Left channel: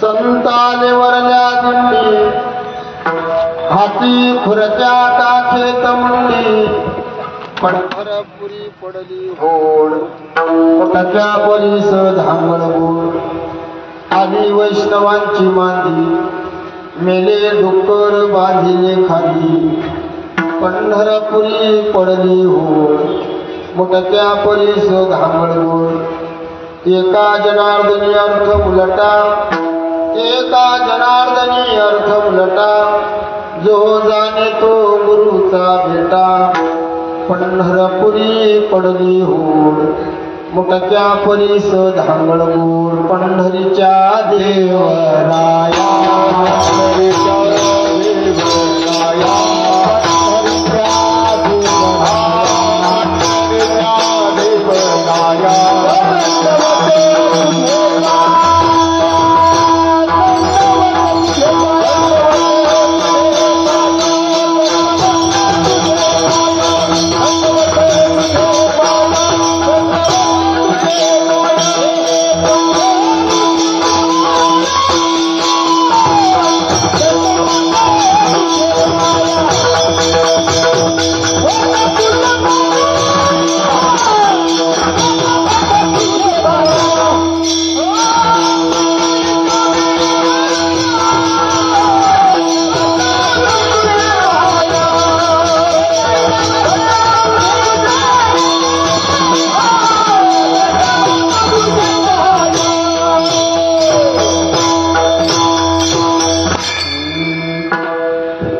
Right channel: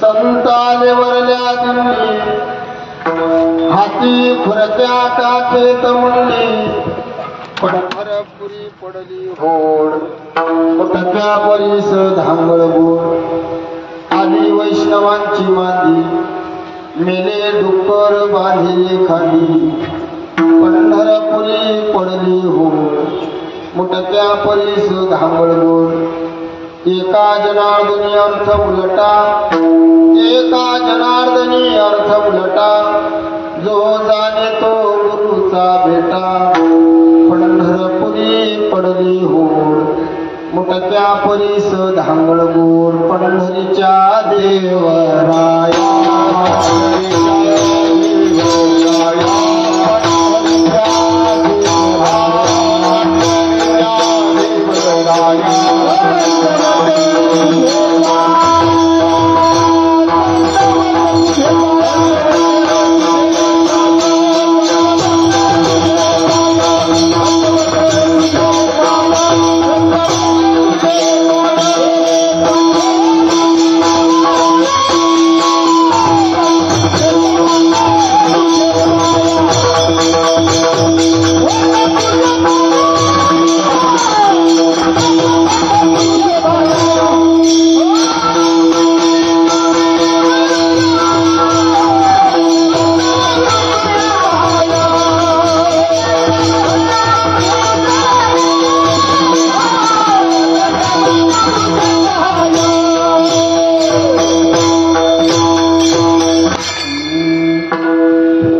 संताने वरल्या दिंडी हाती खुरत्या टाकेत मुंडी पंढरपुरी पडली होड टक्या बरीस धांगळ गोड आली वैष्णवांची मांदी मेले डुक्कर बांधिले खाली पंढरपुरी पडली होड मोठ्या परीस धांगळ गोड एका जनार्दनी अर्थ उलटा एका जनार्दनी अर्थ उलटा जो जाणे तो गुरुचा भेटा पंढरपुरी पडली होड मोठ्या परीस धांगळ गोड पंढरीच्या देवराया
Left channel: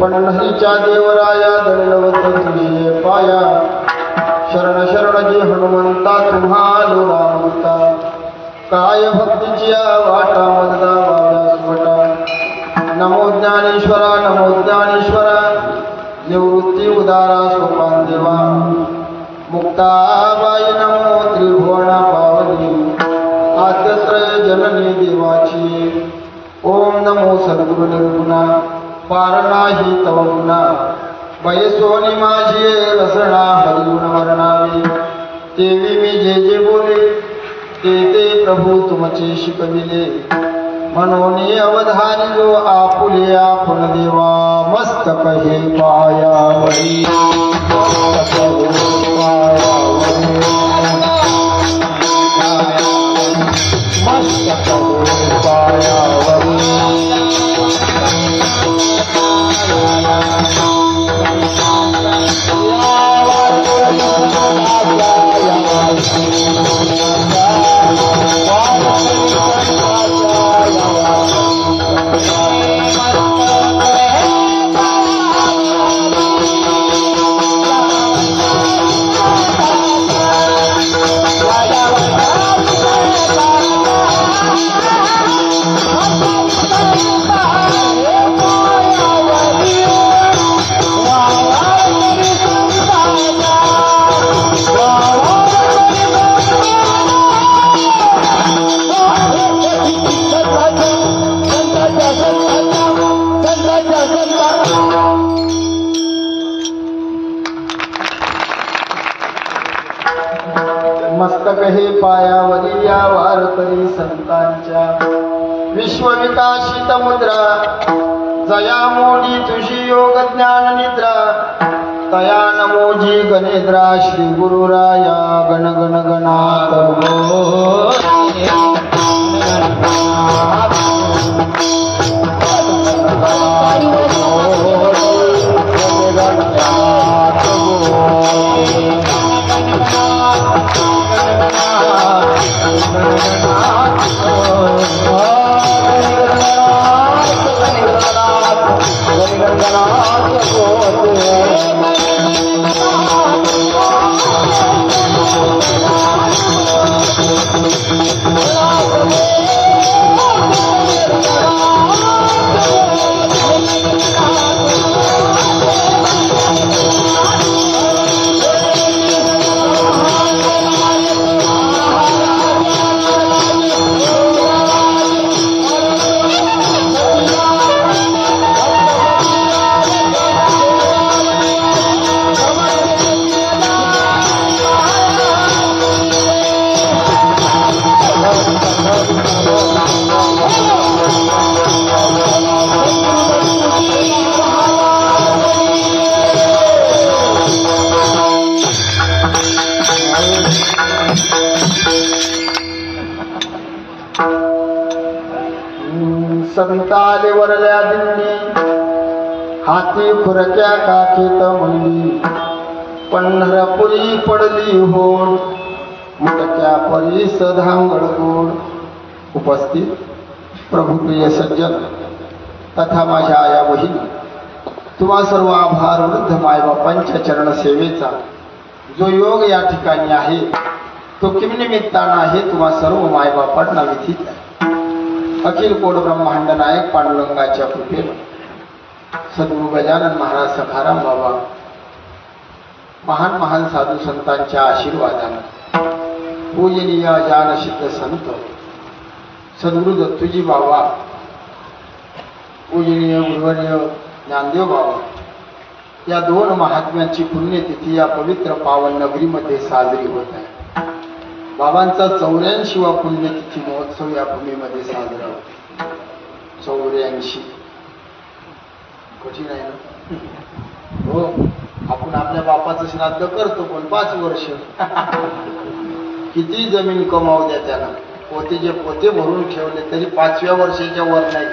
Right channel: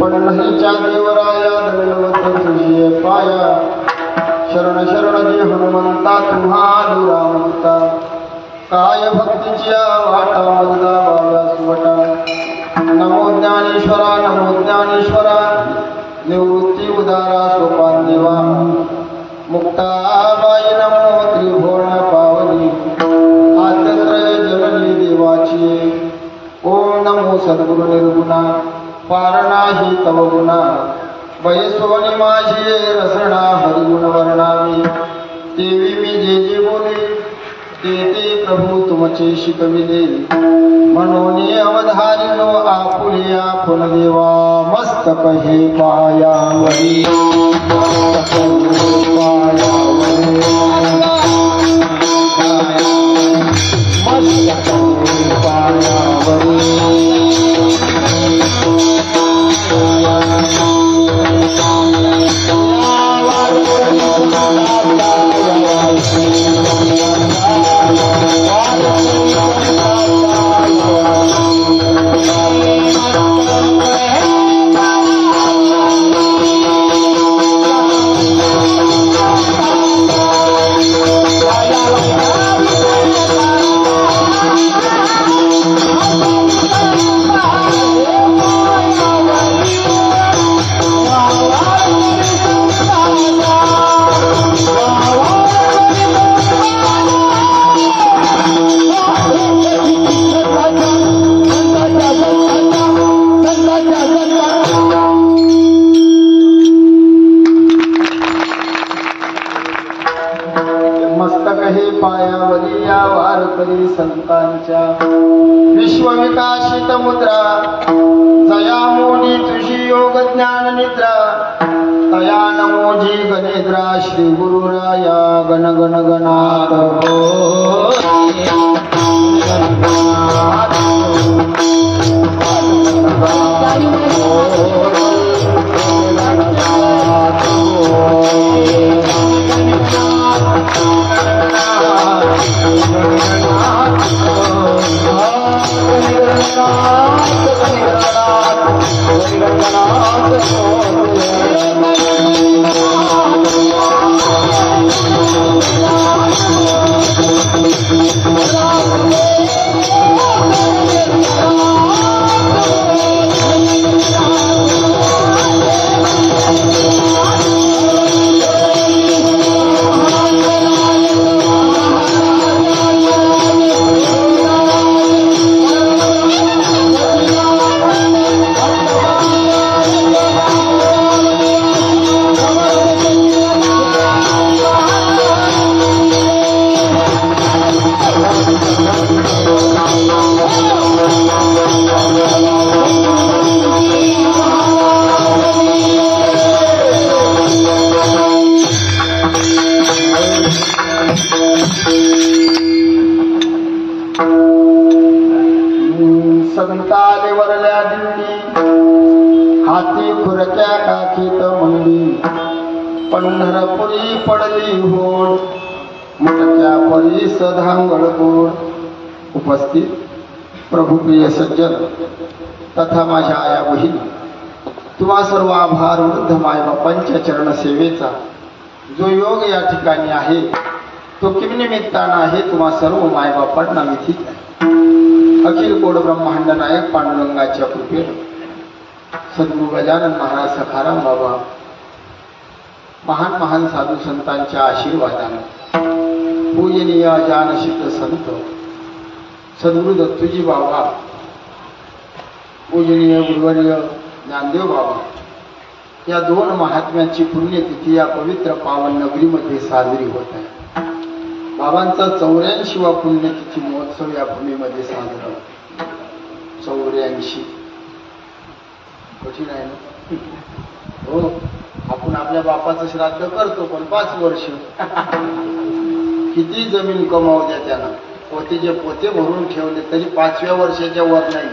पंढरीच्या देवराया दळलवत तुझे पाया शरण शरण जी हनुमंता तुम्हा दुरावंता काय भक्तीच्या वाटा मजदा बाबा सुवटा नमो ज्ञानेश्वरा निवृत्ती उदारा सोपान देवा मुक्ताबाई नमो त्रिभुवना पावनी आद्यत्रय जननी देवाची ओम नमो सद्गुरु निर्गुणा पारणा ही तवरुणा बैसोनी माझी रसना हरियुन वर्णावी देवी मी जे जे बोले ते प्रभू तुमचे शिकविले म्हणून अवधानिलो आपुले आपण देवा मस्तक हे पायावरी मस्तक हे पायावरी या वारकरी संतांच्या विश्वविकासित मुद्रा जया मोडी तुझी योग ज्ञान निद्रा तया नमोजी गणेद्रा श्री गुरुराया गण गण गणात संत आले वरल्या दिंडी, हाती खुरक्या काखीत मुंडी, पंढरपुरी पडली होड, मुटक्या परीस धांगड गोड. उपस्थित प्रभुप्रिय सज्जन तथा माझ्या आया बहिणी, तुम्हा सर्व आभार वृद्ध मायबापांच्या चरण सेवेचा जो योग या ठिकाणी आहे तो किम निमित्तानं आहे. तुम्हा सर्व मायबापांना विधित आहे. अखिल कोड ब्रह्मांड नायक पांडुरंगाच्या कृपेनं सद्गुरु गजानन महाराज सखाराम बाबा, महान महान साधू संतांच्या आशीर्वादाने, पूजनीय जानसिद्ध संत सद्गुरु दत्तूजी बाबा, पूजनीय गुरुवर्य ज्ञानदेव बाबा, या दोन महात्म्यांची पुण्यतिथी या पवित्र पावन नगरीमध्ये साजरी होत आहे. बाबांचा 84वा पुण्यतिथी महोत्सव या भूमीमध्ये साजरा होतो. 84 कठीण आहे ना हो. आपण आपल्या बापाचं श्राद्ध करतो पण 5 वर्ष किती जमीन कमावू द्या त्यानं, पोते जे पोते भरून ठेवले तरी 5व्या वर्षाच्या वर नाही.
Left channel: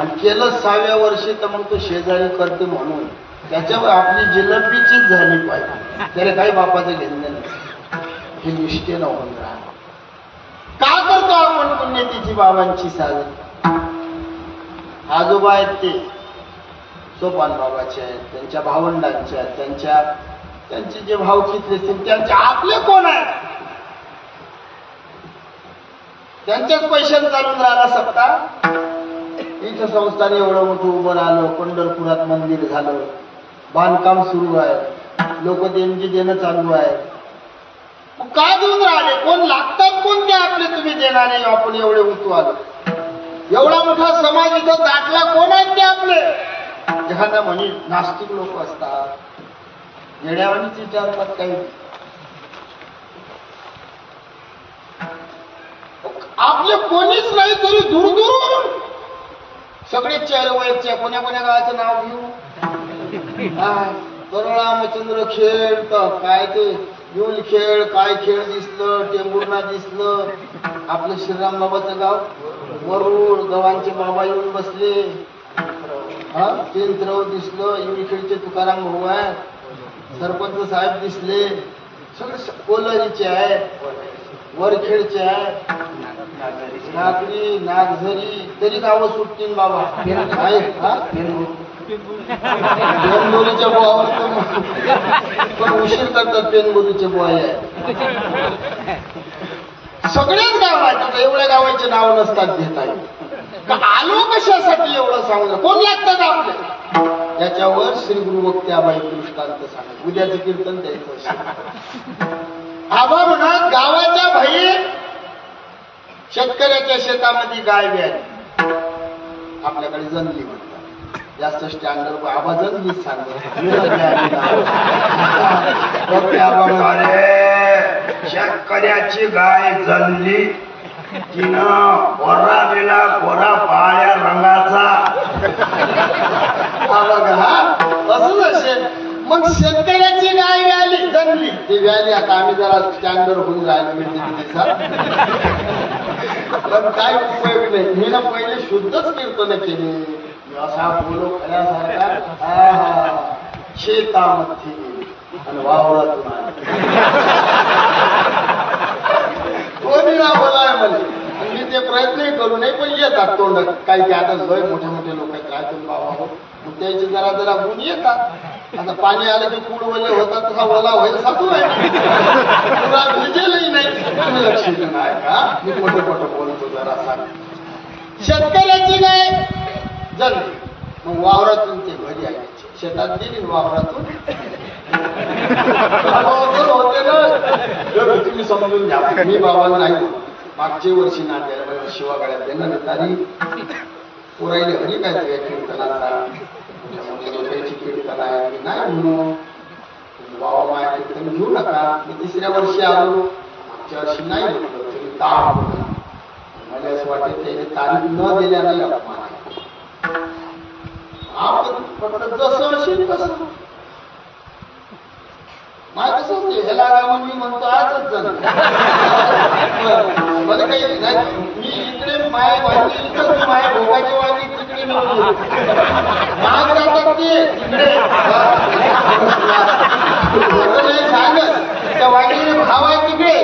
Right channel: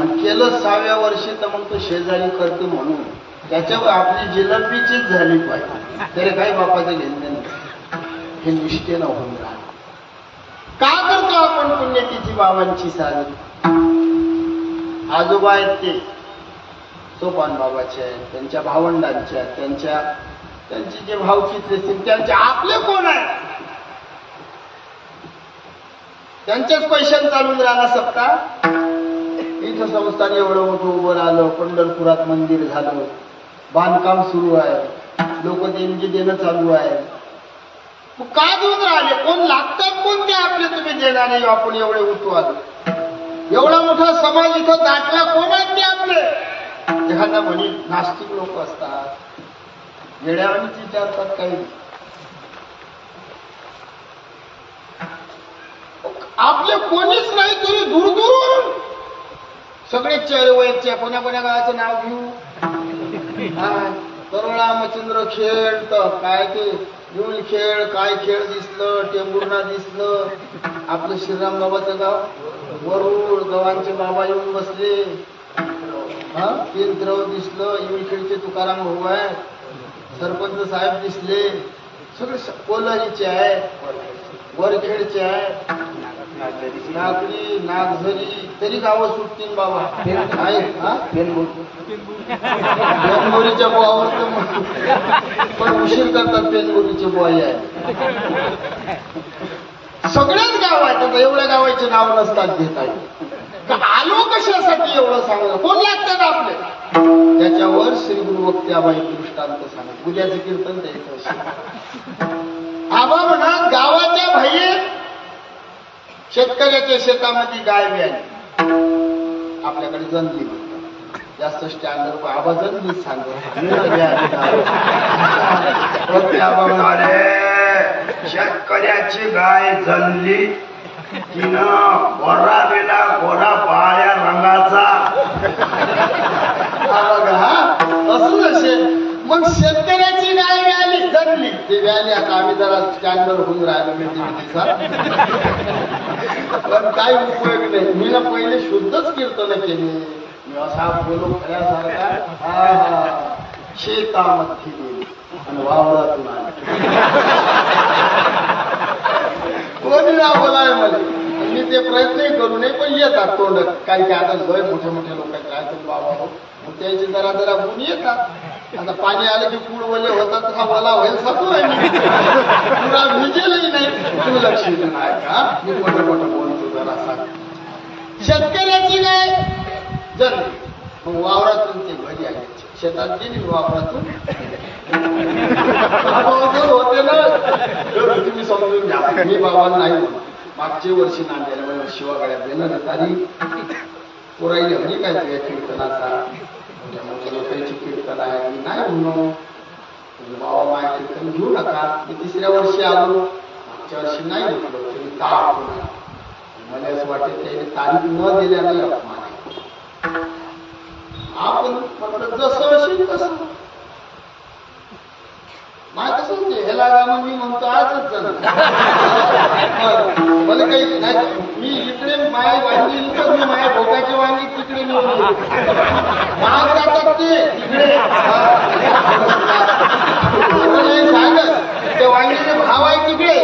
आणि केलं 6व्या वर्षी तर मग तो शेजारी करते म्हणून त्याच्यावर आपली जिलबीचीच झाली पाहिजे. तरी काही बापाचं घेणं नाही. हे निष्ठेनं होऊन राहा. का करतो आपण पुण्यतिथी बाबांची साजरी? आजोबा आहेत ते सोपान बाबाचे आहेत, त्यांच्या भावंडांच्या, त्यांचे जे भावकीतले असतील त्यांचे आपले कोण आहेत? त्यांच्याच पैशाने चालून राहिला सत्ता. इथं संस्थान एवढं मोठं उभं राहिलं, पंढरपुरात मंदिर झालं, बांधकाम सुरू आहे, लोक देणगी देणं चालू आहे. मग का देऊन राहिले? कोण लागतात कोण ते आपले तुम्ही देणारे? आपण एवढे उतू आलो, एवढा मोठा समाज इथं दाटला, कोण आहेत ते आपले? एखादा म्हणे नास्तिक लोक असतात, येड्यावानीच विचारतात काही. आपले कोणीच नाही तरी दूरदूरवरून सगळे चेहरे वयाच्या कोण्या कोण्या गावाचं नाव घेऊ. तरोळा मच्छिंद्र खेळ तर काय ते युल खेळ, काय खेळ दिसलं, टेंभुर्णा दिसलं, आपलं श्रीराम बाबाचं गाव वरुड, गावांचे बाबा येऊन बसले, केंद्र दिसलं, युलखेडचे तुकाराम भाऊ आहे, सरपंच साहेब दिसले, सगळे कोल्हारीचे आहे, वरखेडचे आहे, नागरी नागझरी, तरी गावं सुटतील बाबा आहेत. पेनगोरीच्या बुवावर पण उशीर करतात. पेनगोरीचे बुवा आहे, सगळेच गाव आहेत. आता एवढ्या गावाचे नाव नसतात घेता येईल. आलो कशासाठी एवढं सांगलं? कोण लागतात आपले? त्याच्यावर श्री गुरु वक्त्याबाई दृष्टांत सांगत उद्याचं कीर्तन द्यायचं. आबा म्हणा गावाच्या बाहेर शेतकऱ्याच्या शेतामध्ये गाय व्याली, आपल्याकडे जंगली म्हणतात, जास्त स्टँडर्ड आबा जंगलीच सांगतो. शेतकऱ्याची गाय जणली, तिनं गोरा गेला, गोरा पाळ्या रंगाचा. असंच असेल. मग शेतकऱ्याची गाय व्याली जगली, ती व्याली. आता आम्ही जरा स्टँडर्ड होऊन राहिलो, पण काही उपयोग नाही. मी ना पहिले शुद्धच कीर्तन केली. मी असा बोलो खऱ्यासारखा शेतामध्ये आणि वावरातून आले. कोणी ना बोलाय मला, मी ते प्रयत्नही करू नये पण येतात तोंड. काही काय आता बरे मोठे मोठे लोक आहेत राहतील बाबा हो, मग त्यांचे जरा जरा गुण येतात. आता पाणी आलं की कुड वले होतात, तसा वला होईल सांगू आहे. पुरा भिजेलही नाही. तुम्ही लक्ष देऊ नाही का? मी मोठं मोठं बोलतो जरा सांग. शेतकऱ्याची गाय जणली, मग वावरातून ते घरी आले, शेतात गेली, वावरातून होते ना. तुम्ही समजून घ्या, मी बाबा नाही. मागच्या वर्षी नांदेड शिवागड्यात देणं तारी पुरायले हरी काय तुझ्या कीर्तनाचा, मोठ्या लोकांची कीर्तन आहे. मी नाही म्हणून बाबा माया कीर्तन घेऊ नका. मी 3ऱ्या वर्षी आलो, मागच्या वर्षी नाही म्हणलो. तुम्ही ताप मला असं वाटत त्याने तारीख न दिल्या नाही अपमान आहे. आपण फक्त जसं असेल तसं. माय कसं होते ह्याला रामन मी म्हणतो आजच जण मला काही नाही मी इकडे माय वांगी इथं मी माय भोगाची वांगी तिकडे माग जातात ते तिकडे नाही सांगत त्या वांगीचे भाव आहे तिकडे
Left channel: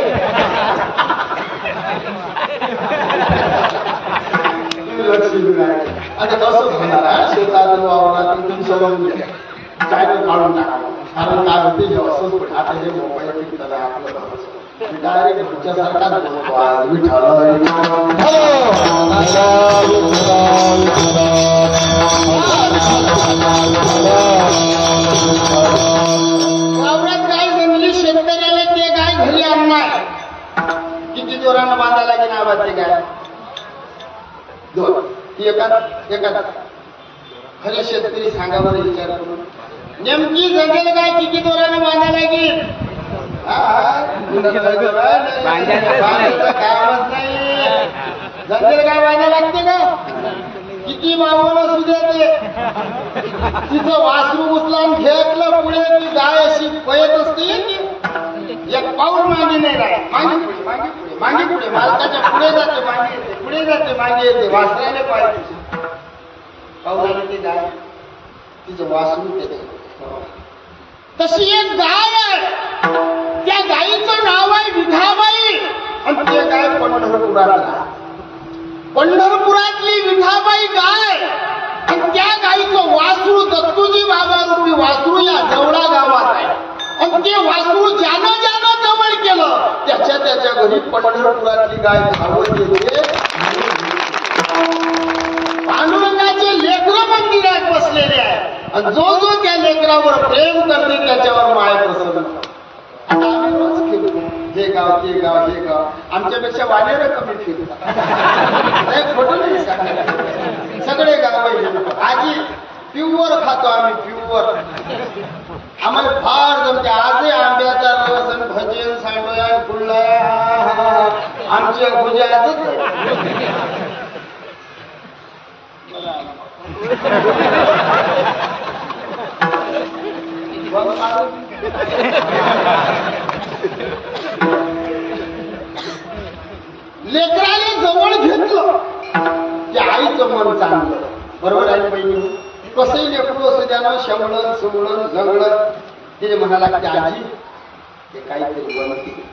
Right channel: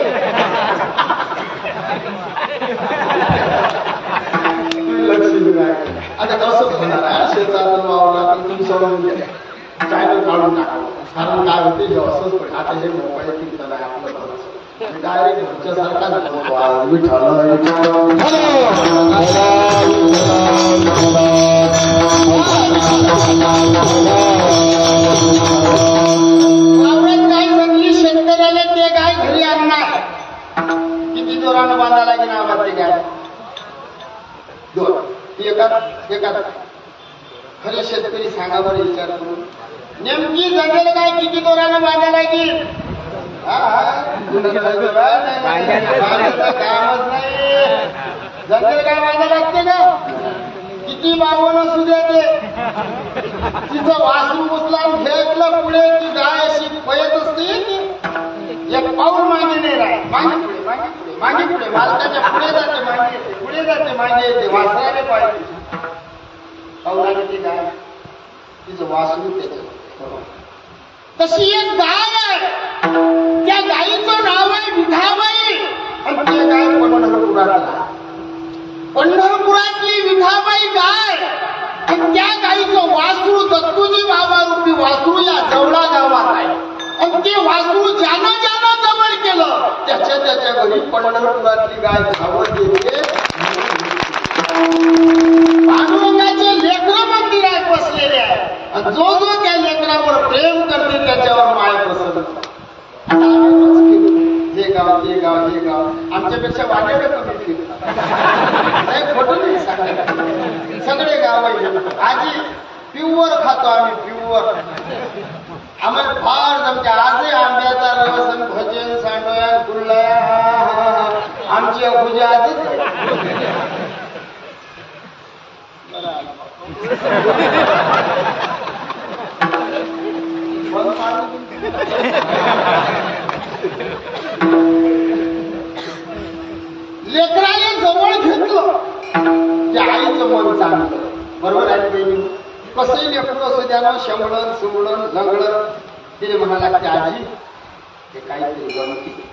लक्ष नाही आता कसं होणार शेतात वावरात तुम्ही सोडून गेल्या चॅनल काढून टाकावं कारण काय होते हे असंच पडे आता हे मोबाईल फिरताना आपलं डायरेक्ट घरच्यासारखाच बोलतो आज विठ्ठल वावरात गाय जमली शेतकऱ्याला ते गाय घरी आणणार किती जोरानं बांधा लागेल आवाज ते गाय दोन एकाच खरे शेतकरी सांगा बरं विचार करून नेमकी जंगल गाय किती दोरानं बांधा लागेल कामच नाही जंगल गाय बांधा लागते का किती बावण असू दे ते तिचं वासरू उचलान घेतलं पुढे ती गाय अशी पयत असते एक पाऊल मागे नाही राह मागे पुढे मागे पुढे मागे पुढे मालकाच्या पुढे जाते मागे येते पुढे जाते मागे येते वासराने पाहिजे पाऊलाने ती गाय तिचं वासरू त्याचं तशी एक गाय आहे त्या गायीचं नाव आहे विठाबाई आणि ते गाय पंढरपुरात पंढरपुरातली विठाबाई गाय आणि त्या गायीचं वासरू दत्तूजी बाबा रूपी वासरू या जवळा गावात आहे आणि ते वासरू ज्यानं जवळ केलं त्याच्या घरी पंढरपुरातली गाय धावत येते पांडुरंगाचे लेकरं मंदिरात बसलेले आहे आणि जो त्या लेकरावर प्रेम करते त्याच्यावर माय प्रसन्न आता आम्ही रोज फिरतो हे गाव आमच्यापेक्षा वाजेला कमी फिरतात नाही खोटं नाही सांगणार सगळे गाव आजी प्युअर खातो आम्ही प्युअर आम्हाला फार जमते आजही आंब्याचा रस आणि भजन सांडोया फुलया आमची अभुजी आजच लेकराने जवळ घेतलं की आईचं मन चांगलं बरोबर आहे बहिणी कसंही लेकरू असं द्यानं शंभळण सुमळण लंगडण तिने म्हणा लागते आजी ते काहीतरी बनते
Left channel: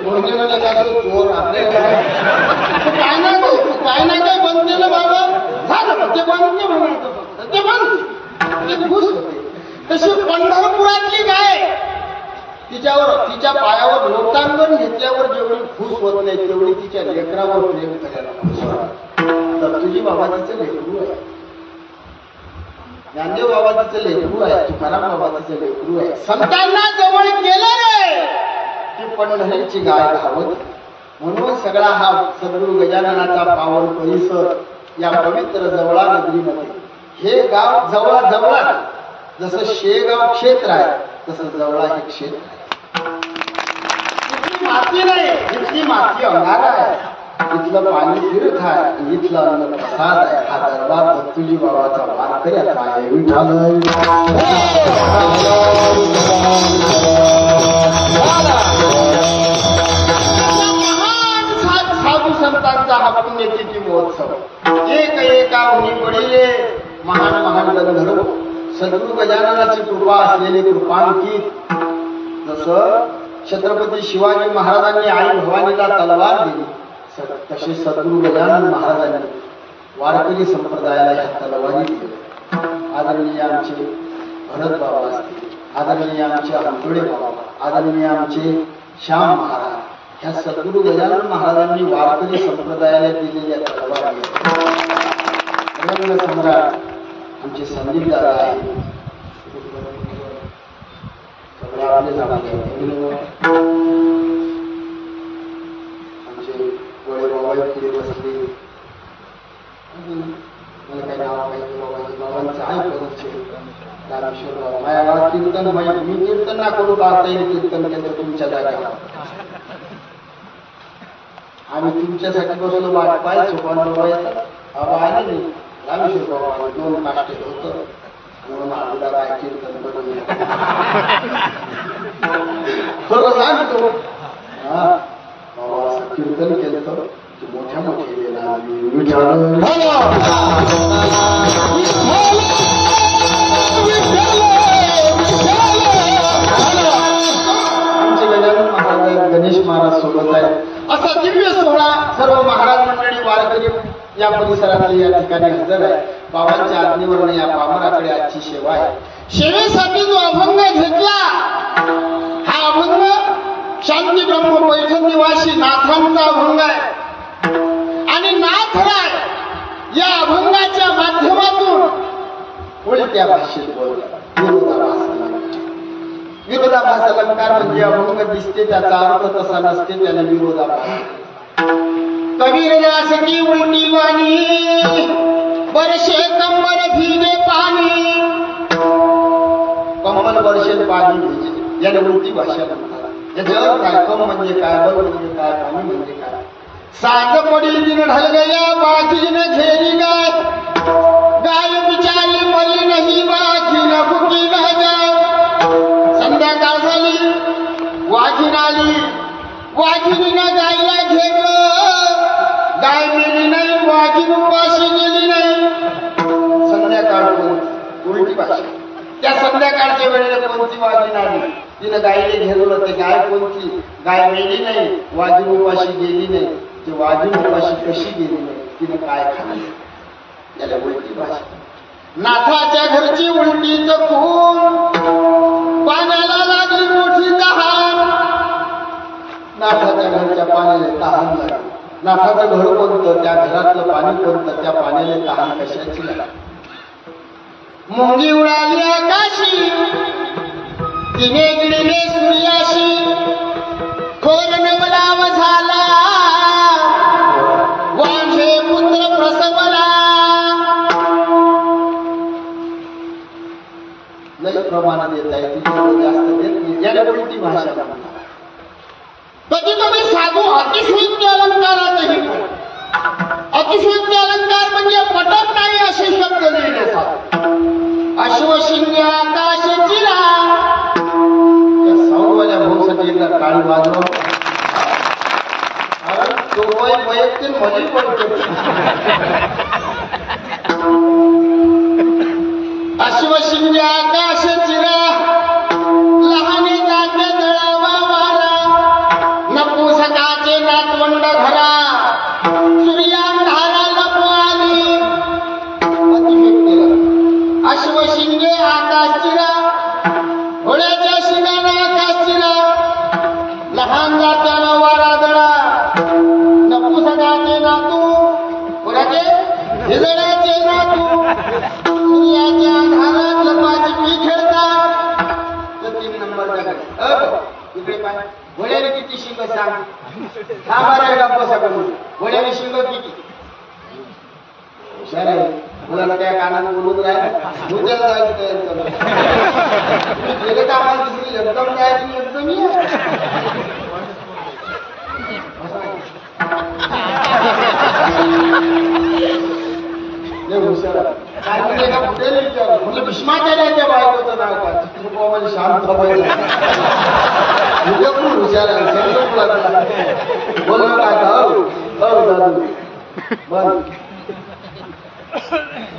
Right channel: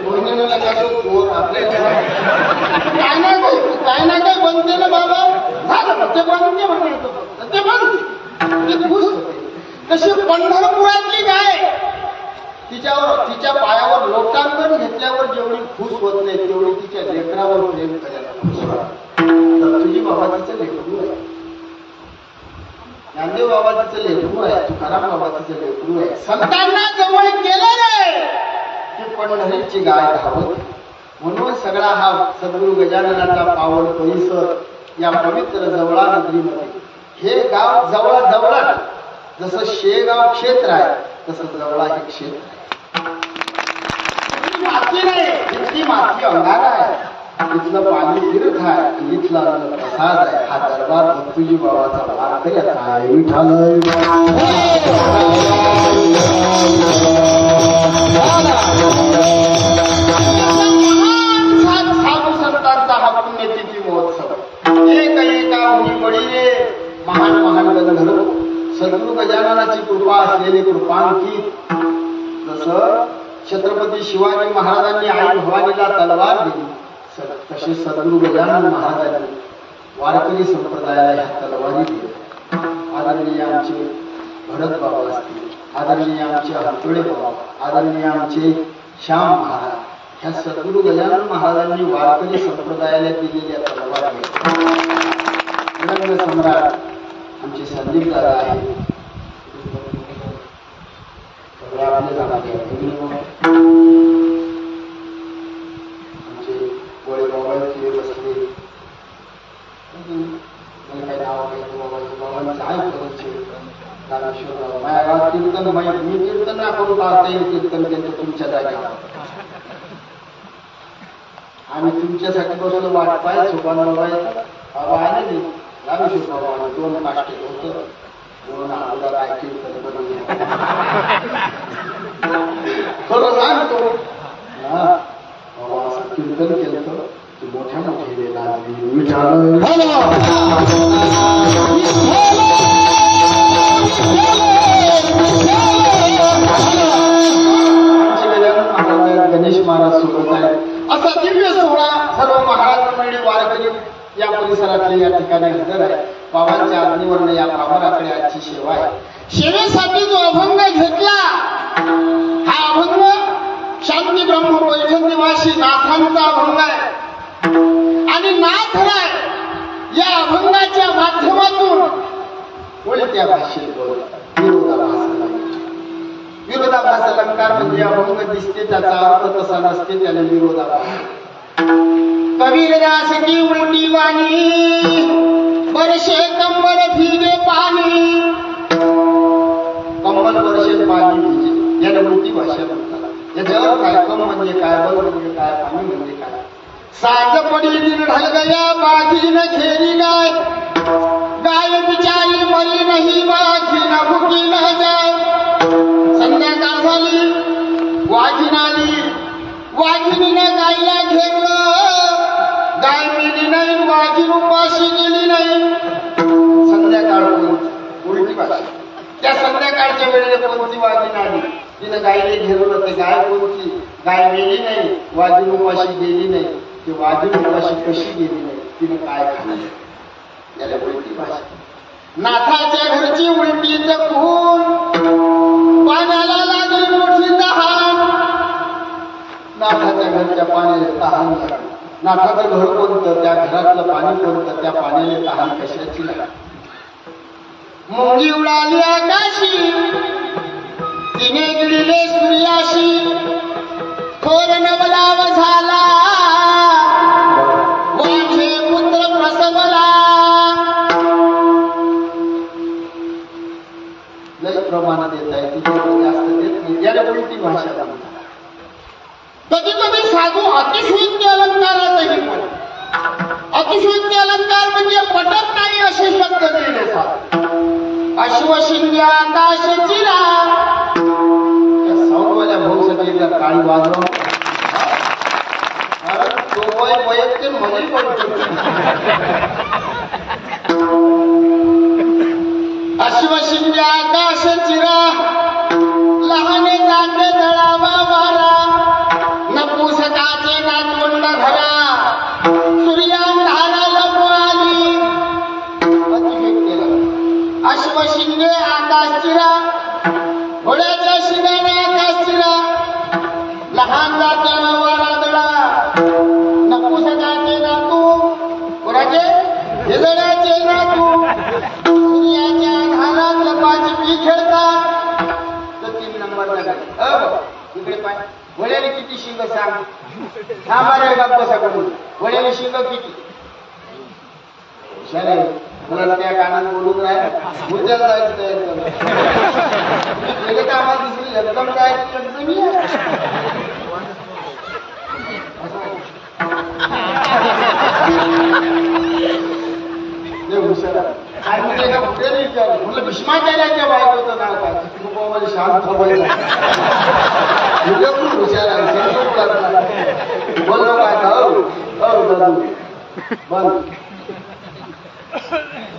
बहिणीनं लगातो चोर आपले काय ना काय बनते ना बाबा झालं ते बनते म्हणायचं फक्त ते बनते ते खुश होते तशी पंढरपुरातली गाय तिच्या पायावर लोटांगण घेतल्यावर जेवढी खुश होत नाही तेवढी तिच्या लेकरावर प्रेम करायला तर तुझी बाबा तिचं लेकरू आहे ज्ञानदेव बाबा तिचं लेकरू आहे तुकाराम बाबा तिचं लेकरू आहे संतांना जवळ केलं रे ती पंढरीची गाय धावत म्हणून सगळा हा सद्गुरु गजाननाचा पावन परिसर या पवित्र जवळा नगरीमध्ये हे गाव जवळा जसं शेगाव क्षेत्र आहे तसं जवळा हे क्षेत्र आहे इथली माती नाही इथली माती अंगार आहे इथलं पाणी तीर्थ आहे आणि इथलं अन्न प्रसाद आहे हा दरबार दत्तूजी बाबाचा वारकऱ्याचा आहे विठाल साधू संतांचा हा पुण्यतिथी महोत्सव एका उनी बळीले महान गंधर्व सद्गुरु गजाननाची कृपा असलेले कृपांकित जसं छत्रपती शिवाजी महाराजांनी आई भवानीला तलवार दिली तसे सद्गुरु गजानन महाराजांनी वारकरी संप्रदायाला ह्या तलवारी दिल्या आदरणीय आमचे भरत बाबा असतील आदरणीय आमचे हंतोडे बाबा आदरणीय आमचे श्याम महाराज ह्या सद्गुरु गजानन महाराजांनी वारकरी संप्रदायाला दिलेल्या तलवारी सम्राट आमचे संदीप दादा आहे सगळे आपले आमचे वडे बाबा फिरत असले मला काय नाव माहिती बाबांचं आहे करूचे रामेश्वर बाबा माझ्या गावात कीर्तन मी कीर्तन ना करू पाहता येईल कीर्तन केलं तुमच्या जागेवर आम्ही तुमच्यासाठी बसलो वाट पाय सोपान बाबा येतात बाबा आले नाही रामेश्वर बाबा 2 काष्ट होतं म्हणून आपला काय कीर्तन बनवून खरं सांगतो कीर्तन केलं मोठ्या मोठ्या गणेश महाराज सोबत आहे असा दिव्य सोहळा सर्व महाराज मंडळी वारकरी या परिसरातले या ठिकाणी हजर आहे. बाबांच्या आज्ञेवरनं या पामराकडे आजची सेवा आहे. सेवेसाठी जो अभंग घेतला हा अभंग शांती ब्रह्म पैठण निवासी नाथांचा अभंग आहे आणि नाथ राय या अभंगाच्या माध्यमातून उलट्या भाषेत बोलतात. विरोधाभास अलंकार म्हणजे अभंग दिसते त्याचा अर्थ तसा नसते त्याला विरोधाभास. कबीरदास की उलटी वाणी बरसे कंबल भीगे पाणी. कंबल बरसे पाणी भिजे याला उलटी भाषा म्हणतात. याचा अर्थ काय? कम म्हणजे काय, बल म्हणजे काय, पाणी म्हणजे काय. सात पडी दिन ढल गया बाजी न घेरी गाय. गाय बिचारी मरी नाही बाजी न भुकी न जाय. संध्याकाळ झाली वाघीण आली. वाघिणीनं गायला घेरलं. गाय मेली नाही, वाघीण उपाशी गेली नाही. संध्याकाळ कोणती? उलटी भाषा. त्या संध्याकाळच्या वेळेला कोणती वाघीण आली? तिनं गायले घेरलं. ते गाय कोणती? गाय मेली नाही, वाघीण उपाशी गेली नाही. ती वाघीण उपाशी कशी गेली नाही? तिने काय खाल्लं? याला उलटी भाषा. नाथाच्या घरची उलटीच खून पाण्याला लागली मोठी तहान. नाथाच्या घरच्या पाण्याला तहान लागली. नाथाचं घर कोणतं? त्या घरातलं पाणी कोणतं? त्या पाण्याला तहान कशाची लागली? मुंगी उडाली आकाशी तिने गिळले सूर्याशी. थोर नवलाव झाला वाघे पुत्र प्रसवला. लई प्रमाणात येत आहे तिच्यावर जास्त देत नाही. याला उलटी भाषा म्हणतात. कधी कधी साधू अतिशयोक्ती अलंकारातही पण अतिशयोक्ती अलंकार म्हणजे पटत नाही असे शब्द लिहिले जातात. अश्वशिंगे आकाश चिरा या साऊंडवाल्या भाऊसाठी एकदा काळी वाजवा. तो वैयक्तिक मध्ये अश्वशिंगे आकाश चिरा लहाने जागे दळावा वारा. नपुसकाचे नातवंड घरा सूर्यांधारा लपवाली. अश्वशिंगे आकाश चिरा घोड्याच्या शिंगाने आकाश चिरा. लहान जात्यानं वारा दळा. नपुसकाचे नातू कोणाचे? हिजड्याचे नातू सूर्याच्या अंधारात लपाछपी खेळतात. तर 3 नंबरचा घरी इकडे पाय. घोड्याने किती शिंग सांग? हा बरं गप्प सगळं. घोड्याने शिंग किती? हुशार आहे. मुलाला त्या कानात बोलून राहिला. उद्याला जायचं तयारी चालू. गेले तर आम्हाला दिसली एकदम काय एकदम हुशार आहे. आणि एका पुढे विचारलं म्हटलं भीष्माचार्याच्या बायकोचं नाव काय? रूपामध्ये शांत खूप हुशार आहे. बोललो काय दादू बंद.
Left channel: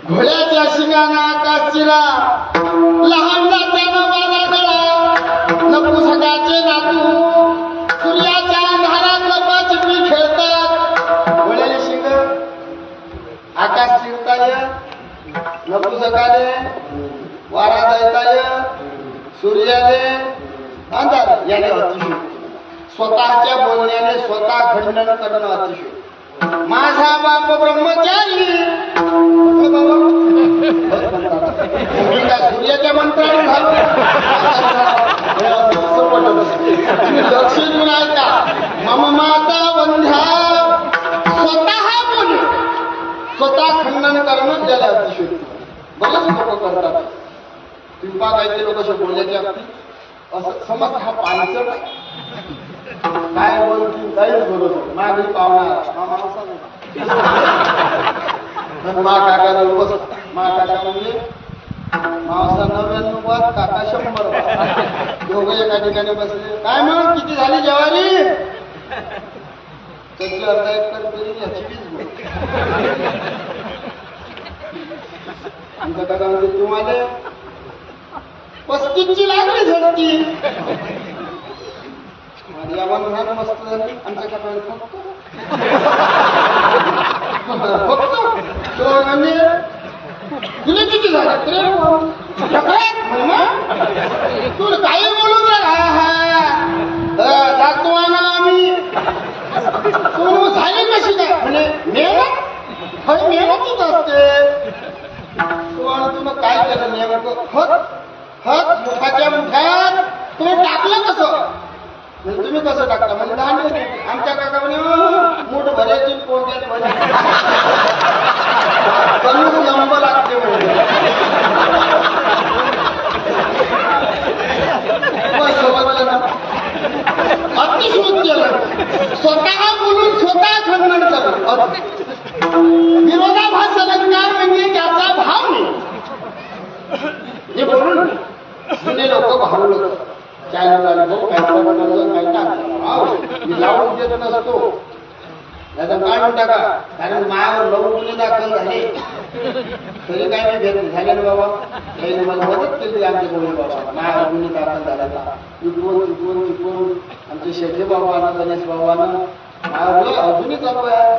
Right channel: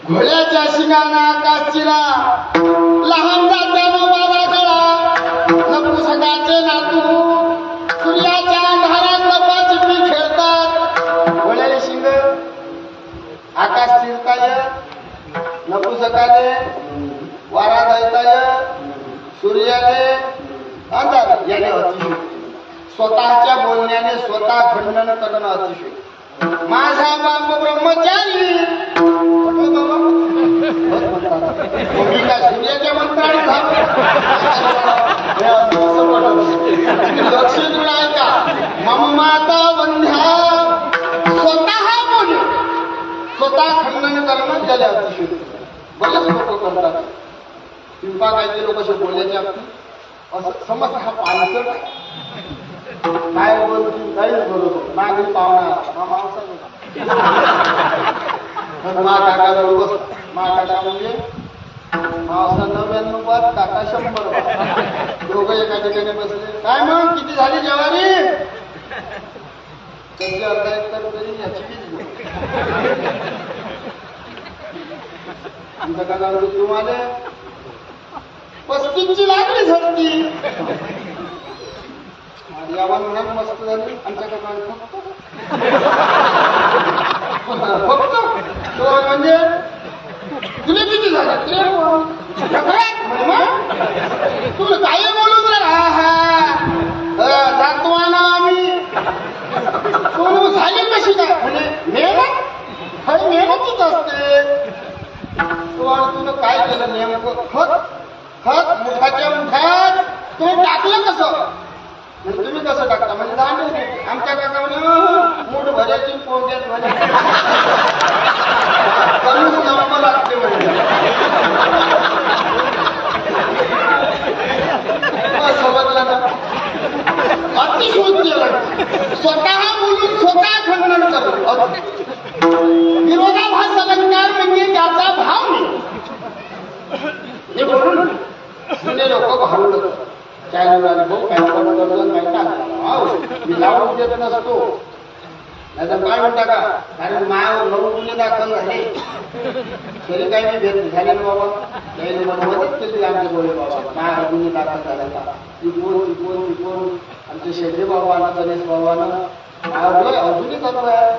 घोड्याच्या शिंगाने आकाश चिरा लहान जात्यानं वारा दळा. नपुसकाचे नातू सूर्याच्या अंधारात लपाछपी खेळतात. घोड्याने शिंग आकाश चिरताय. नपुसकाने वारा दळताय. सूर्याने अंधार. याने अतिशयोक्ती. स्वतःच्या बोलण्याने स्वतः खंडन करणं अतिशयोक्ती. माझा बाप ब्रह्मचारी म्हटलं बाबा काय सूर्याच्या मंत्राने लक्ष देऊन ऐका. मम माता वंध्या स्वतः बोल स्वतः खंडन करणं त्याला अतिशयोक्ती. बरेच लोक करतात. पिंपा काहीचे लोक असे बोलल्याच्या अगदी असं समज हा पाणचट आहे. काय बोलतील काहीच बरोबर. माझी पाहुणा हा माणसाच होता. मा काका जवळ बसला. मा काका म्हणजे मावसा 99 बाद, काका 100 बाद. दोघं एका ठिकाणी बसले. काय मग किती झाली ज्वारी? त्याची अर्धा एकर तरी याची 20 गुण. आमचा काका म्हणजे तुम्हाला 35ची लागली झडकी. यावर महाग मस्त झाली. आमच्या काका फक्त म्हणजे तुला किती झाले? तुला काही बोलून जातो ना आम्ही. तू झाली कशी काय? म्हणजे मेहनत खरी मेहनतच असते. तुला काय केलं नेमकं? खत मुठाच्या मुठात तुम्ही टाकलं कसं? म्हणजे तुम्ही कसं टाकता? म्हणजे दांडे. आमच्या काका म्हणे मूठ भरायची पोग्यात भरायची जमवा लागते म्हणजे. अतिशोध केलं. स्वतः बोलून स्वतः खंडन करू. विरोधाभास अलंकार म्हणजे त्याचा भाव नाही. हे बोलून जुने लोक भांडलं. चॅनल आले भाऊ काही पण करतो काही टाकला. मी लावून देत नसतो. नाही तर काय म्हणता का? कारण मायावर 9 गुन्हे दाखल झाले तरी काही मी भेट झाले ना बाबा. त्याने मला मदत केली. आमचे गोळे बाबा मायावर गुन्हे दाखल झाल्याचा टिपून आमचे शेठे बाबानं गणेश बाबानं मायावर अजूनही चालू आहे.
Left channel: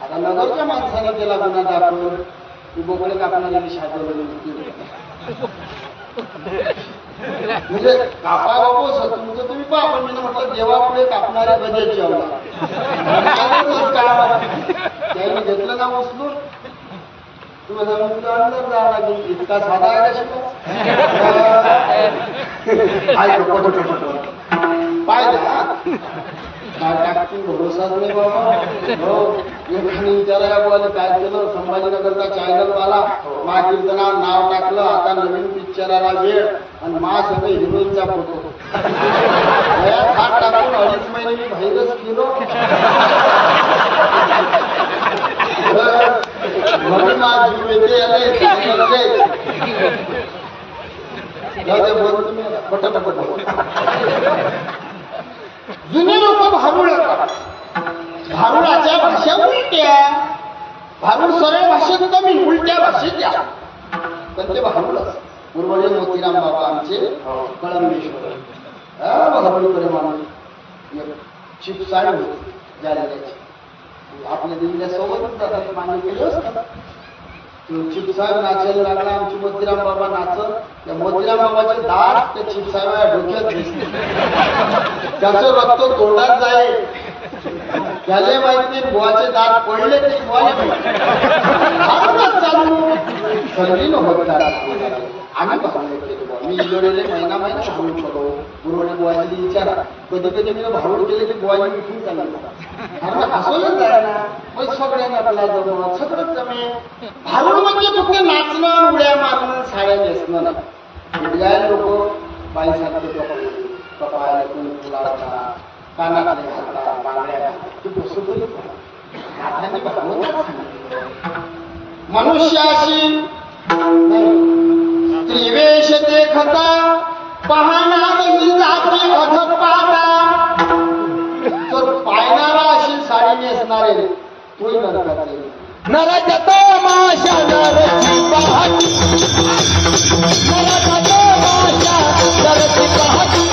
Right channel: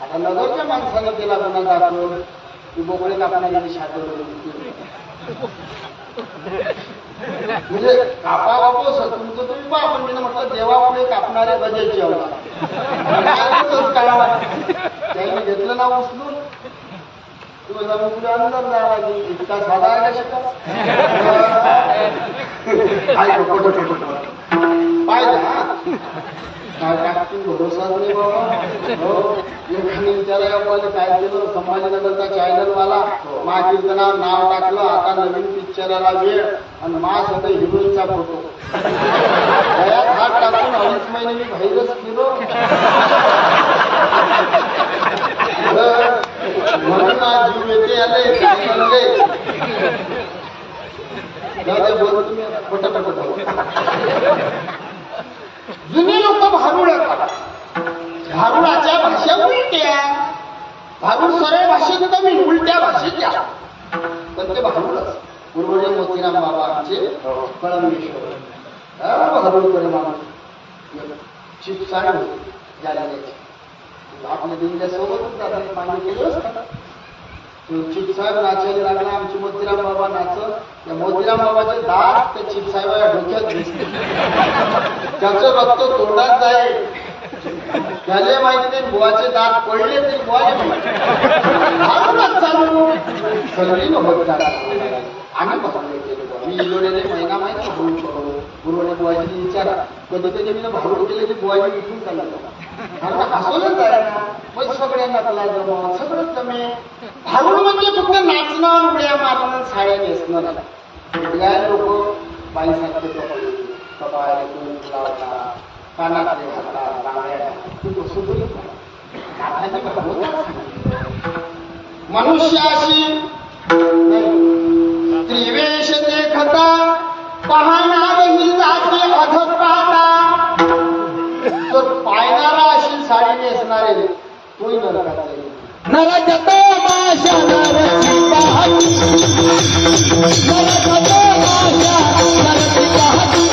आता नगरच्या माणसाने केला गुन्हा दाखल. ती बोकडे कापणारी शादवलं. म्हणजे कापा बापू तुमचं तुम्ही पहा. पण मी म्हटलं देवापुढे कापणाऱ्या गजेची अवला त्याने घेतलं ना उचलून. तुम्ही जाऊन अंदर जावं लागेल. इतका साधा आहे का शिका? पाहिजे हा काय टाकून भरोसाच नाही बाबा. हो एखादी विचारायला बोले काय केलं? संभाजीनगरचा चॅनलवाला महाकीर्तनात नाव टाकलं. आता नवीन पिक्चराला वेळ आणि मा सगळं हिरोईनचा फोटो. गळ्यात हात टाकून 2.5 महिने मी बाहेरच फिरो. म्हणून माझ जीव येते आले चॅनल बोल तुम्ही पटपट. जुने लोक भारुड करतात. भारुडाच्या भाषा उलट्या. भारुड सरळ भाषेत कमी, उलट्या भाषेत द्या. पण ते भारुडच. पूर्वजे मोतीराम बाबा आमचे कळंबेश्वर भारुडकडे माणूस चिपसाळे होते. ज्याला द्यायचे आपल्या दिल्ल्या सोबतच जातात. मागे पुढे असतात. चिपसाहेब नाचायला लागला. आमचे मोतीराम बाबा नाचत. त्या मोतीराम बाबाचे दात त्या चिपसाहेबाच्या डोक्यात दिसते. त्याचं रक्त तोंडात जाईल. त्याला माहिती बुवाचे दात पडले तरी बुवाले माहिती. भारूनच चालू संधी नव्हत. आम्ही भारूड केले. मी इलोडीले महिना भारूड करतो. गुरुवारी बुवाजी विचारा. कधी मी भारूड केले की बुवाजी उठून चालला. कारण हसवलंच आहे ना. मग सगळ्यांना आपला जमत सगळं जमे. भारूड म्हणजे फक्त नाचणं उड्या मारणं साड्या नेसणं नाही. लोक बाईसारखे कपडे कपाळे कुंकू लावतात. कानातले घालतात. बांगड्या घालतात. ती गोष्ट तरी नाथांनी भागवतात सांगितलं. मनुष्याशी त्रिवेश देखता पाहणार ही जाती अधपाता. तर पायणारा अशी साडी नेसणारे तोही नरकात जाईल. नरकता माशा नरकी पाहती. नरकता माशा नरकी पाहती.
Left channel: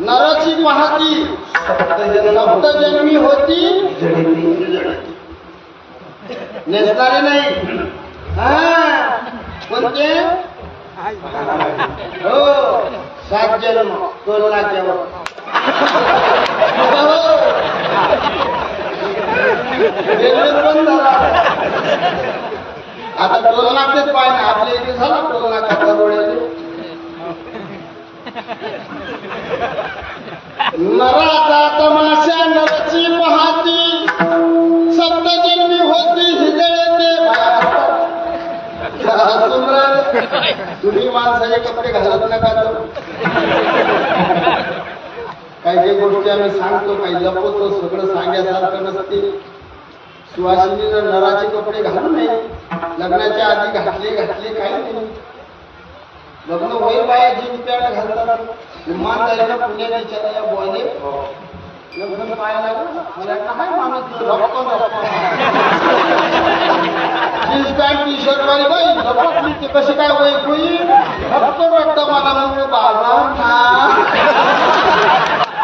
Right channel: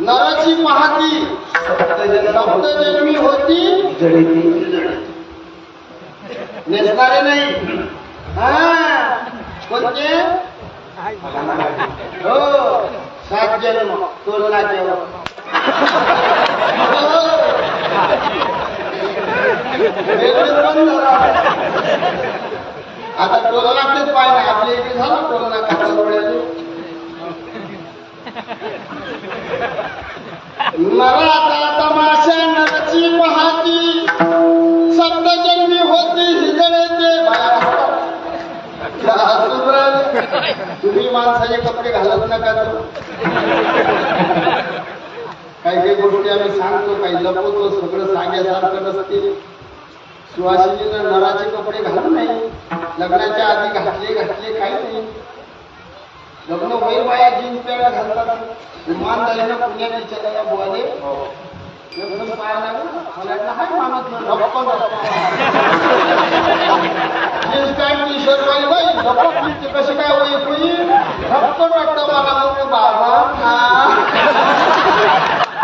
नराची पाहती सप्तजन्मी होती जडिती. नेसणारे नाही. कोणते? हो 7 जन्म टोलनाक्यावर. वेगळे पण झाला. आता टोलनाक्यात पाय ना आपल्या इथे झाला टोलनाका परवड्याने. नराचा तमाशा नरची पाहती सप्तजन्मी होती हिजळे ते. तुम्ही माणसाचे कपडे घालत नका. काही काही गोष्टी आम्ही सांगतो काही लपवतो. सगळं सांगण्यासारखं नसते. सुवासिनीनं नराचे कपडे घालू नये. लग्नाच्या आधी घातले काही नाही. लग्न होईल बाया जीन्स पॅन्ट घालतात. विमान झाले ना पुण्यात विचारायला बोले लग्न पाहायला लागलं मला हाय माणूस रप्पन जीन्स पॅन्ट टी शर्ट वाली बाई रप्पली ते कशी काय ओळख होईल. रप्पन वाटतं मला म्हणजे बाबा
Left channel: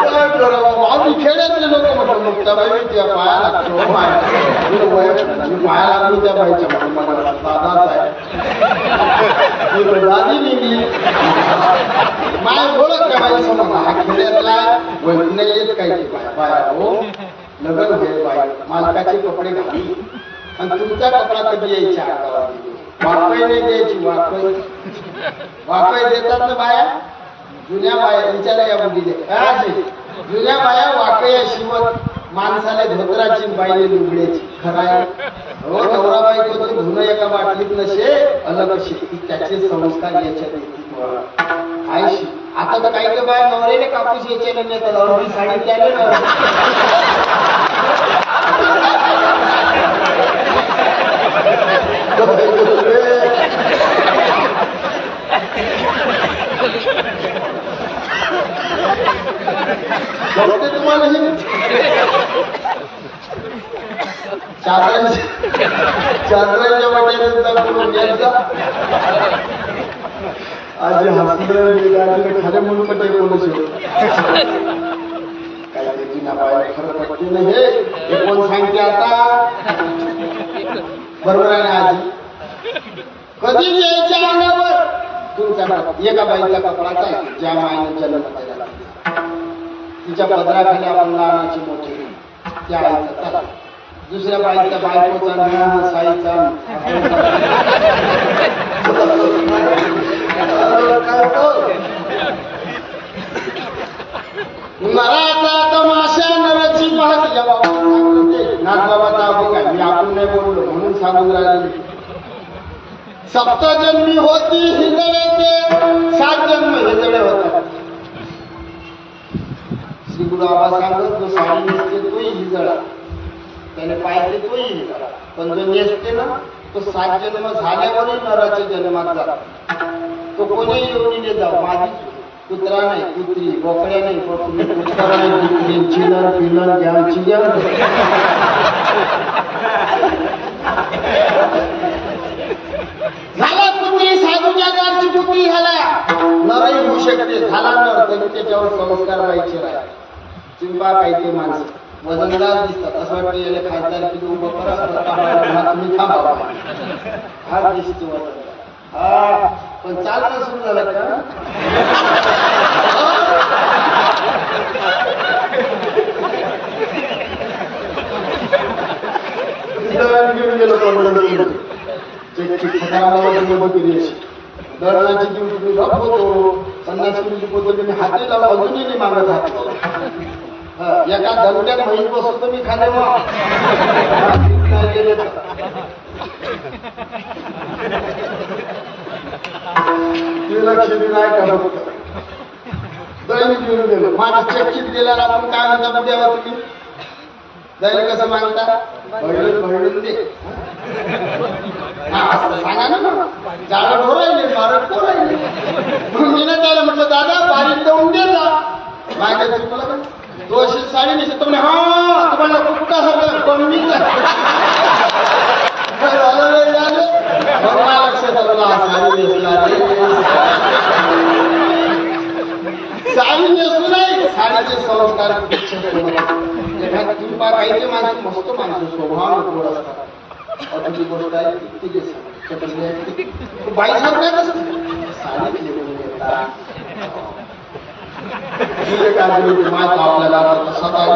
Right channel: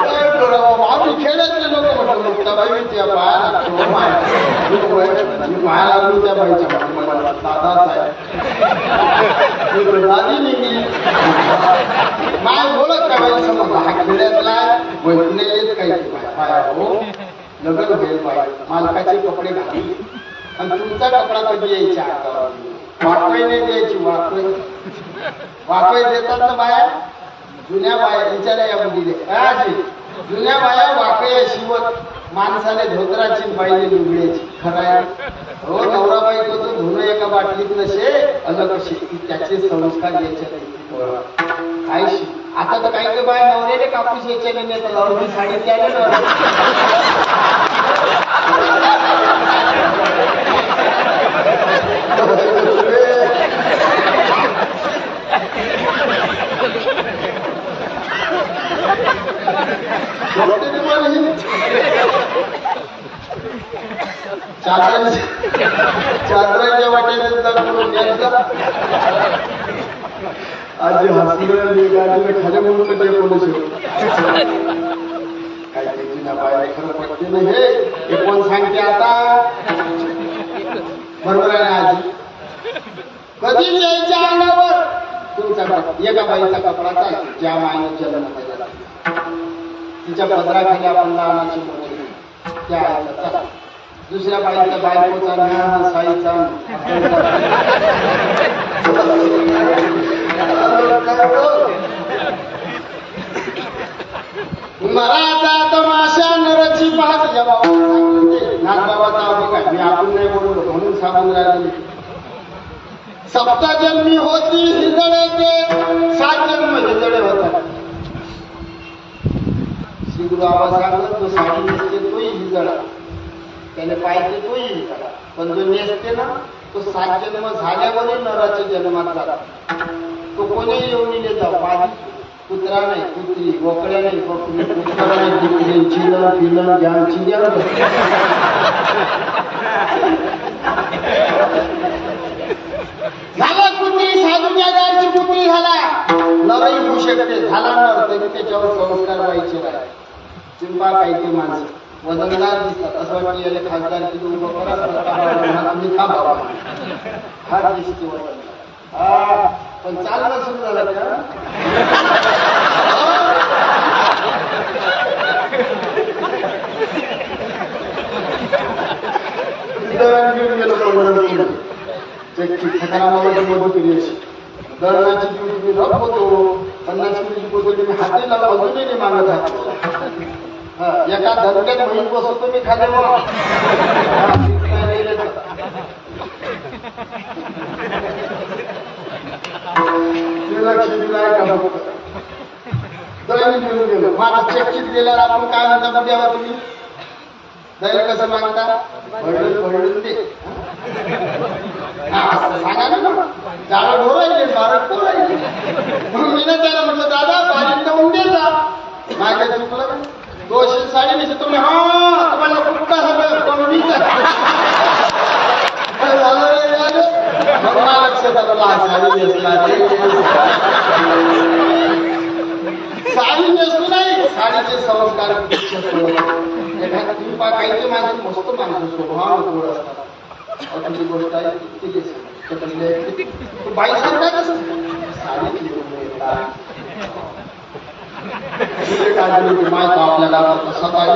काय करावं. आम्ही खेड्यातले लोक म्हटलं मुक्ताबाई मी त्या पाया लागतो. मी पाया लागलो त्या बाईच्या मध्ये. मला साधाच आहे झाली निघली. माय बोलत काय बाई समजला हा खेड्यातला वैक नाही येत काही बाया. हो लग्न होईल बाई मालकाचे कपडे घालून. आणि तुमचा कपडा कधी यायच्या अंगावर. वाकई नाही द्यायची. वाकई देतात ना बाया. जुन्या बाया विचारा या मुलीले आजी जुन्या बाया वाकया शिवत माणसाला धोत्राची बाईले लुगड्याची. खराय हो नवरा बायकोचं धुणं एका बाटलीत नसे अलग शेती. त्याचे संस्कार याच्यात आयशी. आता तर काही काही बाया नवऱ्याने कापूस याच्याने नेतात. अर्धी साडी त्याने चादराच्या वाट्याने दाखवून घ्यायचा. आजी हसलं आजीने खाली म्हणून कधी कोण शेवट काय त्याची ना बाहेर खरं पडते ना. हे कोण सांगते आता. बरोबर आहे ना आजी. कधीच यायच्या अंगावर तुमचा एका बाईचा कपडा चालतो ज्या मायने जन्म केला. तिच्या पदराखाली आपण लहानाची मोठी त्या आईचा चालतो. दुसऱ्या बाईचा बायकोचा न साईचा नराचा तमाशा नराची पाहती. या बाबा नागबाबाचा बघा मी आपण नाही बोललो म्हणून सांगून राहिलेली. सप्तजन्मी होती हिजळे ते 7 जन्म हिजळे होतात. श्री गुरु आबा सांगत जो साडी नेसते तोही हिजळा. त्याने पाहिजे तोही हिजळा. पण जो नेसते ना तो 7 जन्म झाल्यावरही नराच्या जन्मात जातो. तो कोणीही येऊन जाऊ माझी कुत्रा नाही कुत्री मोकळ्या नाही कुत्रा नाही चिलन पिलन ज्ञानची ज्ञान. झाला कुत्री साधूच्या दारची कुत्री झाला. नरही होऊ शकते. झाला नर तरी त्याच्यावर संस्कार व्हायचे राहिले. चिंपा काही ते माणसं वजनदार दिसतात. असं वाटतं याने खासदार किती उभं करा तुम्ही थांबा. हा दिसते वजनदार. हा पण चालणं सुरू झालं का. घेऊन गेलो पंढरपूर. खटारामाची मधुगिरी अशी दळणाची देऊन तुम्ही रफ होतो. 50 किलोची बोतल तुम्ही हाती लावा अजूनही नाही मागत हात. एका धंद्यात महिन बसतो मी खाली मग लक्ष दिलं आहे का फक्त. दळण घेऊन गेलो. माझं चक्कीत गेल्यावर आपण काय म्हणता पुढ्यावर तुम्ही दळण कसं मागता. भरडून दे. हा सांगा ना मग. जाळं ढोरायले बारक ढोरायले. मग मी ना त्याला म्हटलं दादा बारीक देऊन दे जा. माझ्या काही चुकलं का. 200 साडी नेसतो तुम्ही. हा तुम्हाला कुठका सगळं कमी झालं रे. मग मला लक्षात आलं साडी नेसला रे. साडी नेसू नाही साडीचे संस्कार एखादी तुम्ही पहा काही ते माणसं मस्त माणसं स्वभावाने गोड असतात. तुमची गोष्ट आहे ठीक आहे बाई सारखाच साडीत लिहून येतात माय तो आपल्याला कसा काय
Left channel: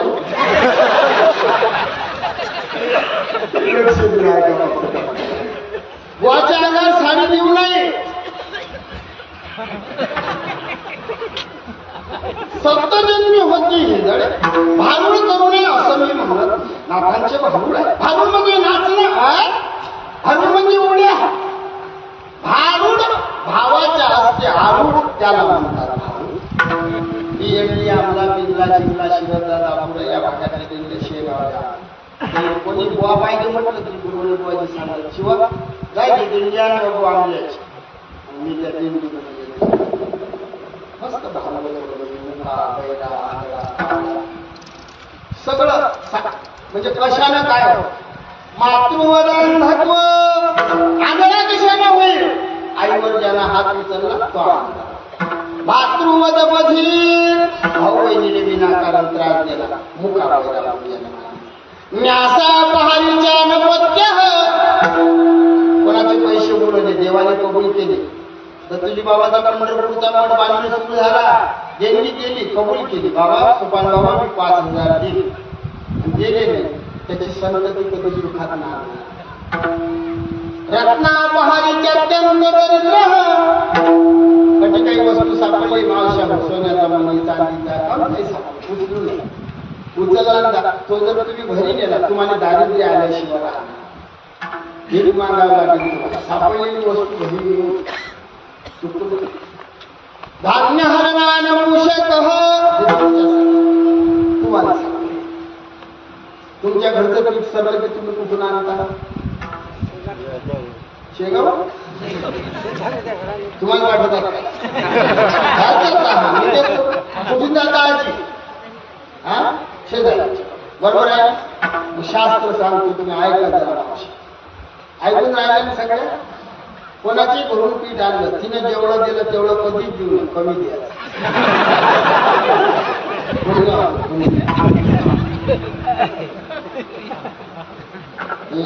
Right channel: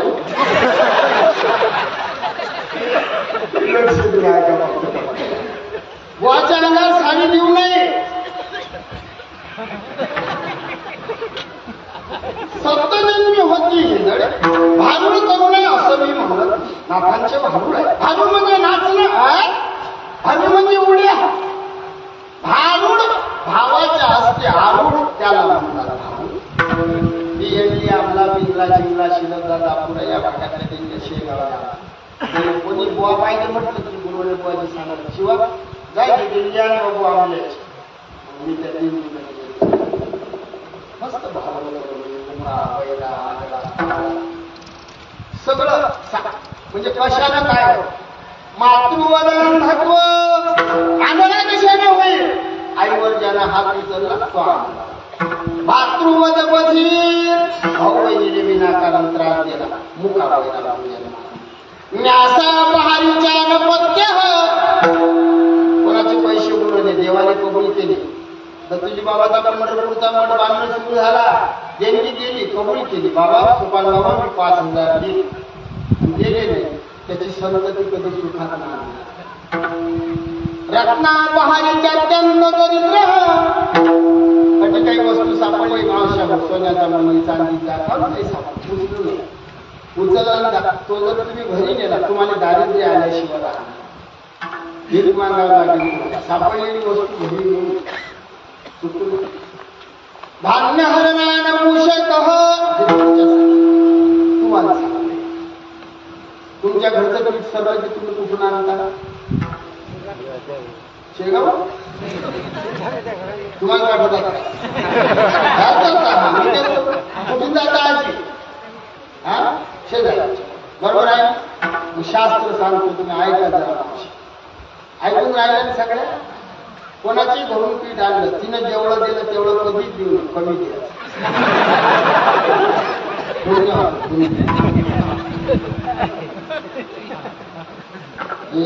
लक्ष दिलाय का बुवाच्या अंगावर साडी देऊ नये. सप्तजन्मी होती हिंदडे भारूड करू नये असं मी म्हणत. नाथांचे भारूड आहे. भारूड म्हणजे नाचणं भारूड म्हणजे उड्या. भारूड भावाच्या असते आरूढ त्याला म्हणतात भारूड. ही एंडली आमला बिंगला जिंगला शिरदा दापुरा या भागातले त्यांचे शेगावला कोणी बुवा पाहिजे म्हटलं तरी गुरुवारी बुवाजी सांगत शिवा जायचे दिंड्या आणि बाबू आमल्याचे. मी त्या दिंडीमध्ये मस्त भारूड मुका बैला आजळा सगळं म्हणजे कशानं काय मातृवदन महत्व आंधळा कशानं होईल. आईवर ज्यानं हात उचलला तो आंधळा. भातृवद बधीर भाऊ बहिणीने विनाकारण त्रास दिला मुका बैला न्यासा पहारीच्या नपत्य कोणाचे पैसे उडवले देवाने कबूल केले. दत्तोजी बाबाचा पंढरपूरचा मठ बांधणं सुरू झाला. देणगी केली कबूल केली. बाबा सुपान बाबा मी 5,000 दिले दिले नाही. त्याची संतती कधी सुखात नाही. रत्ना पहारीच्या अत्यंत दरिद्र म्हणजे काही वस्तू सापडली मावशा सोन्याचा मणी चांदीचा काही सापड उचलू नये. उचलला तो जर तुम्ही घरी नेला तुम्हाला दारिद्र्य आल्याशिवाय राहणार. भीक मागावं लागेल तुम्हाला. सापडलेली वस्तू घरी चुकून धान्य हरणान पुषत तुम्हाला सांगते. तुमच्या घरचं पीठ सगळं की तुम्ही कुठून आणता. शेगाव तुम्हाला वाटत कुठून जाता आजी शेजारी बरोबर आहे. शास्त्र सांगतो तुम्ही ऐका जरा ऐकून राहिलं सगळ्या. कोणाची घरून पीठ आणलं तिनं जेवढं दिलं तेवढं कधीच देऊ नये कमी द्यायचं.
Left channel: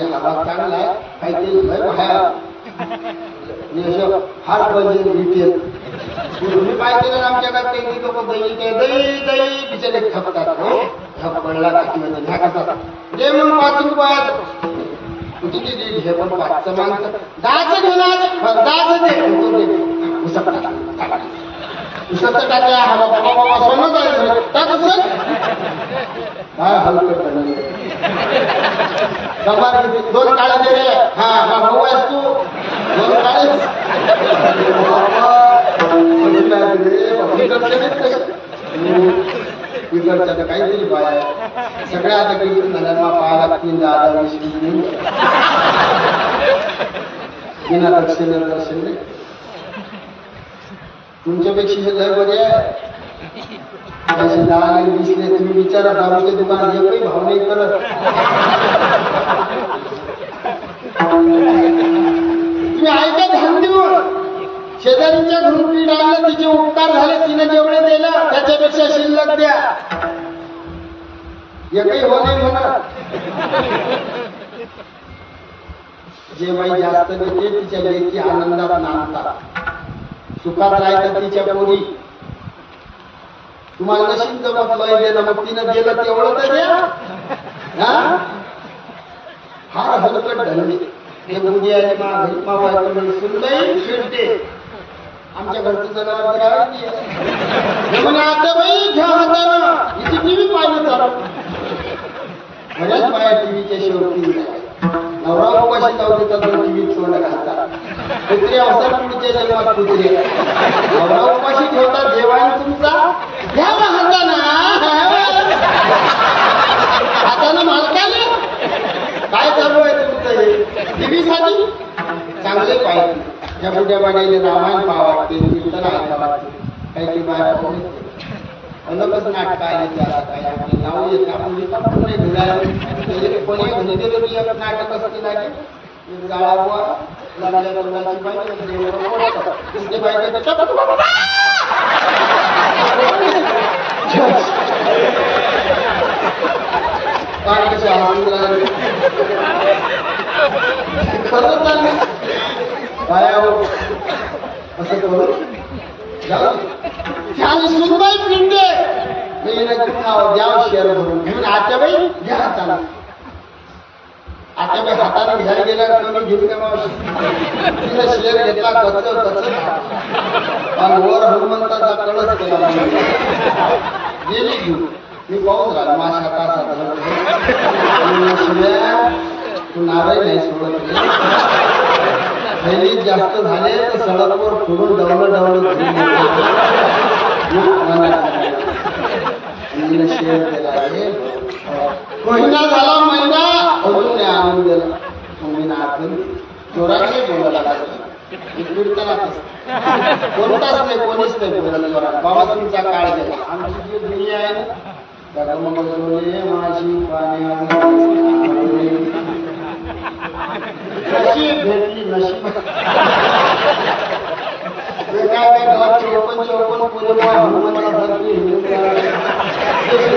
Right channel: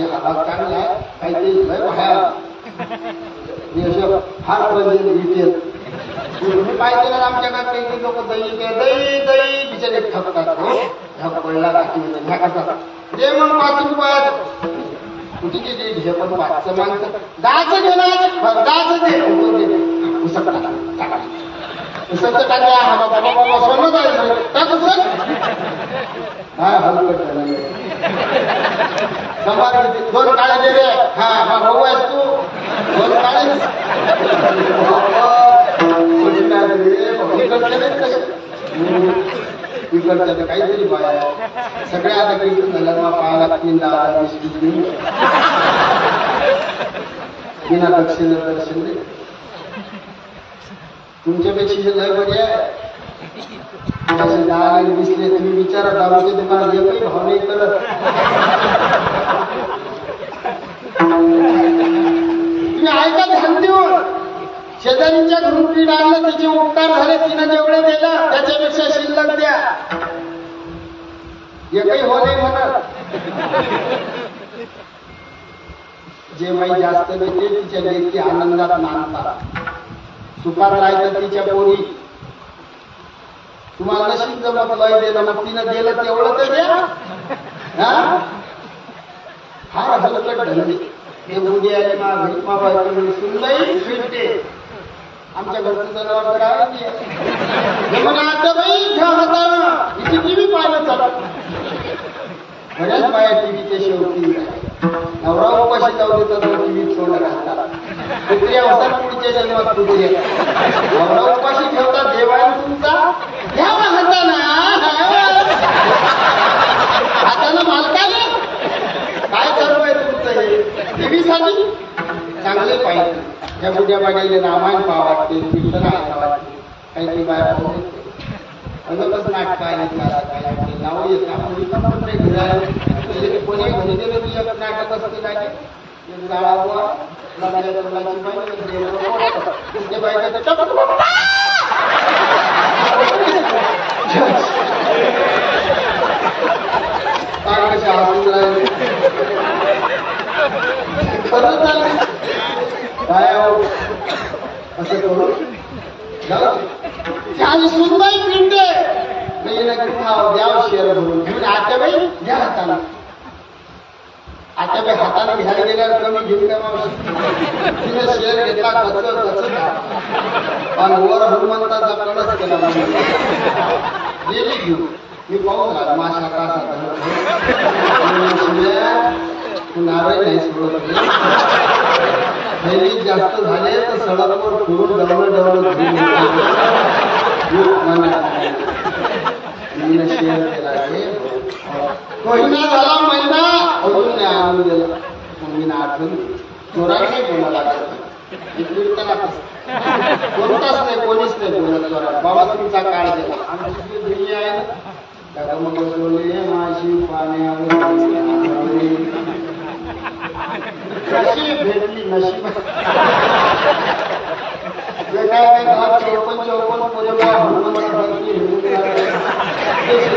हा भाग चांगला आहे काहीतरी लय बाहेर फार म्हणजे रिटेल तुम्ही काय केलं आमच्याकडे काही लोक दही दही दही बिचारे ठकतात. ठक पडला म्हणजे ढाकाचा दे मग 5 रुपयात कुठे गेली हे पण 5चं मागतं 10चं घेणार 10चं दे उसळचं टाका. हा बाबा बाबा सोनं आहे काय हलकट झाली समार किती 2 काळे दे रे. हा भाऊ आहेस तू 2 काळे इकडच्या तर काहीतरी बाया सगळ्या आता कीर्तन झाल्या मग पाहा लागतील 10,000-20,000 बिना दक्षिण दर्शन नाही. तुमच्यापेक्षा हे लय बरी आहे. 10 दिसले तुम्ही विचारा दारूच्या दुकानात एकही भाव नाही करत. तुम्ही ऐका ध्यान देऊन. शेजारीच्या घरून पीठ आणलं तिचे उपकार झाले तिनं जेवढे दिलं त्याच्यापेक्षा शिल्लक द्या. एकही हो नाही म्हणत. जे बाई जास्त देते तिच्या लेकी आनंदात नांदतात. सुखात राहतात तिच्या पोरी. तुम्हाला नशीब जमत लय देणं मग तिनं दिलं तेवढं तर द्या. फार हलकट धंदे ते मुली आली मा घरी मा बायकडे सुनबाई फिरते. आमच्या घरचं जनावर तर आहे म्हणे आता बाई घ्या हातानं हिची टीव्ही पाहिलं चालू. बऱ्याच बाया टीव्हीच्या शेवटी नवरा उपाशी जाऊ देतात टीव्हीत तोंड घालतात. कुत्र्या होतात पुढच्या जन्मात कुत्रे. नवरा उपाशी ठेवतात देवाने तुमचा घ्या हाताना हातानं मालकाने काय चालू आहे तुमचं हे टीव्हीसाठी चांगले पाहिजे. त्या बुड्या बाड्याने रामायण पाहा वाटते कीर्तन ऐका वाटते काही काही बाया पाहू येते. अलगच नाटकं आहेत आता काही नाव येत आपण लिहिता पण नाही घरी कोणी घरी गेलं की एक नाटक असतं लागे एक जाळा बुवा लागल्या तोंडाची बाई देवळं ते बायका बोलून राहिले खरं चाललं काय आहो असं करू आणि सुनबाई पिंडे म्हणजे द्याव शेअर भरून घेऊन आत्याबाई घ्या हाताने आत्याबाई हाताने घ्यायला गेल्यावर कमी घेईल का मावशी तिने शेअर घेतला कच आणि वर हनुमंताचा कडच केला गेली घेऊन मी पाहून राहिलो माझ्या तासात नारळ नाही सोडत थैलीत जास्त झाले तर सडकवर फोडून डवलं शेअर केला महिना झाला महिना अजून नाही आणून दिला मग मी आठवण जोरात नाही बोलायला लागत कीर्तनातच कोणताच नाही कोणीच नाही बोलत जोरात बाबा तुमचा काळ गेला आमची जी दुनिया आहे ना मग बोलले माझी पाणी नशीब भेटली नशीब काय गावात 54 पोरे हनुमंतासारखी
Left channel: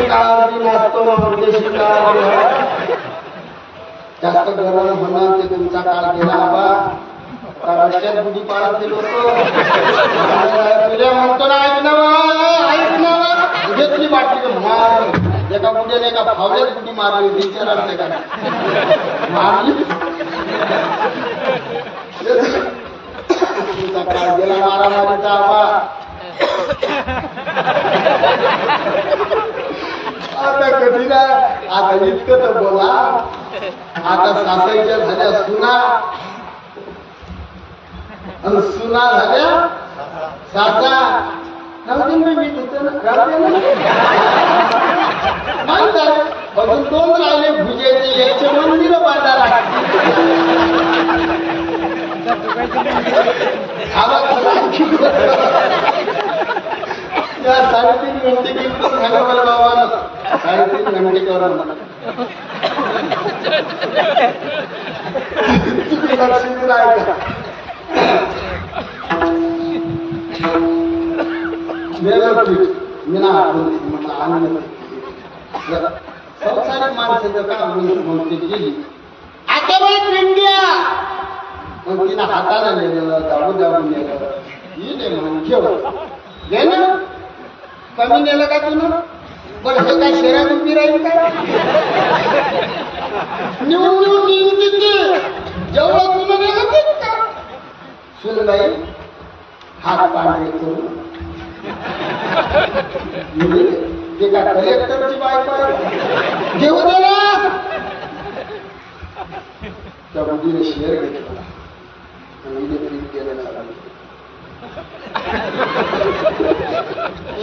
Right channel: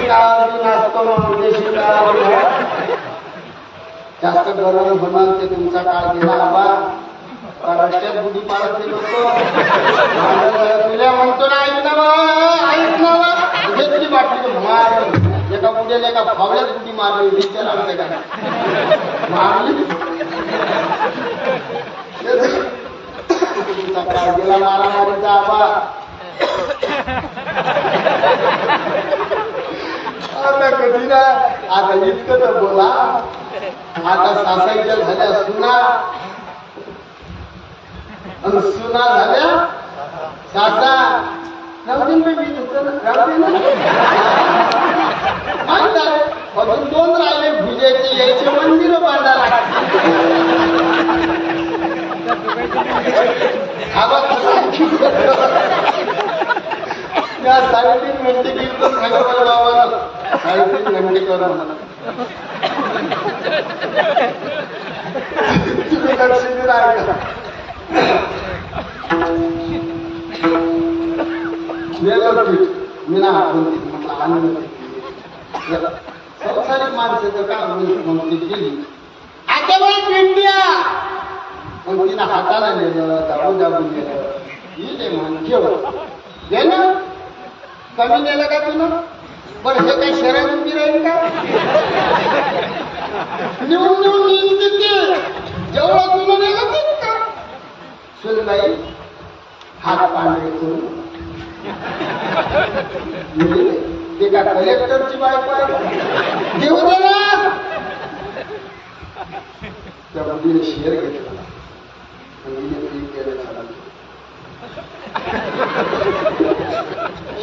काळावरती नाचतो मग देशी काळावरती जास्त गरम होणं ते तुमचा काळ गेला आबा रस्त्यात बुडी पाडत ते लोक तुला म्हणतो ना ऐक ना घेतली बाटली मार एका बुड्याने एका फावल्यात बुडी मारली विचार आमच्या काय मारली तुमचा काळ गेला मारामारीचा आबा कधी ना आता इतकं तर बोला आता सासाईच्या झाल्या सुना आणि सुना झाल्या सासा मी माहित आहे अजून 2 राहिले भुजायचे यायचे मंदिर बांधायला त्या 3.5 घंटे गेली तर सांगा मला बाबा 3.5 घंटे करून तुम्ही लक्ष दिलं आहे का मी ना आठवण दिली म्हटलं आनंद संसारिक माणसाचं का म्हणते गेली आता बाई इंडिया पण तिनं हाताला नेलं दाबून नेलं ही नाही म्हण ठेवत घे ना कमी नेलं का तुला बरं हे काय शहरात उभी राहील का नेऊन येईन तिथे जेवढं तुला नेलं तेच का सुनबाई हात पांढरे करून ते का कलेक्टरची बायको आहे घेऊ दे ना त्या मुलीने शेअर घेतला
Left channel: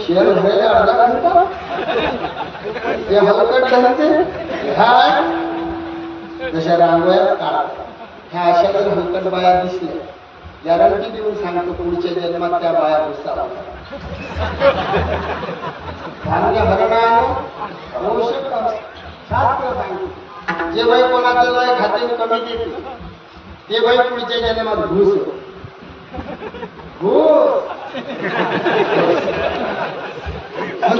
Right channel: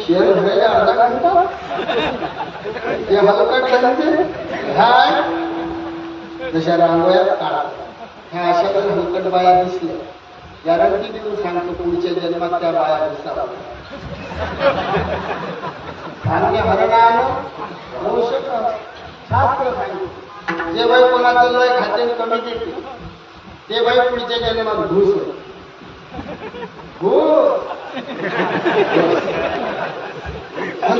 शेअर भरायला अर्धा घंटा ते हलकट घालते ह्या जशा रांगोळ्यात काढा ह्या अशा जर हलकट बाया दिसल्या गॅरंटी देऊन सांगतो पुढच्या जन्मात त्या बाया बसावा धान्य हरणानं पोषक शास्त्र सांगतो जे बाई कोणाचं लय खाते कमी देते ते बाई पुढच्या जन्मात घुस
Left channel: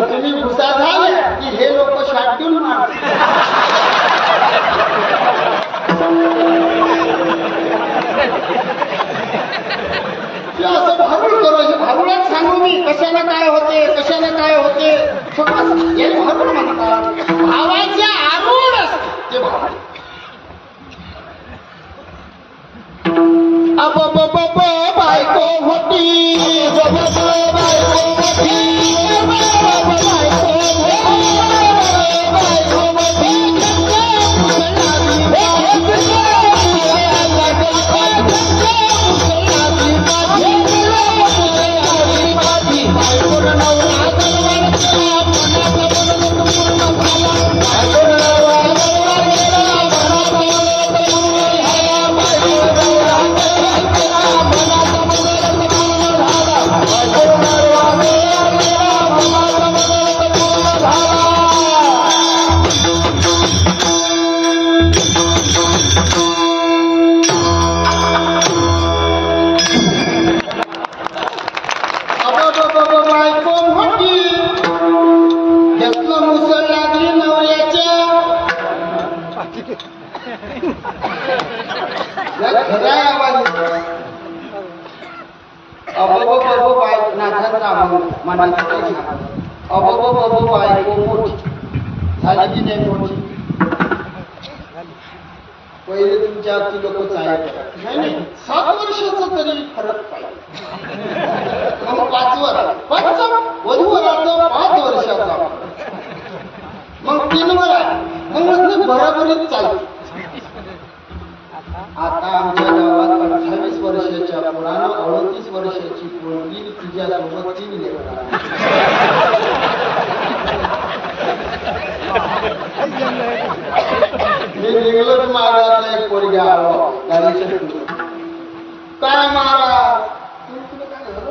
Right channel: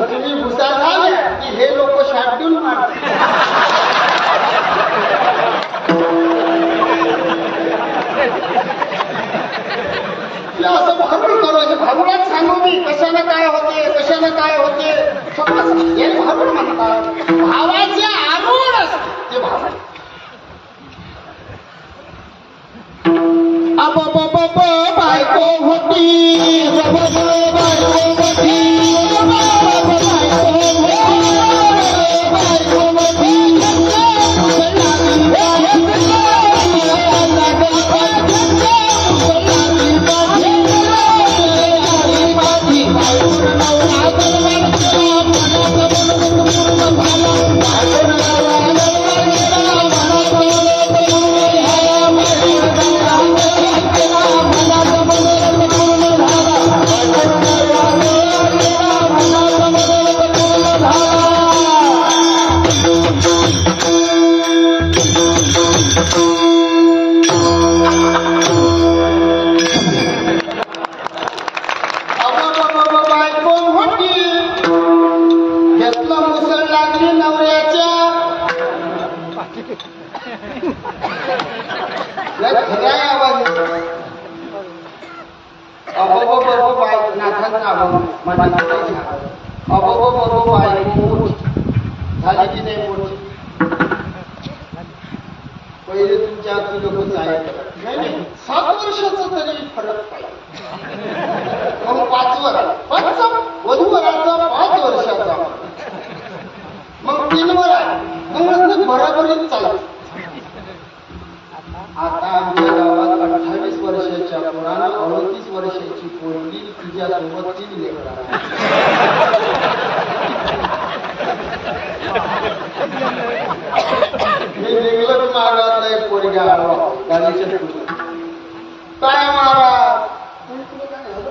तुम्ही भुसा झाल्या की हे लोक शाटून मारतात असं भारूड करू भारूडात सांगू मी कशानं काय होते सगळं हे भारूड म्हणतात भावाचे आरूढ ते भारूड बायको होती खरा आवाज अबो बबो बाय नाथांचा अभंग मनाचं काही सांग अबो बबो बाय मोठी झाली की नाही मोठी पहिले तुमच्या अगदी लोक चाय करत नाही 7 वर्षाचा तरी फरक पाहिजे मग 5 वर्ष वधूवराचा 5 वर्षाचा मग 3 वर आहे मग बराबरीत चालते आता आमच्या गावात 28 वर्षाच्या पुरानं 38 वर्षाची पोरगी तिच्यासोबत 3 लेकरं मी निघलं की महाराजला एक पोरगी आला गाडीच्या काय महाराज तुला काय झालं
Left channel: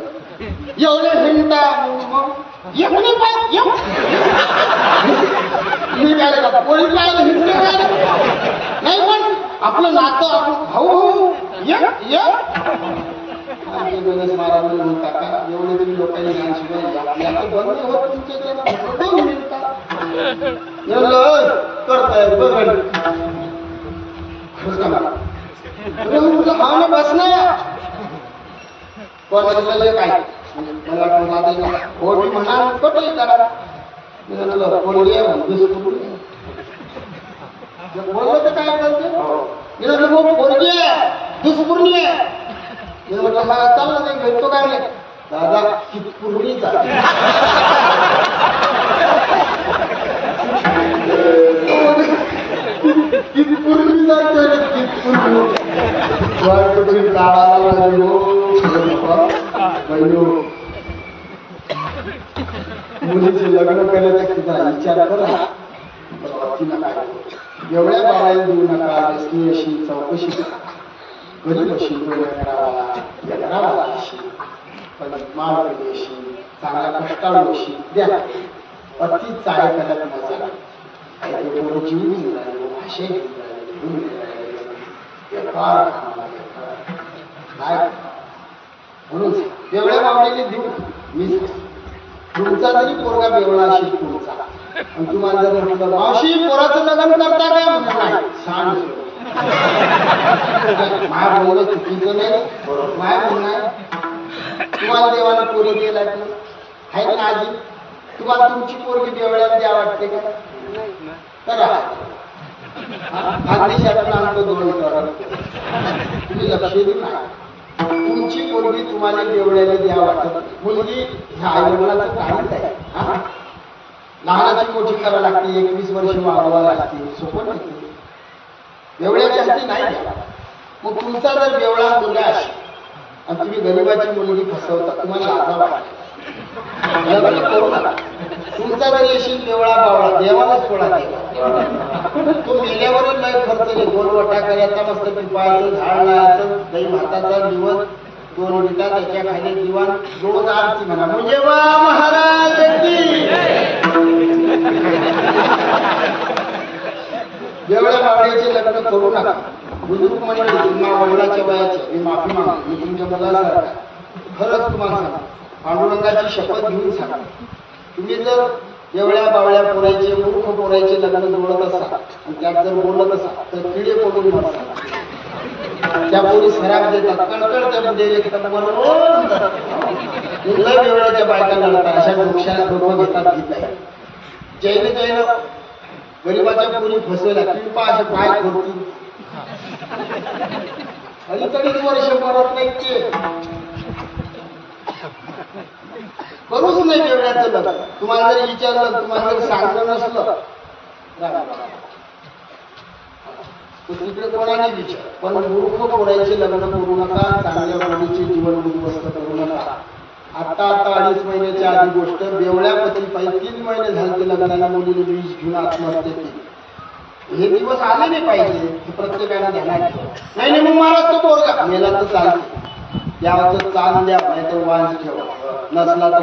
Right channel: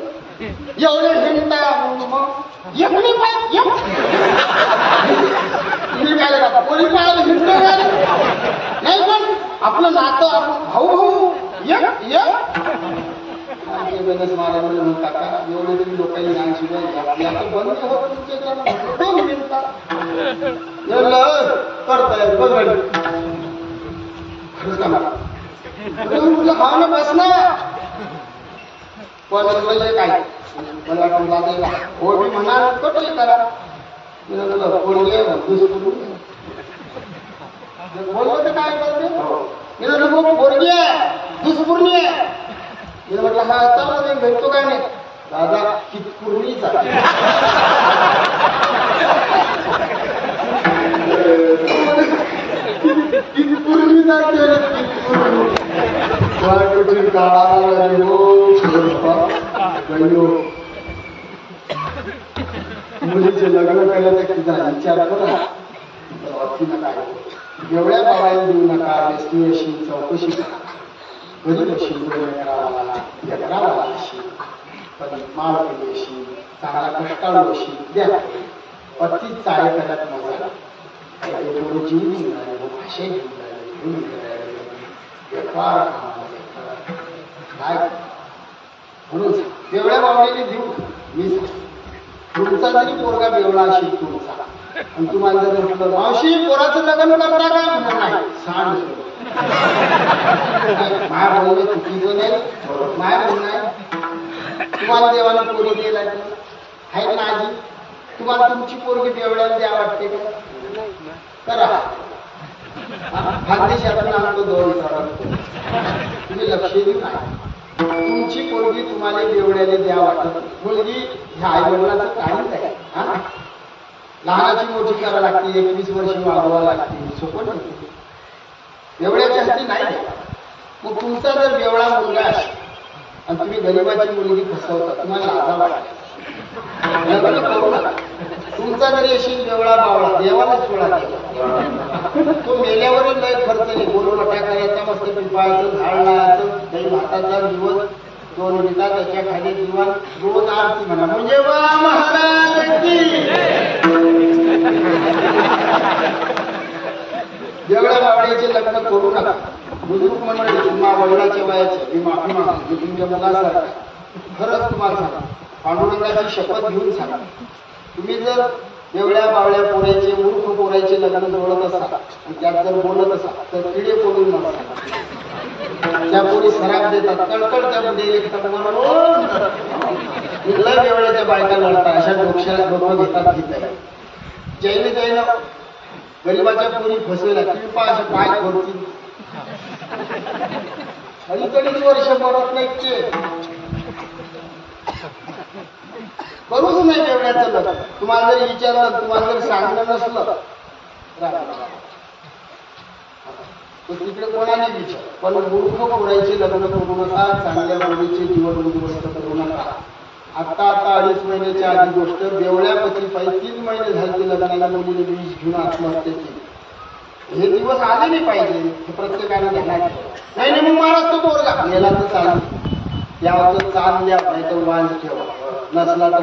एवढे हिंडता मग एक नाही पाहिजे मी काय का पोरी पाहिजे हिंड नाही पण आपलं नातं आपण भाऊ भाऊ एक महाराज म्हणून काका एवढे तरी लोकांनी ज्ञान शिवाय याचं बंद होत तुमच्या 2 मिनिटात करताय बघ हा ना बस ना पण म्हणलं काय मला वाटलं हो मी म्हणा कटले करा मी तुला पोरगी म्हणतेस बोललं तर काय करते मी म्हटलं हो पोरगी आहे दुष्पूर्णी आहे मी म्हटलं हा चाललं नाही भेटतो काय नाही दादा कितपूर्णीच आहे कितपूर्णी जाते कितपूर्णी कठीण काळाला मुलीचे लग्न करायचा किती विचार करा काय एवढ्या बाबाला देऊ नका व्यसनी अशी चौकशी गरीब अशी लेकरावाला अशी पण माळकडी अशी चांगला कष्टाळू अशी द्या अति चाळे करत मजा काही थोडं जीव घेऊन राहिले भाषे घेऊन राहिले काय म्हणून बेवड्या बावडीने देऊ मी तुमचा जरी पोरगा बेवळा असेल तुमचा आणि तुम्हाला जर म्हटलं मावशी पोराचं लग्न करता काय म्हणत नाही सांड माय बोलणं चुकीचं नाही माय म्हणणं तुम्हाला देवानं पोरी दिला आहे ना आजी तुम्हाला तुमची पोरगी बेवड्याला द्या वाटते काय करा खानदेशातून आणतो 2 टन तुम्ही लक्ष देऊ नाही तुमची पोरगी तुम्हाला बेवड्याला द्या वाटत मुलगी ह्या आई वडिलांचं काहीच आहे हा लहानाची मोठी करावं लागते 21 वर्ष वाढवावं लागते सोपं नाही एवढ्या जास्ती नाही द्या मग तुमचा जर बेवळा मुलगा असेल आणि तुम्ही गरीबाची मुलगी फसवता तुम्हाला लाजा वाटते लग्न करू नका तुमचा जरी असेल बेवळा बावळा देवालाच सोडा तो मेल्यावरच नाही खर्च नाही गोलवटा करायचा मस्त पिंपळाचं झाड लावायचं दही भाताचा दिवस 2 विटा त्याच्या खाली जीवन रोज आरती म्हणा म्हणजे वा महाराज की जेवढ्या बावड्याचे लग्न करू नका बुजुर्ग मंडळी तुम्हा वडिलाच्या वयाचे मी माफी मागतो मी तुमच्या मुलासारखा खरंच तुम्हाला सांगा पांडुरंगाची शपथ घेऊन सांगा तुम्ही जर एवढ्या बावळ्या पोरायचे मूर्ख पोरायचे लग्न जोडत असाल आणि त्यात जर बोलत असाल तर किडे पडून मरतात त्या पोरी सराब देतात कळकळ त्या पुढे लेखतात बरोबर लय एवढ्या बायका लढतात अशा डोकं घेतात घेत आहे जैन गरीबाच्या पोरी फसवेला किंवा असे पाय खोडतील अलीकडीच वर्ष मरत नाही ते करूच नाही एवढ्याचं लग्न तुम्हाला जर विचारलं तुम्हाला जर सांगलं नसलं तर तिकडे कोणाने विचार पण मूर्ख पोरायचे लग्न करू नका चांगल्या मुलीचे जीवन उद्ध्वस्त करू नका आता 2.5 महिन्याच्या आधी गोष्ट बेवळ्या पती पाहिजे 3 महिने झाले लग्नाला मुलीने वीज घेऊन आत्महत्या केली हे दिवस आले नाही पाहिजे हे प्रत्येकाने ध्यानात नाही मग महाराज तो पोरगा मेला तर चालते यावं चाल द्या नाही तर वांज ठेवा नसला तर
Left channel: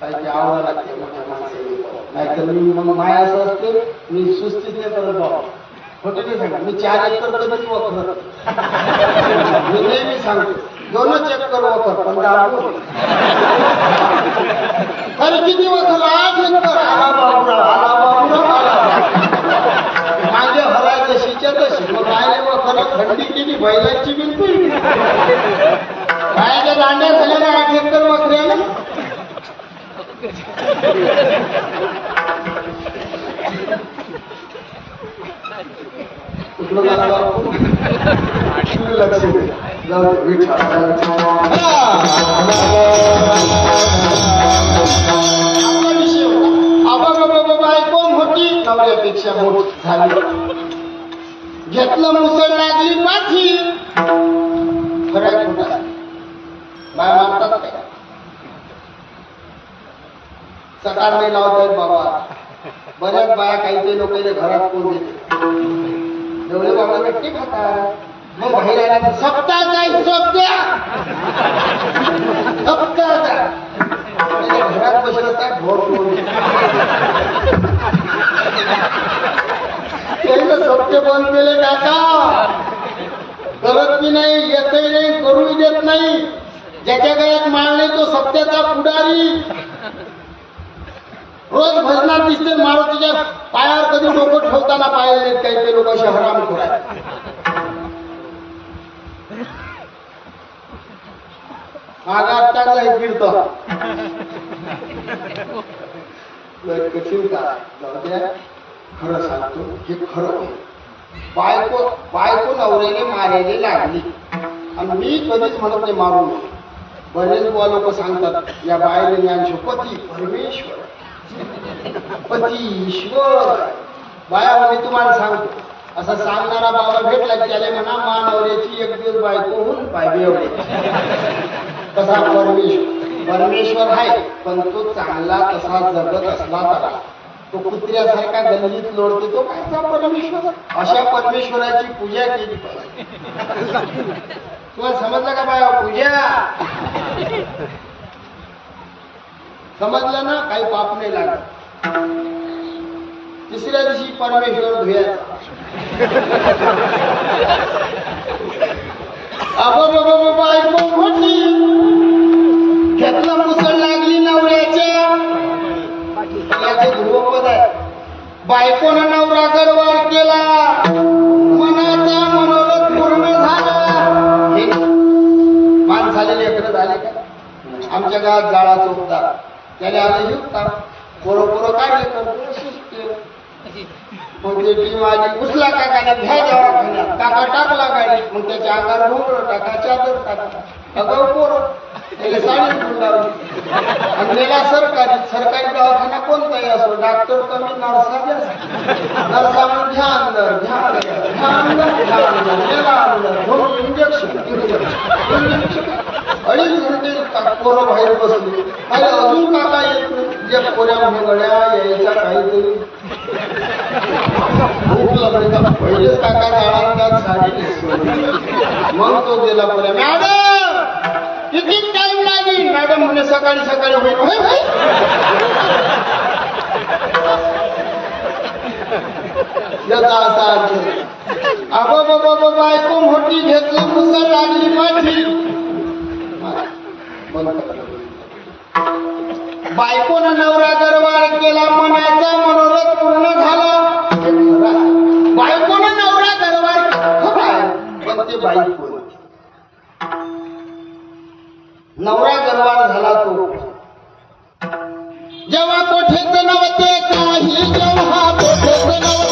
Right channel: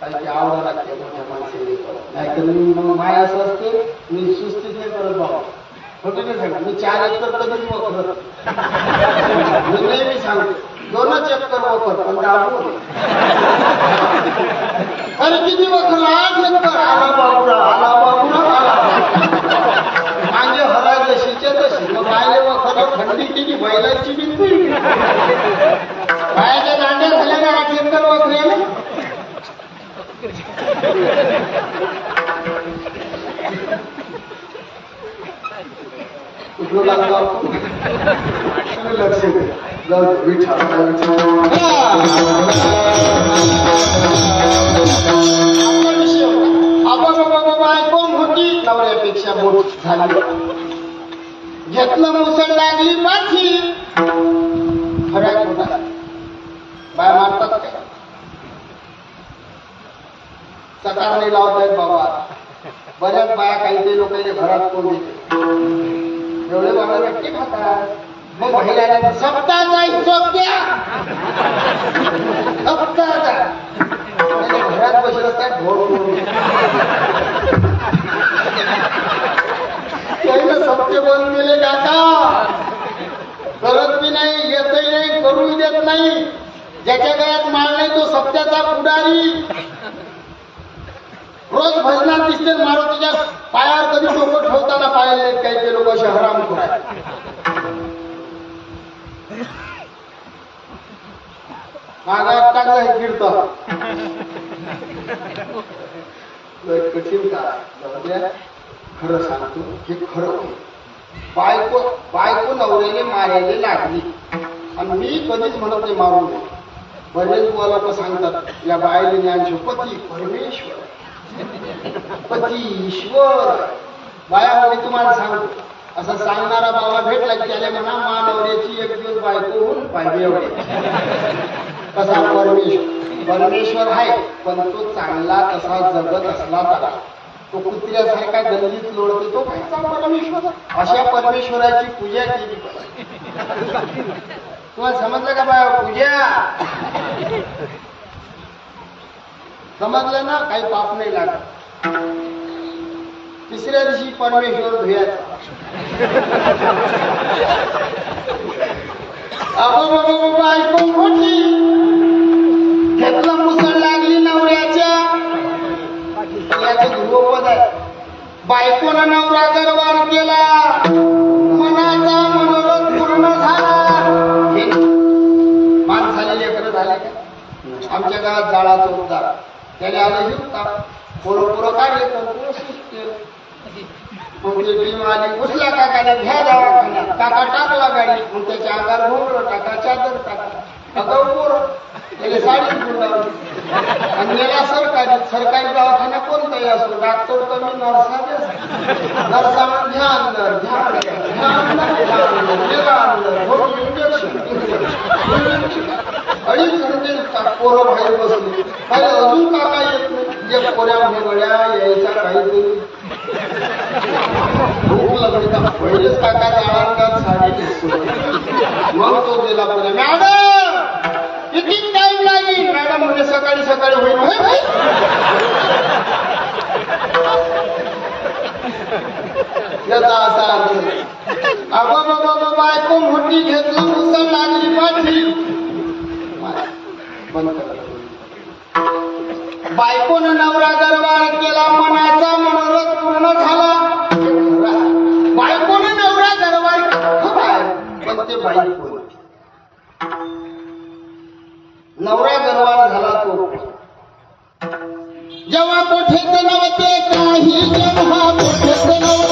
काही आवडा लागते मोठ्या माणसे नाहीतर मी मग माय असं असते मी सुस्तीच नाही करत बाबा खोटे नाही सांगा मी 4 एकर कधीच वखरत मी नेहमी सांगते 2 एकर वखर पण अरे किती वखर 8 एकर आला बाबूरा आला बाबूरा आला बाबूरा मागे हरायचं ती बैलाची बिलती बायाच्या दांड्या झाल्या ना 8 एकर बकऱ्याने. लक्ष दे जाऊ बायकोम होती नवऱ्यापेक्षा मोठी झाली. घेतलं मुसळ लागली पाठी. फराय खोटा बाय मानतात काय सकार नाही लावतायत बाबा. बऱ्याच बाया काही लोकांच्या घरात कोण देते एवढे बाबळे भेटते खातात. मग बाहेर आल्या सप्ताह सोप्या सप्ताह घरात बसलं असतात ढोर त्यानं सप्ते बंद केले काका. करत बी नाही येतही नाही करूही देत नाही. ज्याच्या गळ्यात माळ नाही तो सप्त्याचा पुढारी. रोज भजनात दिसते मारुतीच्या पायावर कधी डोकं ठेवताना पाहिले नाहीत काही ते लोक असे हरामखोर आहेत. मागात टाकला हे कीर्तन कठीण का जाऊ द्या. खरं सांगतो हे खरं होईल. बायको नवऱ्याने मारायला लागली आणि मी कधीच म्हणत नाही मारू नये. बरेच बुवा लोक सांगतात या बायले ज्ञान पती परमेश्वर पती ईश्वर. बाया मी तुम्हाला सांगतो असं सांगणारा बाबा भेटला की त्याला म्हणा मा नवऱ्याची एक दिवस बायको होऊन पाहिजे. कसा परमेश्वर आहे पण तो चांगला तसा जगत असला तर तो कुत्र्यासारखा गल्लीत लोळतो तो कायचा परमेश्वर. अशा परमेश्वराची पूजा केली पाहिजे. तुम्हाला समजलं का बाया पूजा समजलं ना. काही पाप नाही लागत. तिसऱ्या दिवशी परमेश्वर धुयाचा. बायको मोठी घेतलं मुसळ लागली नवऱ्याच्या. याचं ध्रुवपद आहे. बायकोनं नवरा गरवार केला मनाचा मनोरथ पूर्ण झाला. माणसाले लेकरं झाले का. आमच्या गावात जाळा चौकदार त्याने आले हिरता पोरं काढले करतो सिस्टेम. मग ते टीम आली घुसला काकाने घ्या दवाखान्यात. काका टाकला गाडी. मग त्याच्या अंगावर भोंगळं टाका चादर टाका अगाऊ पोरं त्याला साडी गुंडावली आणि नेला सरकारी दवाखाना कोणताही असो डॉक्टर कमी नर्सा जास्त. नर्सा म्हणून घ्या अंदर इंजेक्शन 2.5 घंटे पोरं बाहेर बसली. काही अजून काका येत नाही. एक पोऱ्यामध्ये गड्या यायचा काहीतरी भूक लागली का पहिलेच काका जाळांगात साडी दिसली. मग तो गेला पोऱ्या मॅडम किती टाइम लागेल. मॅडम म्हणे सकाळी होईल. याचा असा अर्थ बाबा बायको मोठी घेतलं मुसळ लागली पाठी. बायकोनं नवरा दरबार केला मनाचा मनोरथ पूर्ण झाला. बायकोनं नवरा दरबार केला पण ते बायको नवरा दरबार झाला तो जेव्हा कोठेच नव्हते काही. जेव्हा कोठेच नव्हते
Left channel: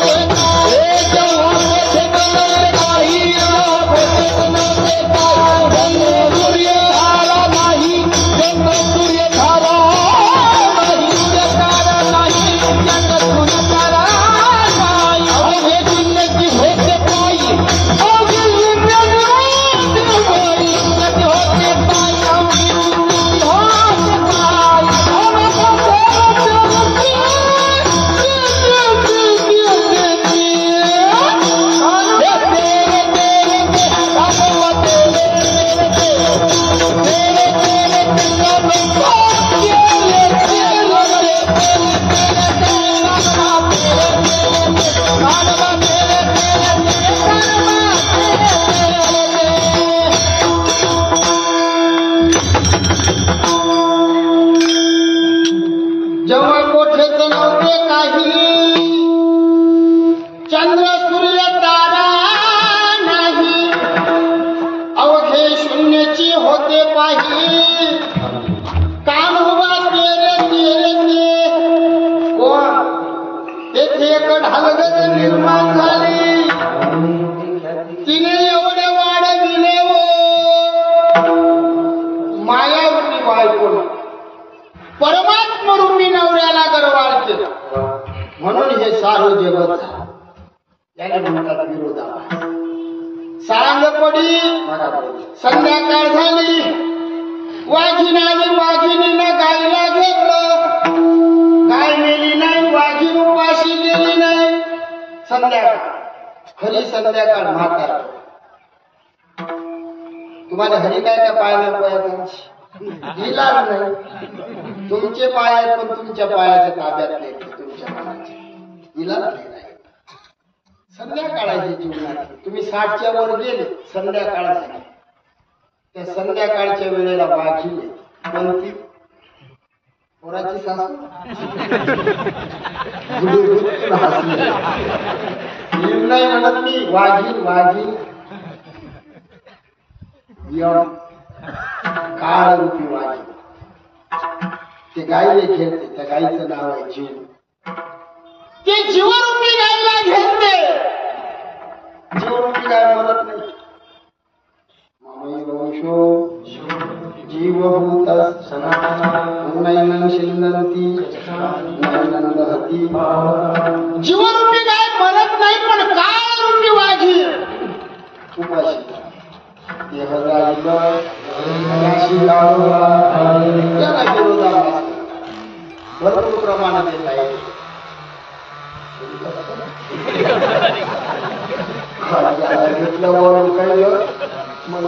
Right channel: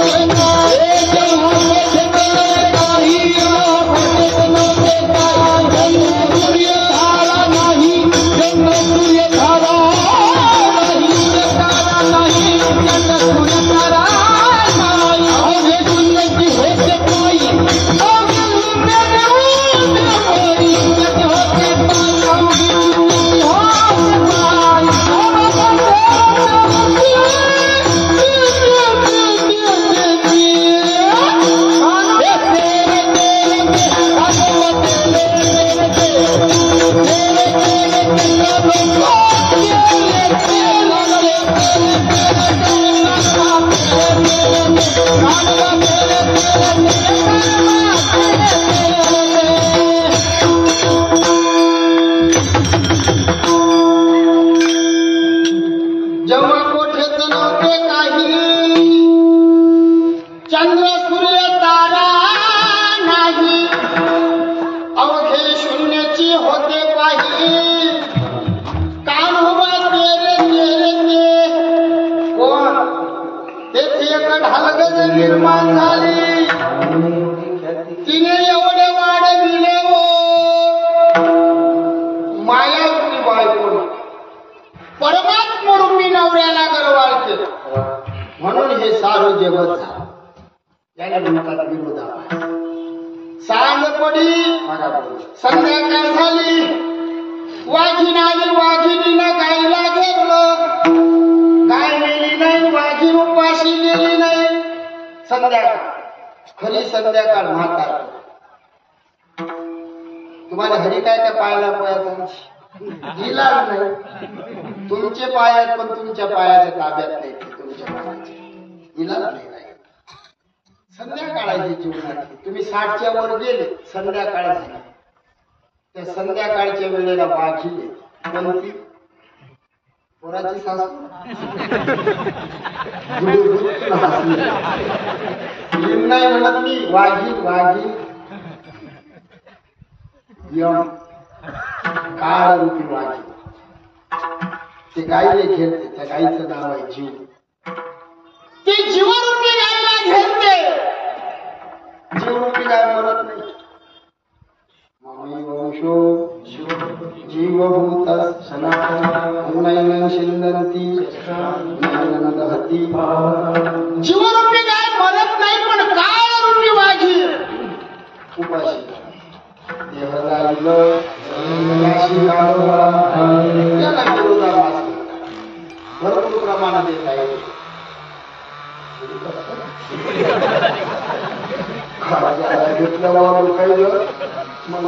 केलं म्हणून हे सारं जगत झालं. याने म्हणतात विरोधाभास. सांग पडी संध्याकाळ झाली, वाघीण आली, वाघिणीनं गाईला घेरलं. गाय मेली नाही, वाघीण उपाशी गेली नाही. संध्याकाळ, खरी संध्याकाळ म्हातार. तुम्हाला हरी काय काय पायाला पोयाचा इलाज नाही. तुमचे पाय आहेत पण तुमच्या पायाच्या ताब्यात नाही, तुमच्या मनाचे इलाज नाही. संध्याकाळ आहे जीवनात. तुम्ही 60च्या वर गेले, संध्याकाळ झाली. त्या संध्याकाळच्या वेळेला वाघिले कोणती पोराची सासू नाही म्हणत मी, वाघीण वाघीण काळ रूपी वाघीण. ते गाईले घेते, त्या गाईचं नाव आहे जीव. ते जीवरूपी गायला घेते. जीवरूपी गाय मरत नाही. वंशो जीवभूत नैनं शिंदंती नैनं दहती. जीवरूपी गाय मरत नाही, पण काळरूपी वाघीण उपाशी देह जाईल त्याला विरोधाभास भरपूर प्रमाणात येत आहे. घेतल्यावर काही मग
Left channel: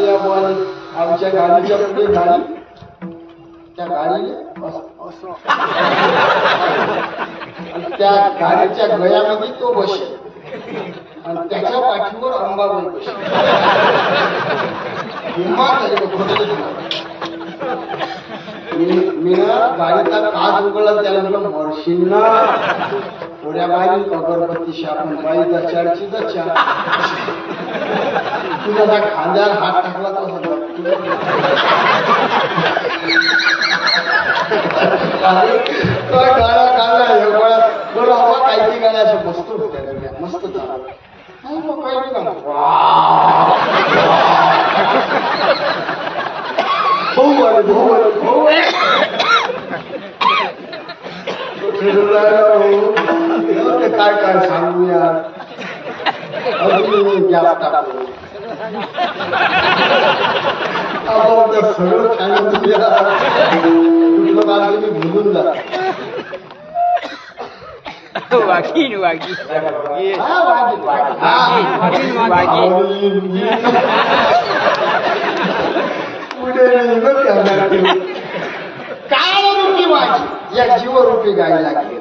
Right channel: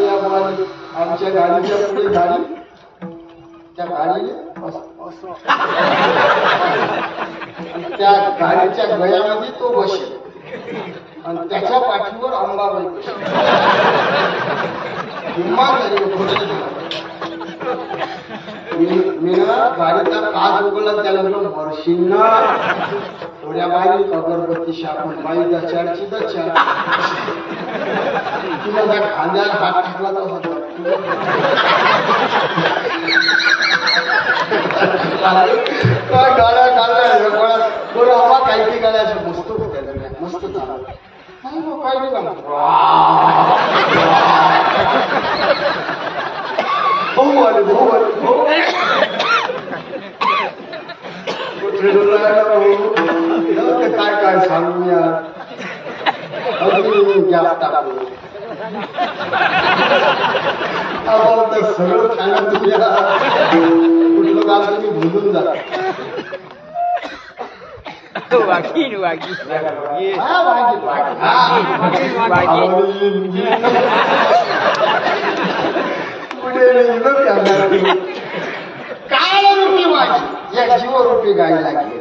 या आमच्या गाडीच्या पुढे गाडी, त्या गाडीने त्या गाडीच्या गळ्यामध्ये तो बसेल आणि त्याच्या पाठीवर अंबाबाई बसेल. मी गाडीचा काच उघडला, त्याला म्हटलं मरशील ना थोड्या बाई अगरबत्ती शापण बाई दचाडची दचा. तुला खांद्यावर हात टाकला तर काय गाड्या काढल्या बरं बाबा. काही काही गाड्या अशा मस्त होत्या, मस्त चालू नाही मग काय नाही का भाऊ आले भाऊ आले भाऊ काय काय सांगू यार. अजून गॅस टाकू सगळं सांगत कुठलं काम तुम्ही भुलून जा. वाघीण वाघीण हा वाघीण काळरूपी वाघीण या जीवरूपी गायला गेली.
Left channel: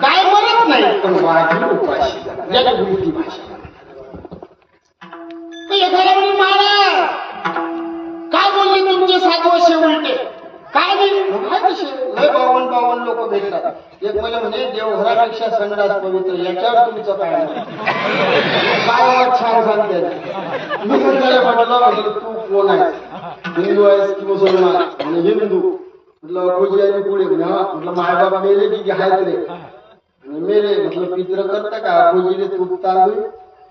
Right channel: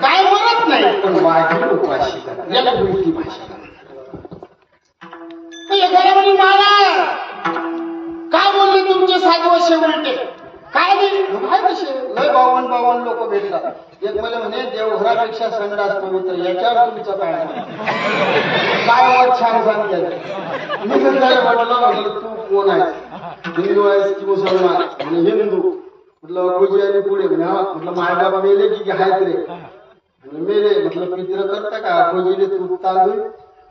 गाय मरत नाही, पण वाघीण उपाशी याला उलटी भाषा. एखाद्या म्हणे मला काय बोलले तुमचे 7 वर्ष उलटे काय नाही कसे लय 52 लोक भेटतात. एक मला म्हणे देवघरापेक्षा संडास पवित्र, याच्यावर तुमचं काय मत. काय मत छान सांगते. मी त्याला म्हटलं तू कोण आहेस, हिंदू आहेस की मुसलमान. म्हणजे हिंदू. म्हटलं अखोजी आणि पुढे म्हणे हा. म्हटलं मायबाप मेले की आहेत रे. आणि मेले. म्हटलं पित्र करता का अखोजीले तूप तांदूळ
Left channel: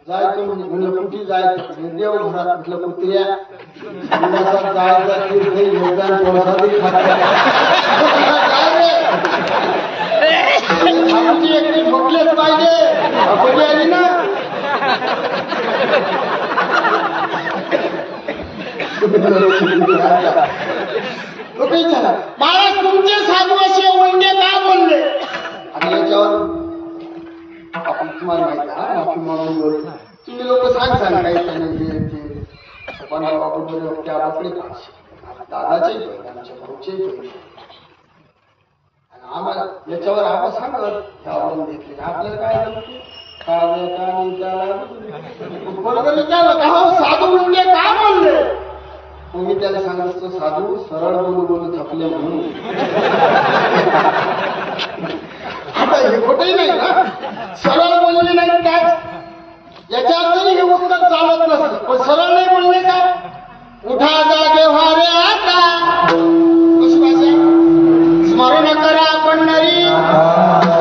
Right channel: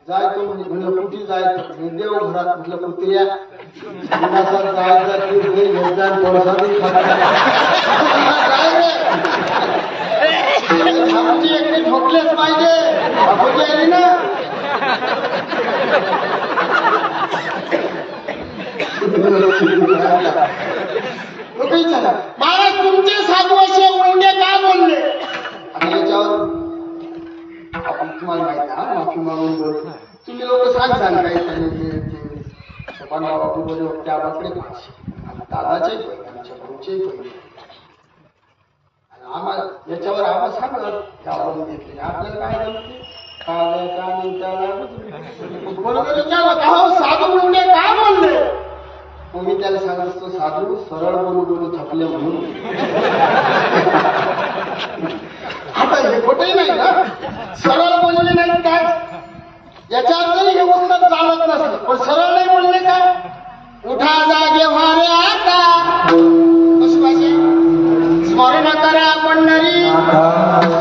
जायचो म्हणजे. म्हणलं कुठे जायचं, देवघरात. म्हटलं कुत्र्या संडासात जायचा प्रसादी आमची एकटी ठोकलेच पाहिजे. अखोजी आली ना काही चला महाराज तुमचे 7 वर्ष उलटे का बोलले. आता याच्यावर आपण तुम्हाला माहिती आहे माफी मागून बोलतो. तुम्ही लोक सांग काही पण बाबा त्या बाकडे पाचशे आणि दादाचे पहिले आमच्या भाऊचे पहिले आणि आम्हाला याच्यावर आम्हाला सांगत यावरून घेतले. आपल्याला काय जमतो का विचारलं का हो साधू उलटे का बोलले. मग मी त्याला सांगत असतो साधू सरळ बोलू थकले म्हणून. आता हे खोटही नाही ना, सरळ बोलले नाही काय याच्यातही हे उत्तर चालत नसलं. पण सरळ नाही बोलले काय. उठा जागे व्हारे आता कशी भाषा. स्मरण करा पंढरी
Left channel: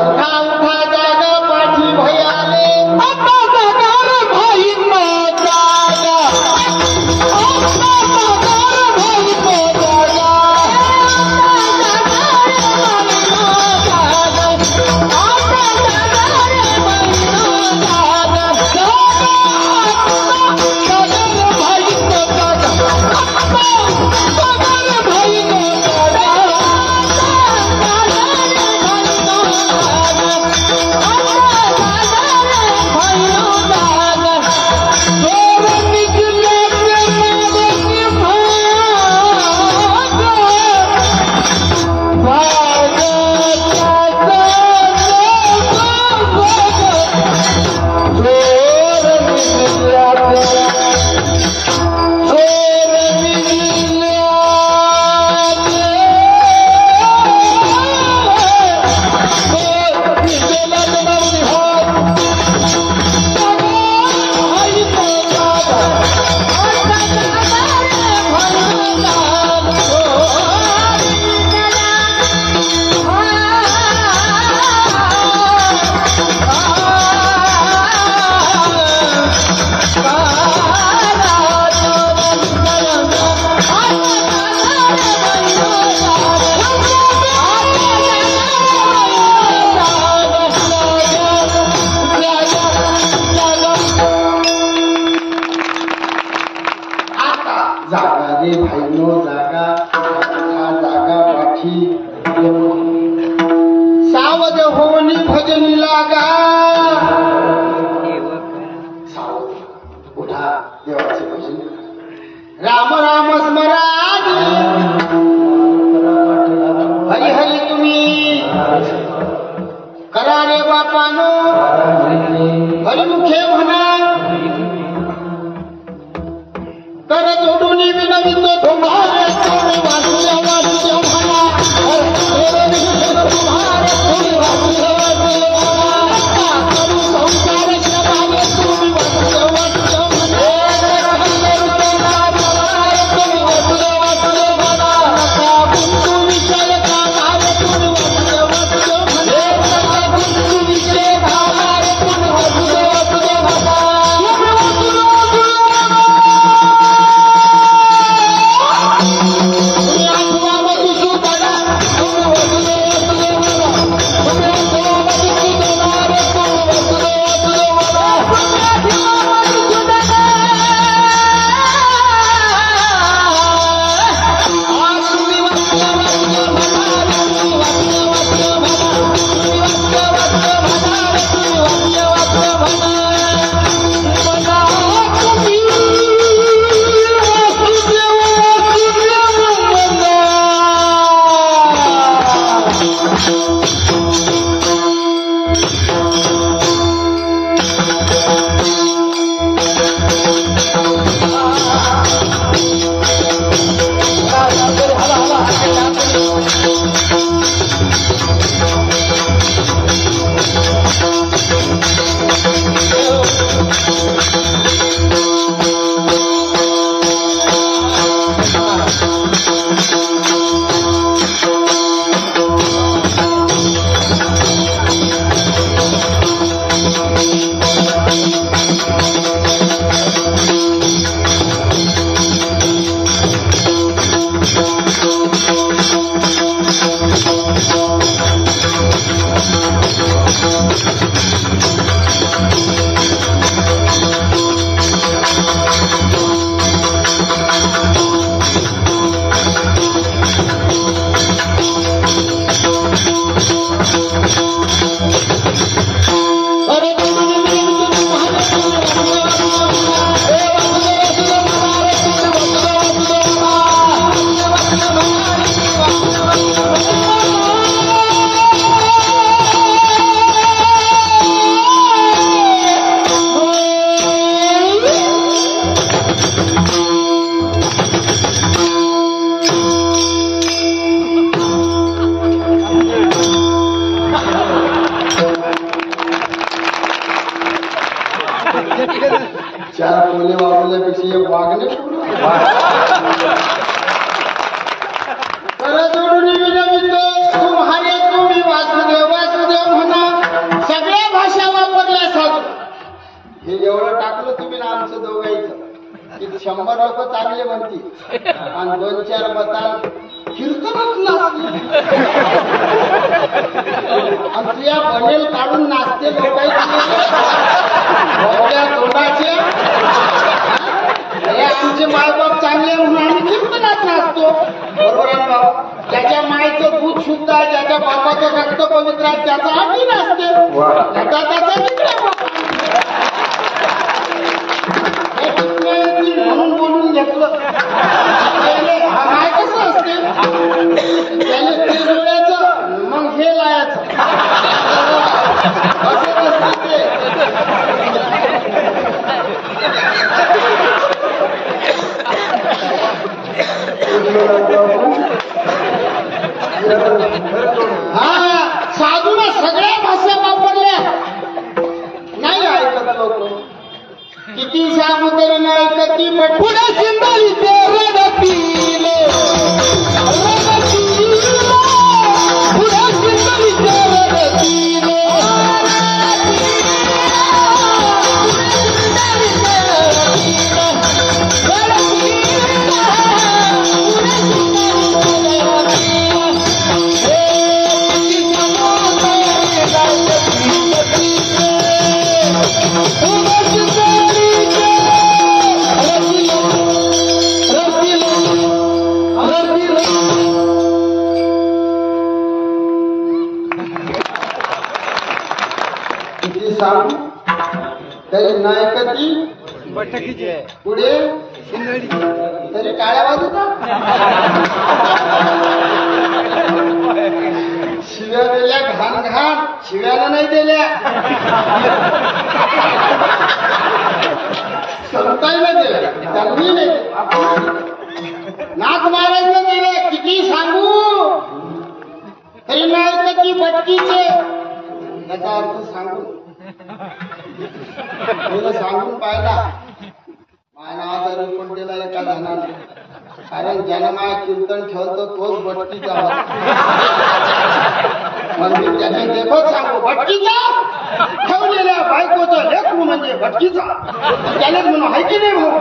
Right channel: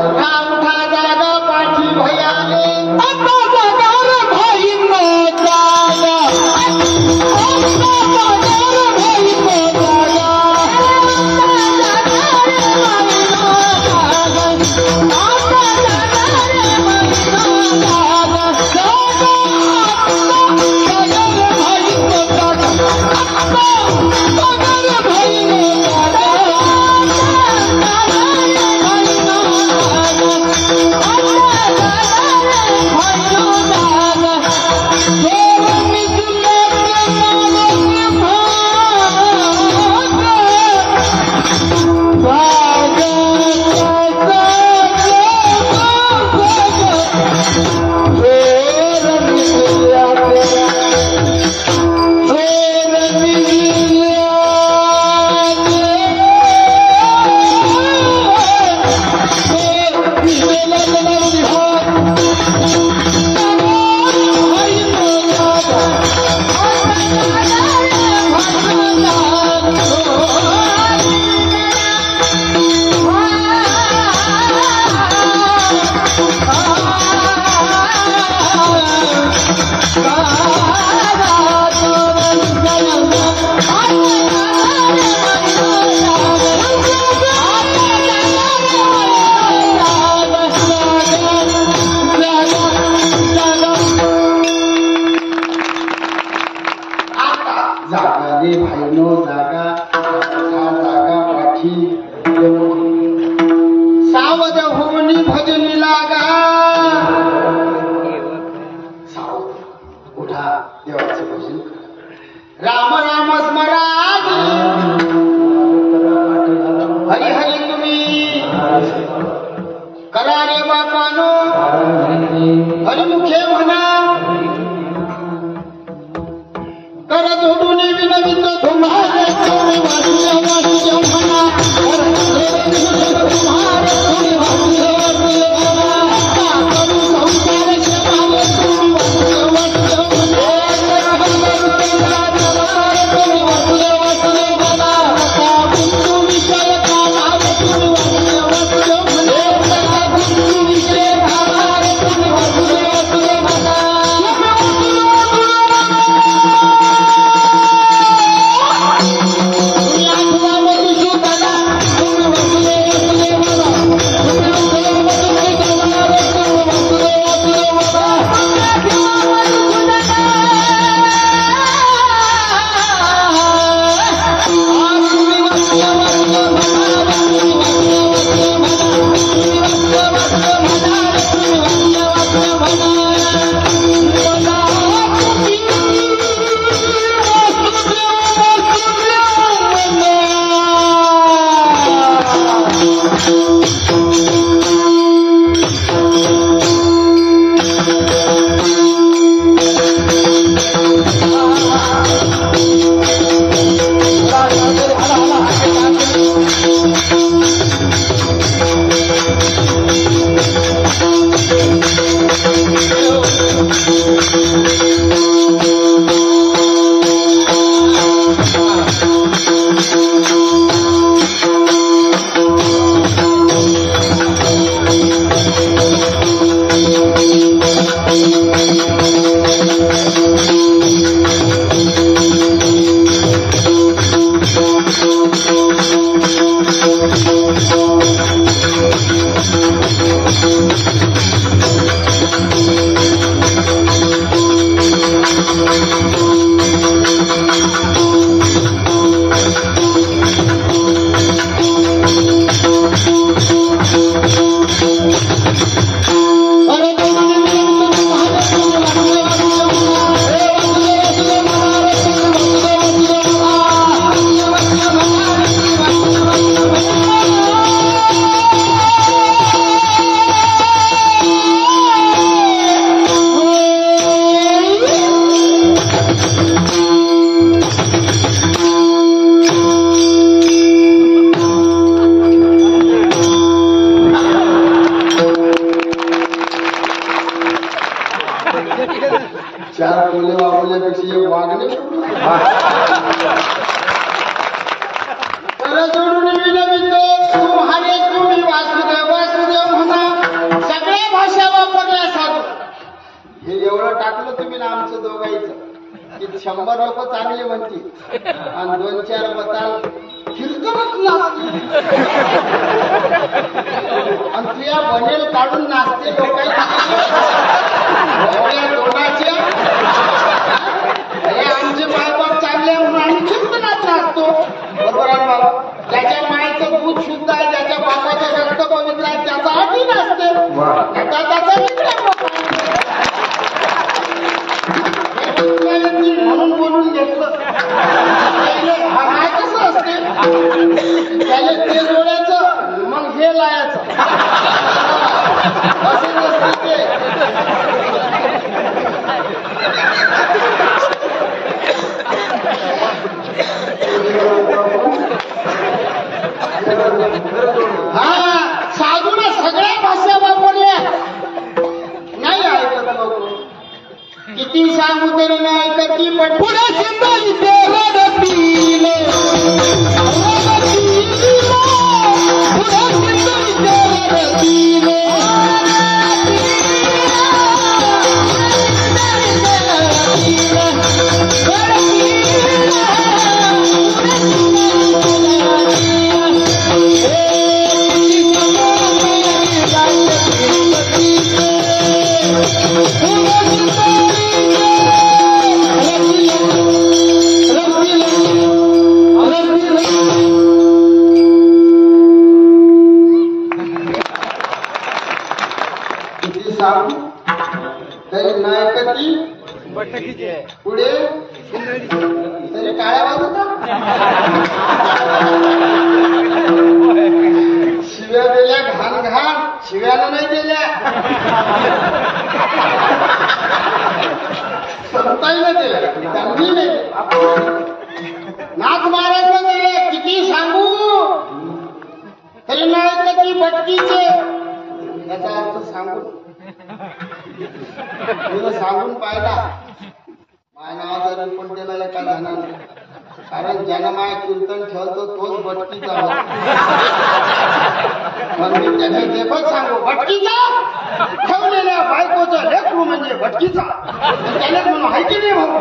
उठा उठा जाग पाठी भयाले. आता जागा भाई जागा हरी तुम्ही करा रे बापानो हरिमुखे म्हणा कर जोडून विनवितो तुम्हारे तुम्ही वासुदेव म्हणा चार कोले वापरल्यापेक्षा एक वागणे जोडून विनवितो तुम्हारे तुम्ही वासुदेव वासुदेव म्हणा सगळ्या भाषा वापरल्या साधू हे एवढं टाकलं तुम्ही ना आमचं दोघांचं की 100 लोक चांगले म्हणतील आणि 2-4 बताल कीर्तनच नाचले आणि तुया बनेल काढून नाचते लोकांचे तोंडाचे हे आमचे मायबाप चांगले म्हणून आम्ही कीर्तनात नाचतो बरोबर आहे बाबा ज्याच्या मायचं दूध शुद्ध आहे ज्याच्या बापाचं रक्त पवित्र आहे त्याचा आधी नाचते त्याचा मित्र म्हणून बोलून घेतलं हा माय कसं असते त्याला ते जोडायचं मग हे लायाचं असं नसते ते हा साधूने सगळ्या भाषा वापरल्या नाही ऐकत लोक किती सांगू तरी नाही ऐकत पण पुढे चिंताली ते रडतील पुढे चिंताली ते रडतील पुढे तरी टाळ्या वाजवता शिव्या दिल्या घाण घाण, शिव्यानं नाही दिल्या, संताईनं दिल्या, त्यांनी नाही दिल्या. नाथ महाराजनं दिल्या. किती सांगू तरी नाही का ती भटकीचे. याचा अर्थ सांगून सांगून पाहिला. माझ्या नावाचा रिपोर्ट दिला एका जणानं. कारण ज्यानं माय कीर्तन ठेवतो तोच भटकीचा होता. म्हणजे त्याने देखोच सांगू भटकीचा ठेवलेल्या बायकोचं लेकरू म्हणजे भटकीचा. त्यालाच म्हणून आहे की नाही भाऊ.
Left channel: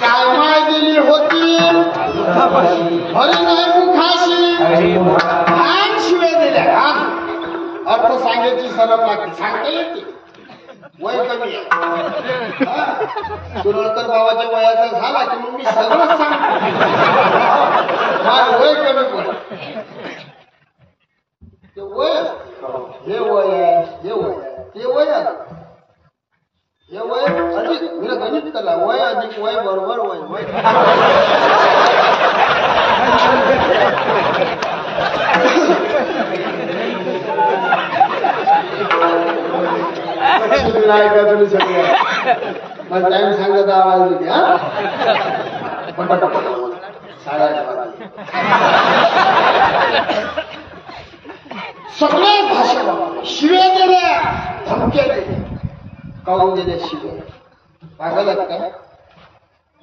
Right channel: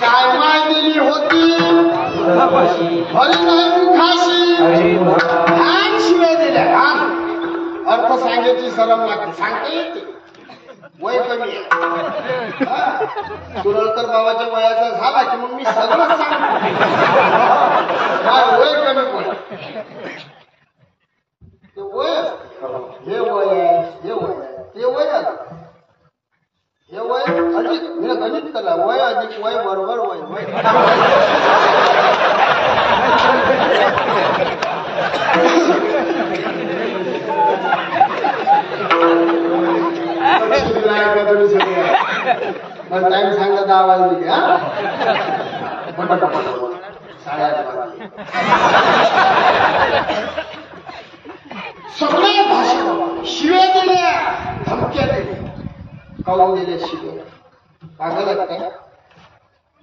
काय माय दिली होती हरी नाही मुखाशी, घाण शिव्या दिल्या घाण. अर्थ सांगायची सरम लागते, सांगता येते. वय कमी आहे. सुरळकर बाबाच्या वयाचा झाला की मग मी सगळंच सांगतो. वय कमी पड ते वय असते. हे वय आहे, हे वय आहे, ते वय असते. हे वय अधिक मी गणित केला. वय अधिक वय बरोबर वय वय. का तुम्ही सगळे मला टाइम सांगा 10 वाजले की. पटापट 8:30 वाजले. सगळे भाषा वापरले. शिव्या दिल्या, धमक्या दिल्या. काढून दिल्या शिव्या. पागल काय.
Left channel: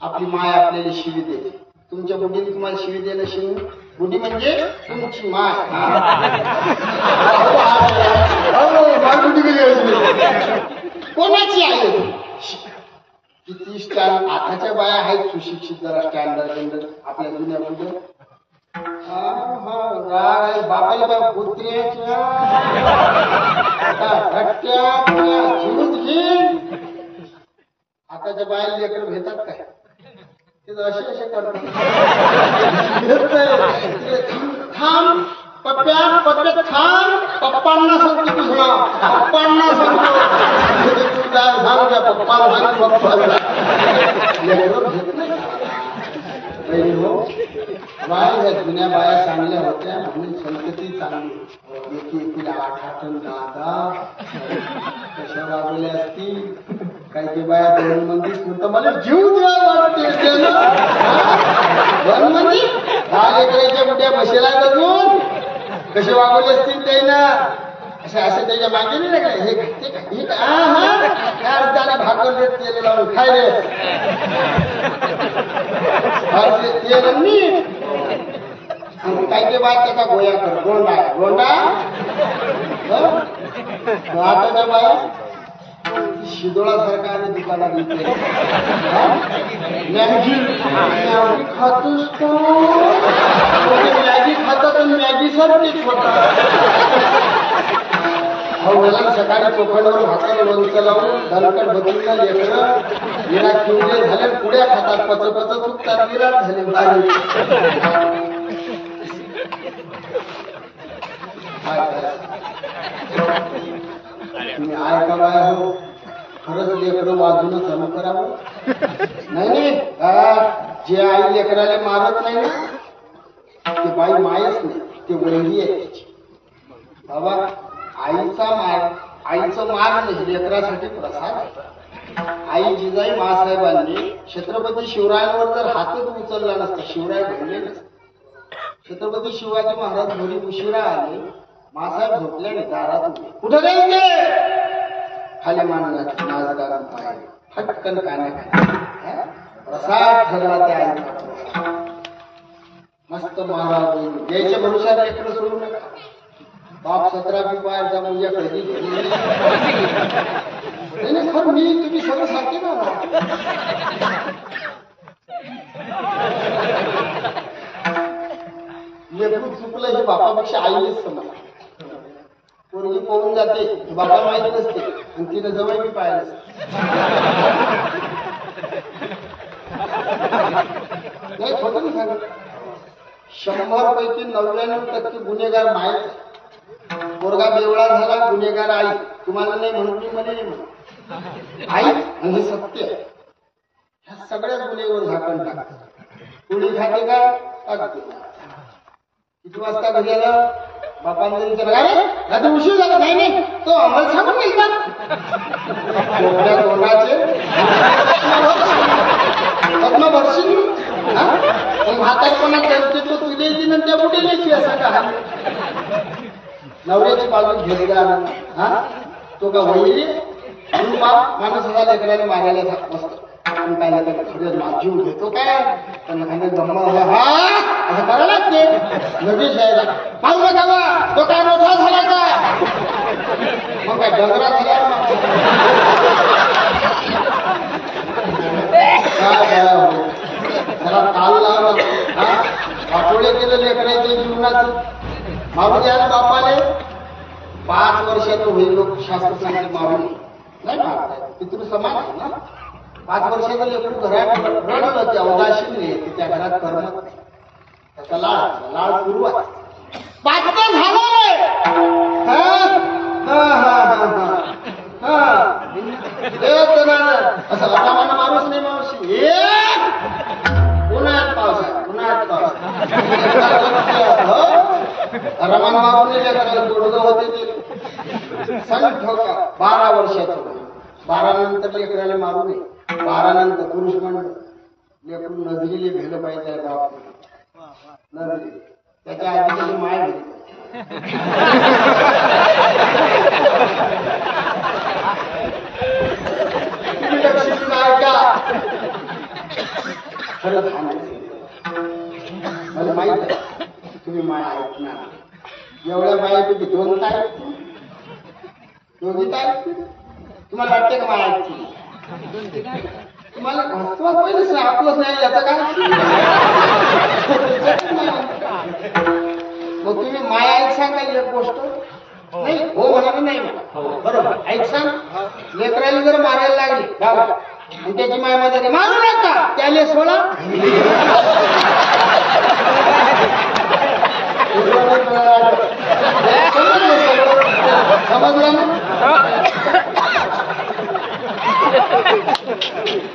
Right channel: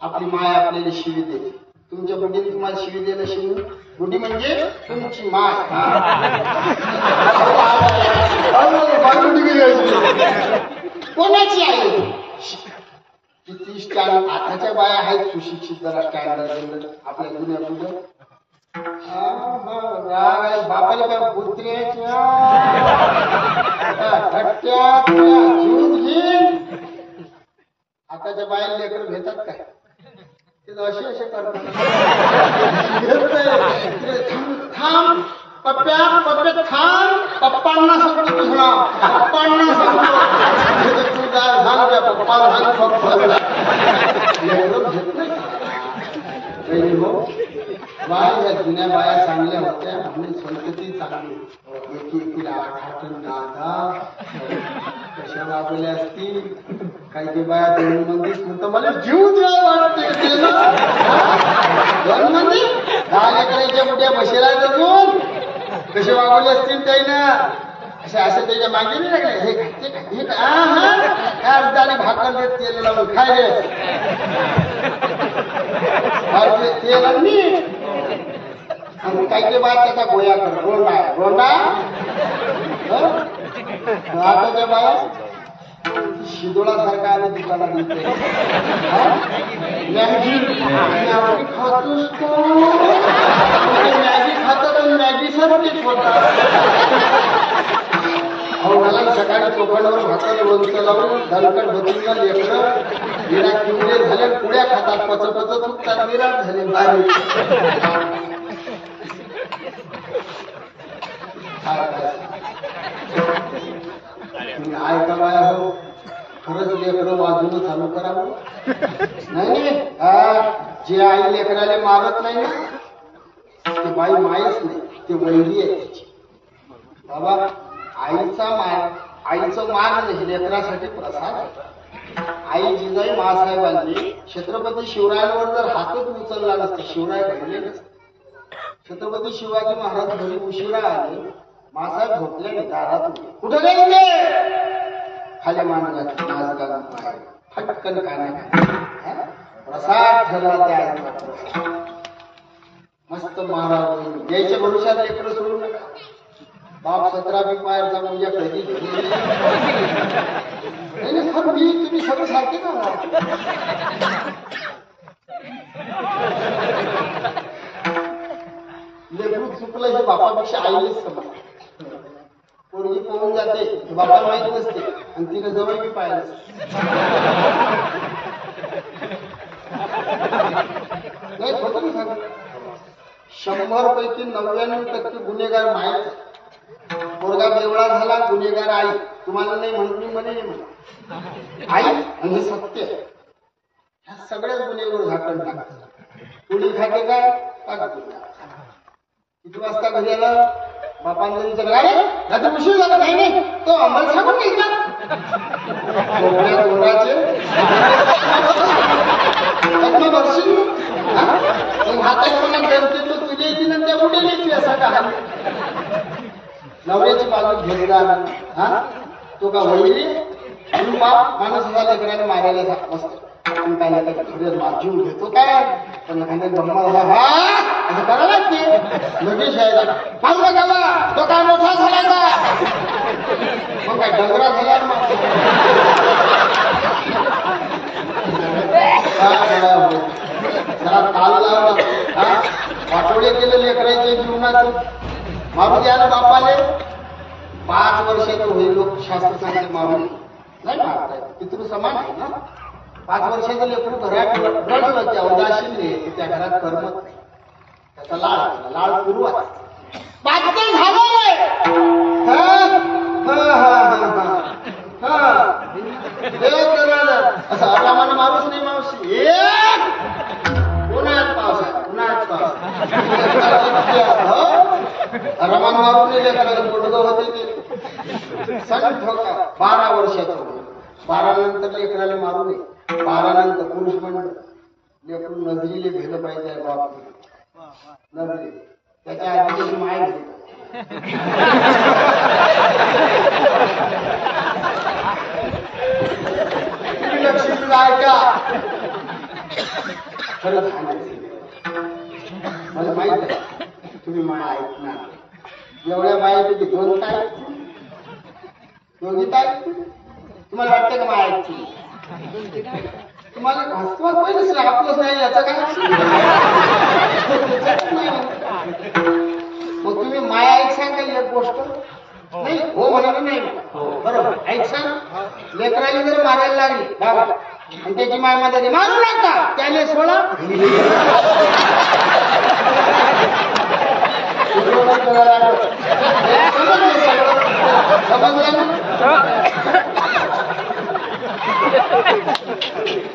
आपली माय आपल्याला शिवी देते. तुमच्या बुद्धीने तुम्हाला शिवी देणं शिवी. बुद्धी म्हणजे तुमची माय. कोणाची आहे किती स्टँड. आताच्या बाया आहेत सुशिक्षित, जरा स्टँडर्ड जनरल आपल्या जुन्या बुद्ध. राग आहे बापाला बा पुत्र्याच्या जीव घेईन. आताच्या बाया लेकर घेतात काय ते असे असे करतात. थांब पप्प्या पप्प्या थांब. पप्पांना सांगतो तुझं नाव. पप्पांना सांगतो तुझा सांग पप्पाला सांग. पप्पाला घेत नाही पहिली हो. बाय या जुन्या बाया चांगल्या होत्या म्हणून संतती चांगली. एकीला 8-8 10 कशा वागवल्या असतील. काही बाया 2 मंदी म्हणतो मला जीव द्या वाटते. 2 मंदी 10 लेकराच्या मोठ्या म्हशीला अजून कसे वागवले असतील त्यानं. असे त्याच्या मागे नाही लागले. हे काय ते काय हे काय. हा अर्धाने भाकर देत तेल लावून खाय रे. तेल मीठ. आणि काही बाय त्याचा गोया कर. गोंडा गोंडा. आताच्या बाया शिदोळासारखा आलं दुकानात येते. मॅगी मॅगी खातोस का. मॅगी खातात आणि मॅगी सारखेच होतात. मला सकाळी चोखंडवर भाकर लोणचं लावून दणकट बदलून लेकरं विराट किवले झाले. पुड्या खातात पचपच चुकतात. विराट झाले बारीक. तुम्ही ऐका बाया हो. खरंच लेकरं वाजून चालू करावं. नाही जे आई लेकराला मारत नाही ना ते बाई मायच नाही. ते वैरी आहे त्याची. बाबा आईचं मार नाही लेकरासाठी प्रसाद. आई जिजाई मासाहेबांनी छत्रपती शिवरायांवर जर हातच उचलला नसता शिवराय घडले नसते. छत्रपती शिवाजी महाराज घरी उशिरा आले. मासाहेब झोपल्याने दारात उभे. कुठं जायचे. खाली मांडला नाच घालून पाय फटकन कान्या. प्रसाद ठरला त्या आईचा प्रसाद. मस्त मारा बहिणी द्यायच्या भविष्यात लेकरं सोडू नका. बाप 17 पायरचा पूजा कधी नाही. खरं मी तुम्ही सगळं सांगते ना. लेकरू चुकलं हे बापापेक्षा आईलेच समज. पोरगी पळून जाते बापाला माहित नसते आणि तिने जवळ मी पाहिलं. नाही खोटं नाही सांगत. 100 पैकी 99% गुन्हेगार मायच. पोरगा बेवळा झाला, गुन्हेगार आई. तुम्हाला नाही म्हणत, मी म्हणे नाही म्हणत. आई आणि हे सत्य. ह्या सगळ्या गुन्हेवर झाकण टाकतात. कुणी खाते का? किती वाजता घरी आला? बापान जरी विचारलं, अरे रात्री उशीर झाला. नाही नाही, तो आम्हाला सांगून निघतात. कोकड्या तोंडाचे पद्मा बघशील म्हातारपणा जमते तो तुझ्या येतील आणि त्या कुठे येते असा का? नवऱ्याची बाजू घेतला हा तो का वैरी माणूस असा लेकराने मारायला मस्त आपण काय नाही काय खरंच जीव घेतो काय, पण एखाद्या गम्मत हा असं करायला लागते. लगेच यायला मारू नका बा, तो काय मोठा झाला का? मग काय डंगरा झाला? जरा ताल लावला हा वाटोळे केलं लेकराच्या जीवनाचं. मारू द्या ना बापाले. 5 वर्षाचं होईल लोक शास्त्र सांगितले मारू नाही मारताय. पितृ समान आहे ना. 5 वर्षाचं लेकरू घरात रडलं की अवदाशीन येते, त्या घरात करमत नाही. त्याचा लाड पूर्व आहे. 5 झालं असं आरामानं मारूच नाही मावशी. उन्हाळ्यात पावसाळ्यात उन्हाळ्यात पावसाळ्यात आरामान मारून लेकराला पोटगं होते ते सण ठोका. 12 वर्षाचं होईल. 12 नंतर लेकराला मारू नये. 12 नंतर पुरुष मंडळ लेकरू नजरीले भेलं पाहिजे बाप. नजरी त्याच्या आधी त्याची माय भेली. लक्ष्मी ऐका खरंच मला माहित आहे तुम्ही माय ऐकणार. एवढ्या मायपैकी 2 ताई दोघी ताई तुम्हाला वाटतं का माय ऐकतील? तुम्हाला तुम्हाला पहिलंच नाही आपलंच नाही याचं काय. मग तुम्ही माय ऐकसान का एक गोष्ट नाही हो म्हणाला नाही म्हणा बरोबर ऐकसान. लेकराला जर मारायला लागली बाबा आणि त्याची माय मध्ये मारू नका त्याले सोडा. समजलं ना?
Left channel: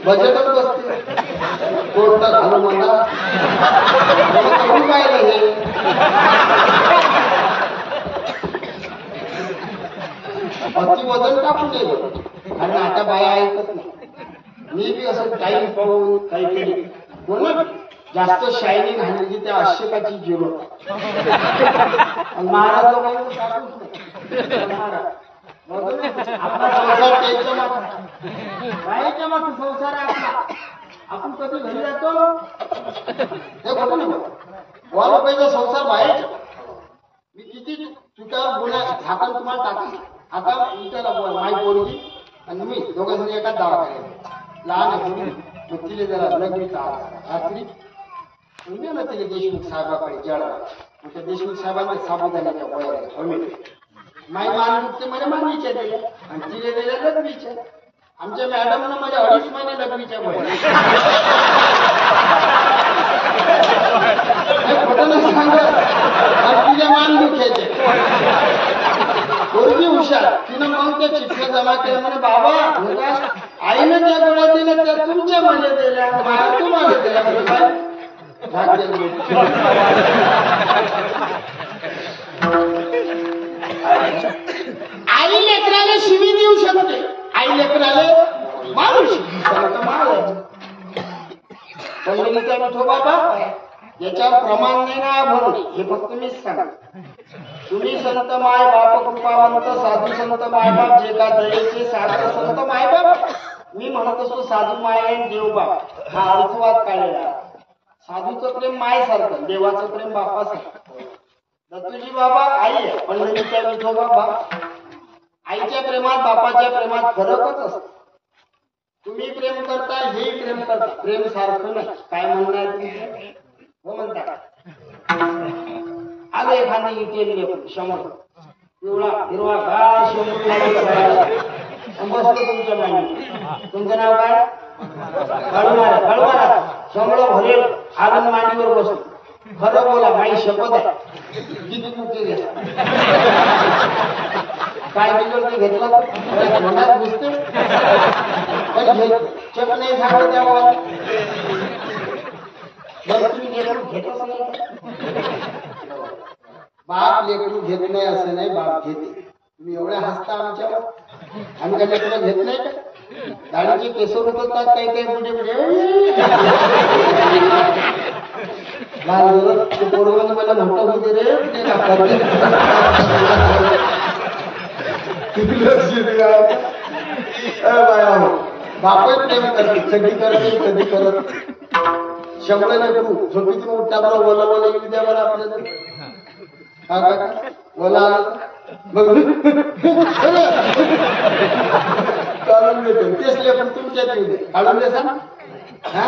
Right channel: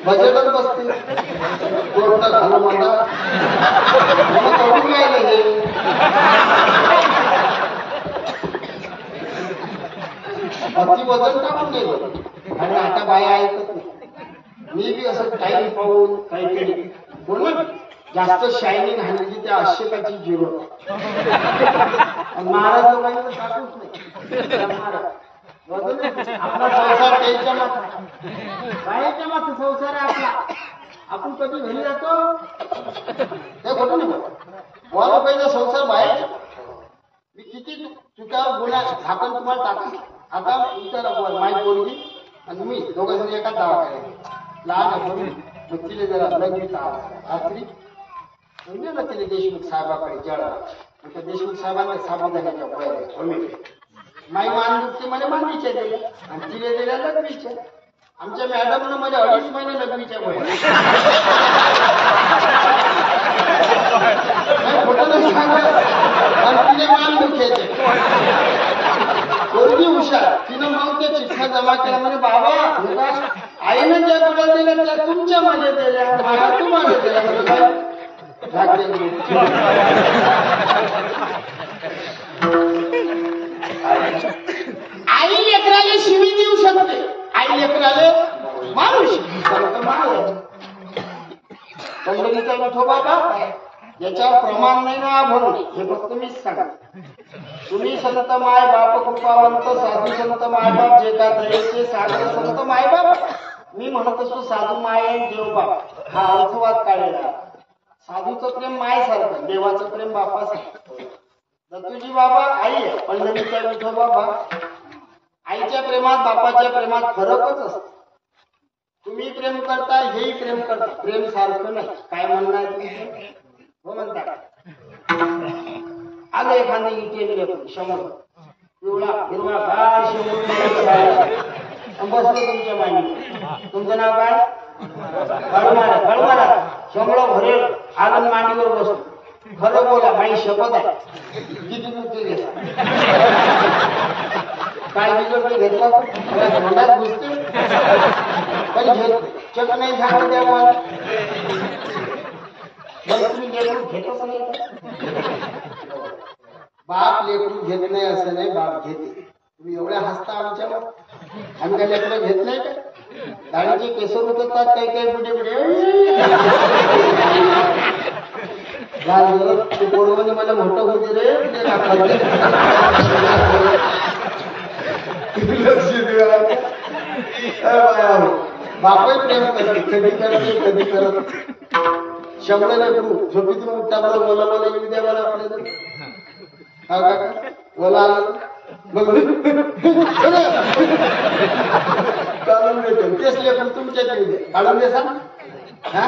बजेटच बसते कोर्ट घालू मला करून पाहिलं हे. अति वजन टाकू नये आणि आता बाया ऐकत नाही. मी बी असं टाईम पाहून काहीतरी बोल जास्त शायनिंग हाणली की त्या अशेकाची जीव महाराज लोकांनी टाकूच नाही. महाराज आपला संसार त्याच्या मात्र बाहेरच्या मात्र संसार आहे आपला. आपण कधी घरी जातो हे खोटं नाही बोलत. वा लोकांचा संसार बाहेरच्या. मी किती चुकावर गुन्हा झाकण तुम्हाला टाका. आता विचारा बोल माई पोरगी आणि मी दोघं जण एकाच दवाखान्यात. लहान आहे पोरगी मग तिला जरा लगेच रात्री म्हणजे ना तिला देशमुख साहेबाकडे जळला. मग त्या देशमुख साहेबांनी साबुदाण्याच्या गोळ्या दिल्या. माई मान दुखते मला मानवीच्या दिल्या आणि तिने दिल्या लघवीच्या. आमच्या मॅडमनं मला 2.5 महिने लघवीच्या गोळ्या. खोटं नाही सांगत आणि तिच्या मान दुखायचे. पोरगी हुशार तिनं मग त्या चिठ्ठ्या जमा केल्या म्हणे बाबा काय आईनं ज्या गोळ्या दिल्या त्या तुमच्या मध्ये दिल्या माया तुम्हाला दिल्या. म्हणजे काय आई लेकराला शिवी देऊ शकते. आई लेकराला मारू शकते. पंढरीचा विठोबा बाप आहे. याच्यावर प्रमाण नाही ना म्हणून हे फक्त मीच सांग. तुम्ही संत माय बाप कृपावंत साधू संत मायबाप जे का दयेचे सागर संत मायबाप. मी म्हणत असतो साधू माय देव बाप हा अर्थवाद काढलेला. साधूचं प्रेम मायसारखं देवाचं प्रेम बापासारखं. दत्तूजी बाबा आई आहे. पंढरीचा विठोबा बाप. आईच्या प्रेमात बापाच्या प्रेमात फरकच असतो. तुम्ही प्रेम करता हेही प्रेम करता. प्रेम सारखं नाही. काय म्हणणं आहे तुमचं? हो म्हणता आलं एखादं इटेल लेकरू शंभर पिवळा हिरवा गाळ शंभर बसलो तुमच्या मांडी. तुमचं नाव काय? खळमारा शंभर भरेल आनंद मांडीवर बसलो. खरं बोला माई शपथ आहे किती मुके घेतला काय बिघडते घेतला तोंडात घुसते पण चक नाही झालं त्यावर तुम्ही लेकरू घेतच नाही का? बाप लेकरू घेत नाही असं नाही, बाप घेते. तुम्ही एवढ्या हसता आमच्यावर, आम्ही काय लेकरं घेत नाही का? दाढीचे केसर उतरतात काही काही बुडे बुडे लहान झालं ते पोरगाने मला मोठं होते रे ते बापही प्रेम करते, कधी करते कधी करत. शंभर लेकरू झोपीतून उठता बरं ओला ओला येऊ द्या बरं आपल्याला. हा काका ओला आलं बघ काढून देते तेच लेकरू तुमच्यात येऊ दे काढून देसा ना. हा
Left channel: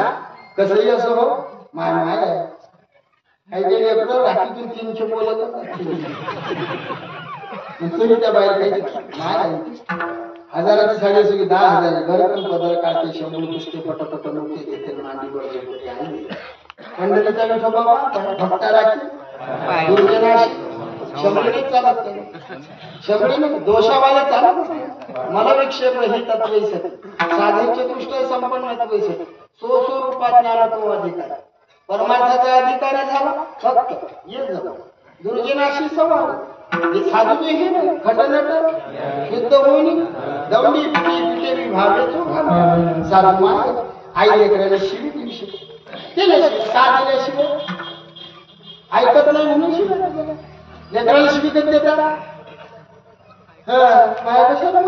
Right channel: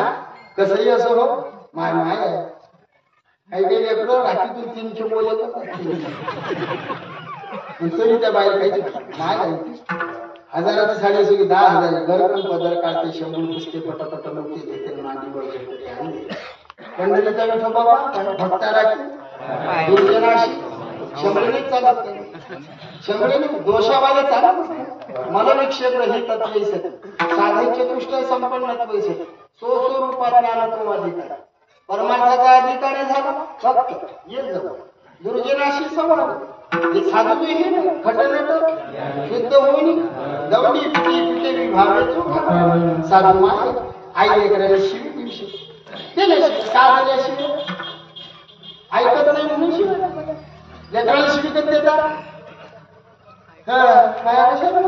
कसंही असं हो माय माय आहे. काही काही लेकरं रात्रीतून 300 बोले तरी त्या बाईला काहीच माय आहे. हजाराची साडी असो की 10,000 घर पण पदर काढते 100 पुसते पटपट मोठे देते मांडी बळजबरी आणि पंढरीचा विठोबा भक्ता राखी दुर्जनाशी 100 चालत नाही. 100 दोषावाले चालत मला विक्षेप हे तत्व साधन चतुष्ट संपन्नत्व सो रूपात ज्ञानत्व अधिकार परमार्थाचा अधिकारी झाला फक्त ये जवळ दुर्जनाशी संवाद. साधू हे नाही खटनट शुद्ध होणी दवडी पिटे पिटे विभागे चोखा साधू माय आई लेकराला शिवी दिवशी दिले का दिल्याशिवाय ऐकत नाही म्हणून शिवाय लेकराला शिवी कधी देतात. माया कशाला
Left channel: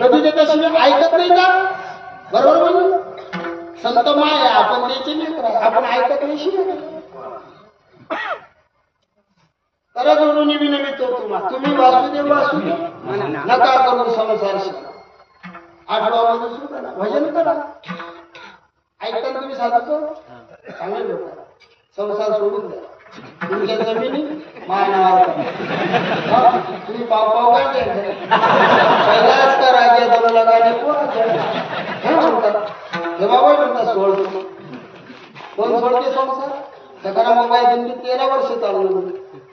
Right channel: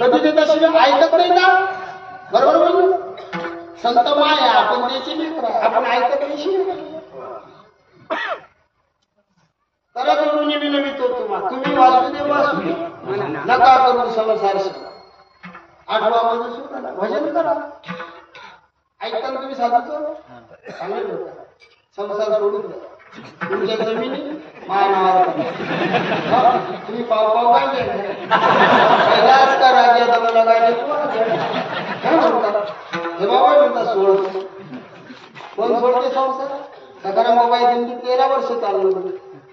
कधी देतात शिवाय ऐकत नाही का? बरोबर बोललो. संत माया आपण द्यायची लेकर आपण ऐकत नाही शिवाय करा जोडून विनवितो तुम्ही वासुदेव वासुदेव नका करू संसार. 8वा मध्ये सुद्धा भजन करा ऐकता तुम्ही साधूचं चांगले लोक संसार सोडून द्या. तुमच्या जमिनी मानावर तुम्ही पाव पाव काय कैलास का राज्य दम लगाने हे म्हणतात हे बाबा म्हणतात सोडतो कोण सोडते संसार. सकाराम बाबा दिंडी 13 वर्ष चाललो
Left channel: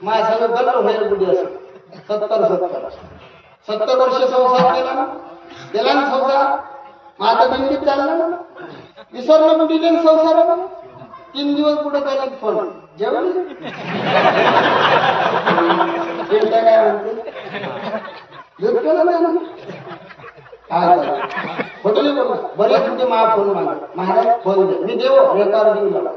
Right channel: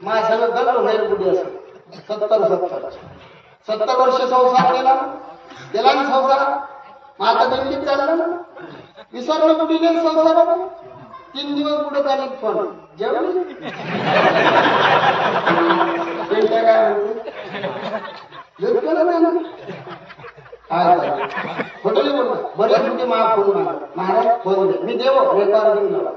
माझ्या सगळं गल्लो व्हायला बुडी असं 70 वर्ष संसार केला ना गेला ना संसार. माझा दिंडीत चालला ना विसरणं बुडी देन संसाराला 3 दिवस पुढे चालले फोन जेवण काय म्हणते केलं नाही काय होटल बोल बरेच कुठे मा फोन मागा महाराज फोन द्या मी देव रेकॉर्डिंग लावा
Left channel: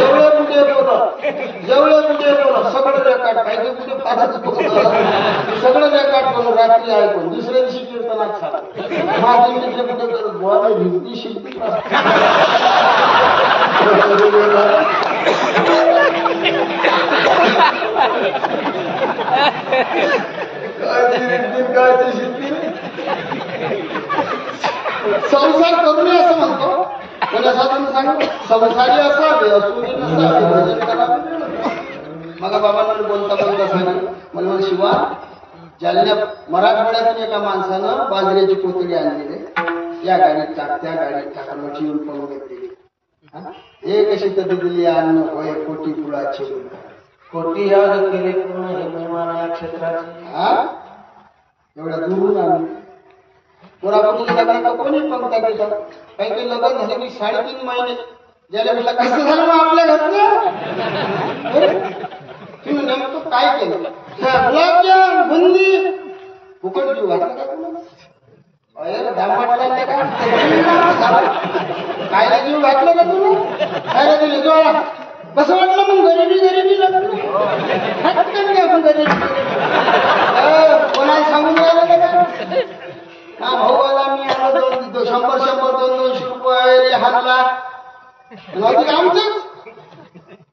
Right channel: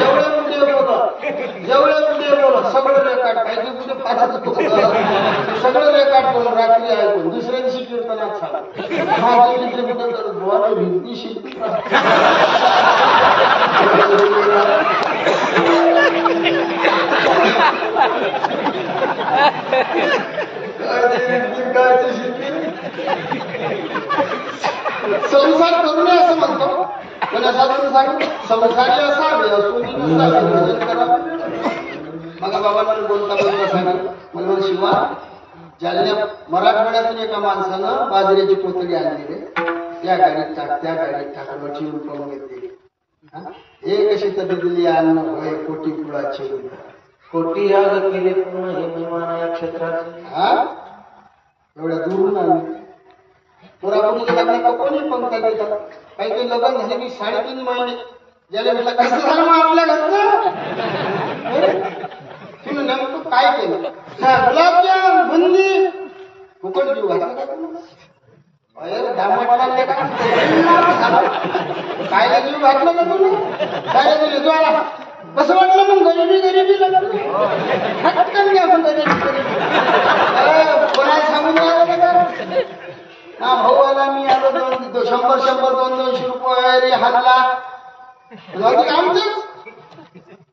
जेवढे कुठे बोल सगळं रेकॉर्ड पाहिजे कुठे पाचच सगळं रेकॉर्ड करून रात्री ऐकून दुसऱ्या दिवशी कीर्तनात सांगा माझे मित्र कुठे करत बोला भिंती शिकती संसार करू नये असं म्हणतो पण असा सांग संसारी असावे असून नसावे भजन करावे. मग बाबांना बोलता बोलता सांग मला शिवा जालन्या मराठवाड्यातून एका माणसानं बाजरीची कोथळी आणलेली या गाडीत टाक त्या गाडीत टाकलं चिवून पण घेतलेली. हे कशी तरी दिली अन्न होय कोटी कुळाची कोटी या जर केले पूर्ण हे महिमान या क्षेत्रात एवढ्या दूरून आणली. पोरापुरीच्या लग्नात कोणी पंक्ता देतात काही काही लग्न झाले की 3.5 महिने ज्याला म्हटलं कसं झालं मग आपल्या घरचं तिनं नेमकं काय केलं गुलाबजाम बुंदी फुकट जीव घातला का तुला दामट लागले का कायला जीव घातलं का तुला काय दिले ज्वाळा कसं वाटलं मग गरिबी लागलं हटकन घ्या आपण गरिबी कोणाला सांगून राहिलं का ना भाऊ आला मी आलो 100 200 रुपये हाणला आमचंच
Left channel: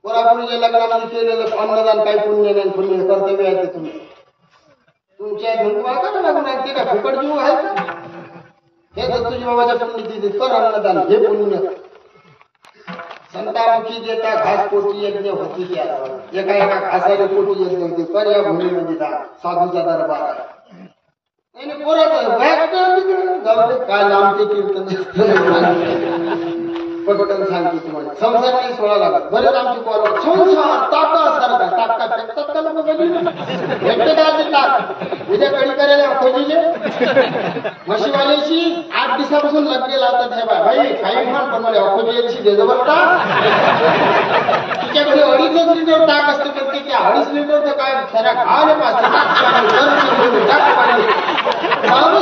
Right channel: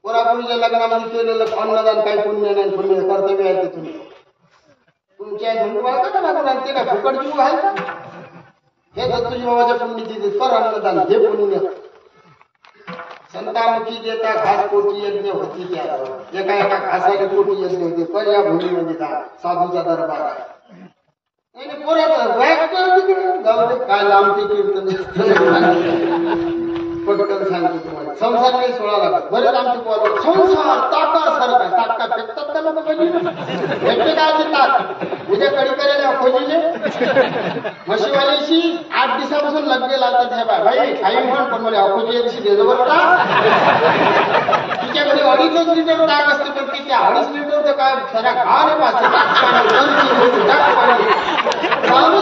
पोरापुरीच्या लग्नामध्ये केलेलं अन्नदान काही पुण्य नाही पुण्य कर्तव्य आहे ते तुमच्या घेऊन तुम्हाला का लागून आणि ते का फुकट जीव आहे का हे दत्तूजी बाबाच्या पुण्यची कर अन्नदान हे पुण्य. संतामुखी देता घास कोटी यज्ञ होती त्या एका घासाने कोटी यज्ञ होते पर या भूमीमध्ये दान साधूचा दरबार आहे. पोराचं काय लांबते कीर्तन पटकन सांगतो तुम्हाला. संसार काही सोळा लागत. बरेच आमचे कॉल संसार ताकासारखा. ताका फेकतात का लोक गली भेटते काय ते ताक. उद्या कडी करायला खोजीले म्हशीवाल्याशी 8 दिवसापासून लग्न लावतात. हे भाई काही म्हण पण मला अखोजी देजो बरता. तिच्याकडे 2.5 लिटर ताक असते पण ते त्या 2.5 लिटर काय साऱ्या घाले पाचते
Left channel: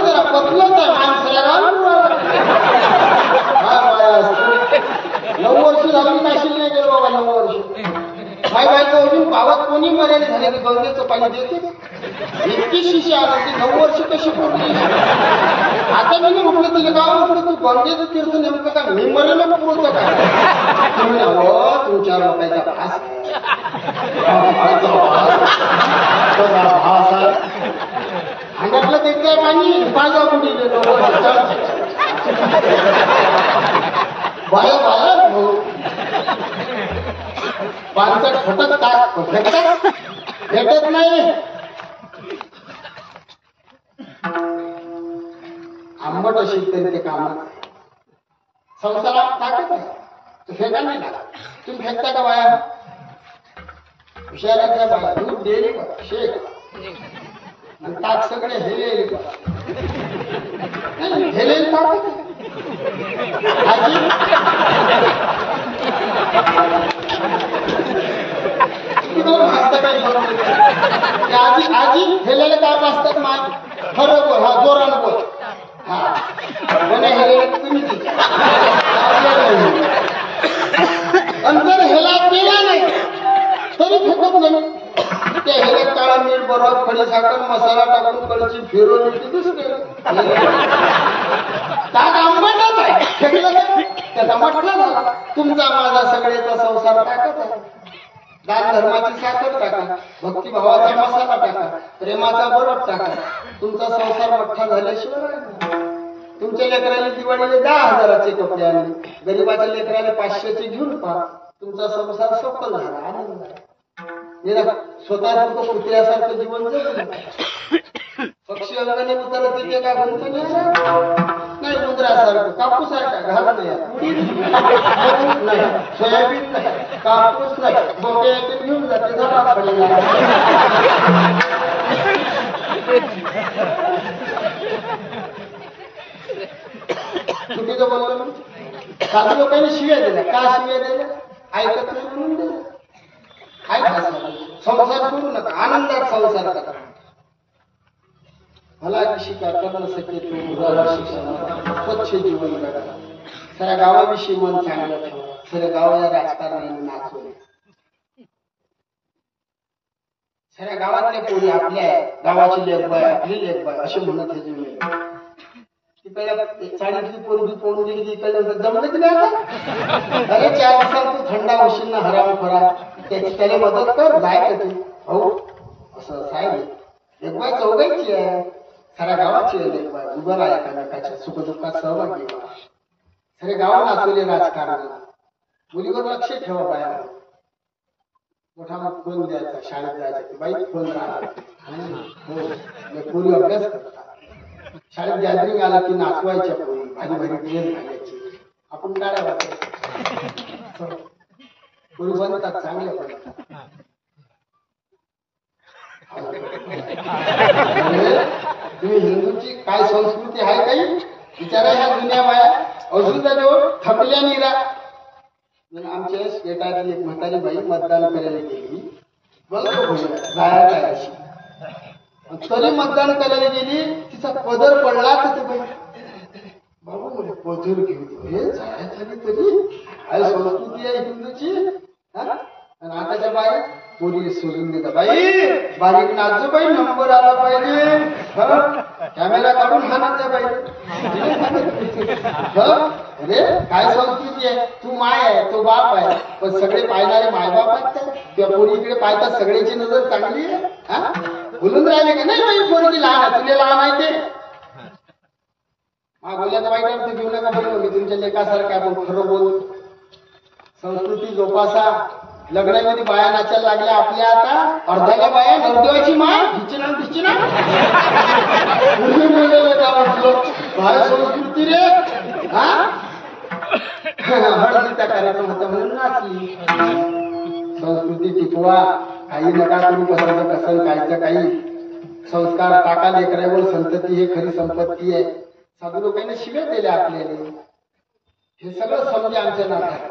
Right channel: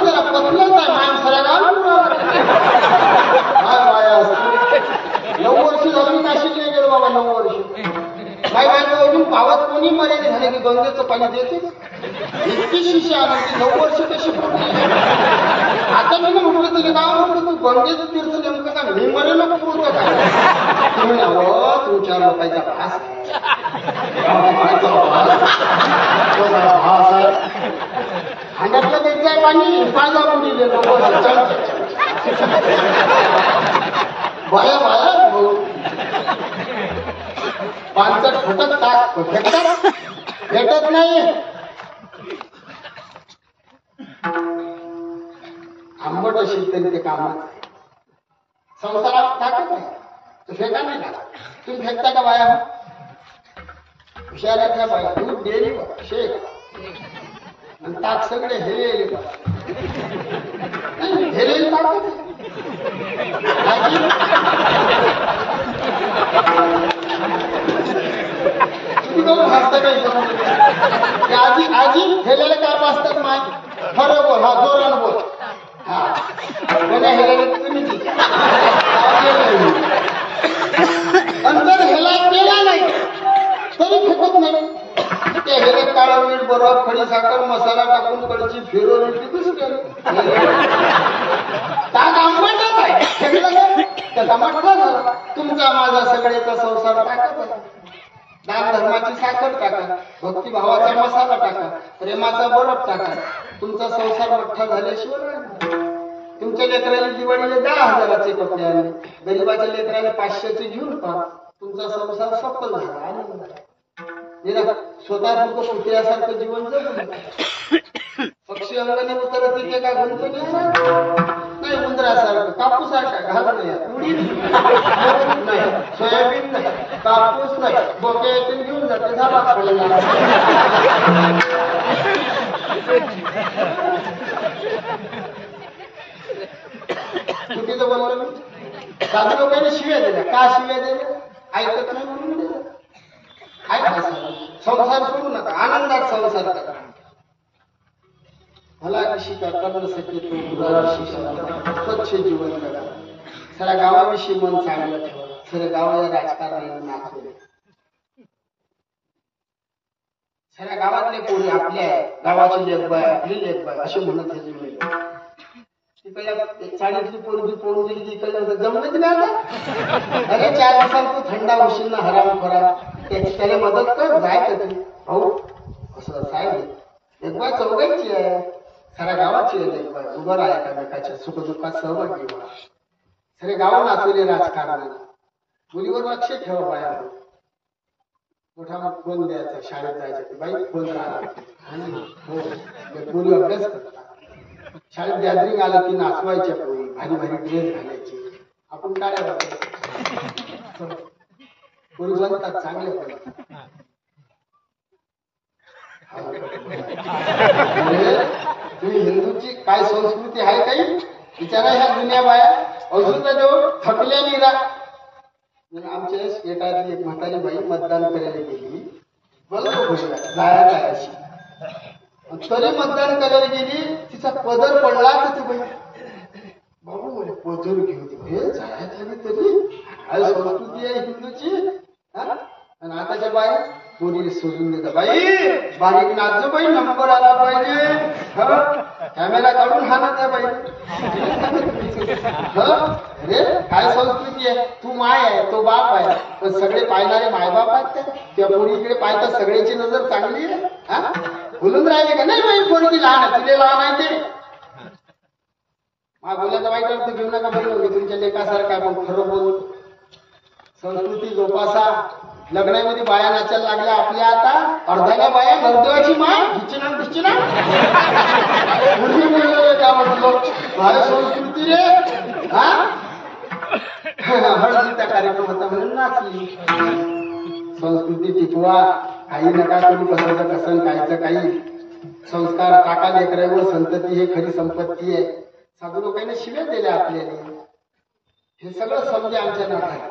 जरा पतलंच आहे माणसाला काय बाया असते. 9 वर्ष झालं मी काशील नाही गेलो बाबा. 9 वर्ष माई बायको अजून पावत कोणी मर्यादा झाले की गंगेचं पाणी देते. इतकी शिशी आणते. 9 वर्ष कशी पुरली. आता मी ना म्हटलं तिला गाव म्हटलं तू गंगेचं तीर्थ नेमकं काय मी मरेल पुरतं काय. म्हणे अहो तू 4 लोकांचा भास हांड्यातलं द्यायचं आहे पाणी माझ्या मुली बाया बाया भाऊ पानसट फटक टाक फेकतात भेटत नाही. आंबट असेल तरी ते कामच आहे. संसारात टाकत आहे तू फेका नाही लागत. तुम्ही फेकता का बाया. हुशाराच्या बाया दूध डेअरी वर शेक आणि ताक सगळे हेलेले हेलेले टाकत आजी भासत काही आजी आजी हेलेले काय पाचतात माय. खरं बोल. हा जोरानं बोल. हा पण हेलेले तुम्ही अंतर हेला केला नाही तरी फेकत नाही. त्या हेल्यात काळा मीठ बरफ खडी साखर मसाला टाकून कडची फिरवली ती दुसरे ताक आंबटच आहे. फेकलं काय त्याचा मठ्ठा झाला. तुमचा माझा सगळेचा संसार टाकत आहे. दान धर्माची साखर टाका. भक्तिभावाचा मसाला टाका. प्रेमाचा बरफ टाका. तुमचा संसार मठ्ठा झाल्याशिवाय राहिला. तुमच्या लेकराने दिवाळीला 10,000चे कपडे आणले. गरीबाच्या लेकराने 500चे घेऊन पहा. तुमचा संसार सफल झाला. आनंद आहे. स्वतः तो कुत्र्यासारखं जीवन जगू. पक्षी अंगाने उतरत तिथे काय गुंतून नाही. उंदरासारखं कापूसारखा घालून नाही. उडीद नाही. सोयाबीन नाही. कापूस नाही. बोके येथून घेऊन जाते. झाला खडी चुकीचं बोललो मी. साधी लोकांनी शिव्या दिल्या. का शिव्या दिल्या. ऐकत नाही म्हणून दिल्या. ऐका संसार सोडू नका. आनंदात संसार करा. मला शिका कर्ण सके तू स्वच्छ जीवन करा. साऱ्या गावाविषयी मन चांगलं ठेवा. साऱ्या गावाला राजकारणाने नाचवले. साऱ्या गावातल्या पोरी आपल्या गावाची लेखबाय आपली लेखबाय असे म्हणत हे जीवन. तिकडल्या चाळीतली पोरगी पोहून गेली की इकडे जमलं की आता. अरे 4 दिवसांत तू थंडा होशील ना हराम खरा. त्याची त्याला मदत कर. जाय का तू भाऊ असं साहेब एक बाय चौघायची आहे. साऱ्या गावाची आहे एक बाय. उभं राहा एकामेकाच्या सुखदुःखात सहभागी व्हा. सारे गाव नाचवले राजकारणाला. मुलीवर लक्ष ठेवा. बाया मोठा फोन द्यायचा. शाळेत जायचं बाई फोन राहिला हो पोरी अभ्यास करतात. शाळेत गॅदरिंग आलं की नाचवायच्या पोरी. भारी भारी ड्रेस घालायचे. आपण काढ्या बघायचं. पोरी बनतात चांगल्या बनतात. तुम्ही हिंदूची काय संस्कृती आहे काही विचारा. ह्या जुन्या बाया अजून जवळ थकल्या निरा. आमच्या स्टेटातली एक म्हातारी बाई मतदान करायला गेली. बरोबर जायचं आहे अशी. तरी मतदान करायला गेली. तिचा पदर पडला तर ती बाई बाबू मला पदर घेऊ दे. हे जायच आली तरी काय संस्कृती आहे हिंदूची. आणि आताच्या बाई पोरी सोडून देतात. बाई बारीक नाचो बाई. नंबर आला पाहिजे. कॅमेरा काढून हाणत आहे बाई. अरे काय संस्कृती आहे. तू माय आहे तो बाप आहे. पण सगळे पाहणारे मायबाप आहेत. त्या पोरी इकडे पाहतात. सगळ्याची नजर चांगली आहे. बोलून राहिले का नाही बाई पोरगी लहान आहे. तुले लहान आहे ते. मा बोलायचा वाईट अर्थ घेऊ नका. बोललो मी तुमच्या लेखासारखा पण खरं बोल. संस्कृती जोपासा. लग्नामध्ये बाया नाचायला लागल्या आपल्या. आता अर्धाला बाया नरदेवाची माय घिचना भिचना का म्हटलं बाया संस्कृती रे. हा हळदीचा कार्यक्रम होता म्हणून नाचली. संस्कृती टिकवा, काही नका करू, कसं कसं कायचं काही. संस्कार टाका लेकरावर, संतती हे खरी संपत्ती आहे. साधू लोकांनी शिव्या दिल्या आपल्याला. हे सगळं समजे आमच्या नाथात.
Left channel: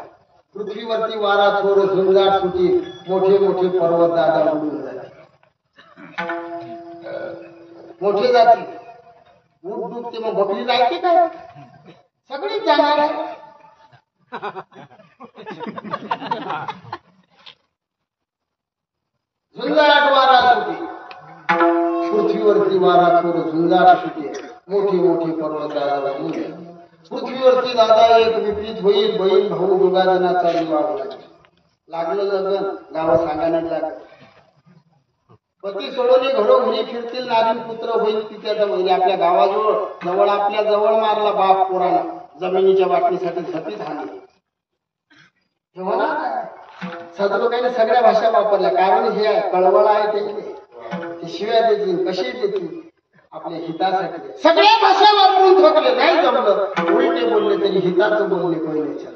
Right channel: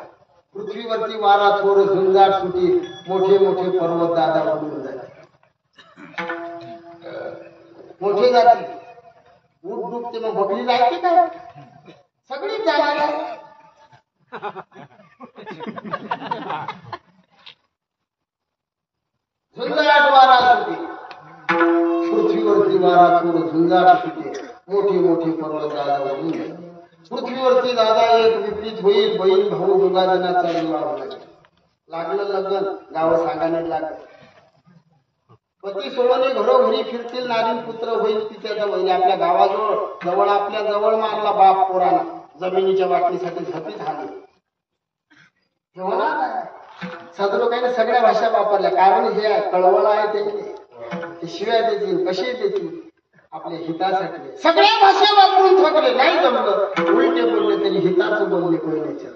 पृथ्वीवरती वारा थोर झुंजाट सुटी, मोठे मोठे पर्वत दादा बुडून जाते. मोठे जाते उठ डुबते, मग बकरी जायचे काय? सगळीच जाणार आहे. झुंजाट वारा सुटे, पृथ्वीवरती वारा थोर झुंजाट सुटे, मोठे मोठे पर्वत दादा बुडून जाते. पृथ्वीवरती दादा एक विपरीत होईल, बहीण भाऊ दोघा जणांचा विवाह लागला. लागलं लग्न, गाव सांगाने लागलं. पती सोडवणे घरोघरी फिरतील, नारीन पुत्र होईल तिच्या जवळ. आपल्या गावाजवळ जवळ आपल्या जवळ मारला बाप पोराला, जमिनीच्या वाटणीसाठी झपीत हानी. हे होणार नाही. साधू लोकांनी सगळ्या भाषा वापरल्या, कारण हे आहे, कळवळ आहे ते शिव्या देतील, कशी देतील आपल्या हितासाठी. सगळ्या भाषा वापरून थकले, नाही जमलं उलटे बोलले तरी हिताचं बोलले पहिलेच्या.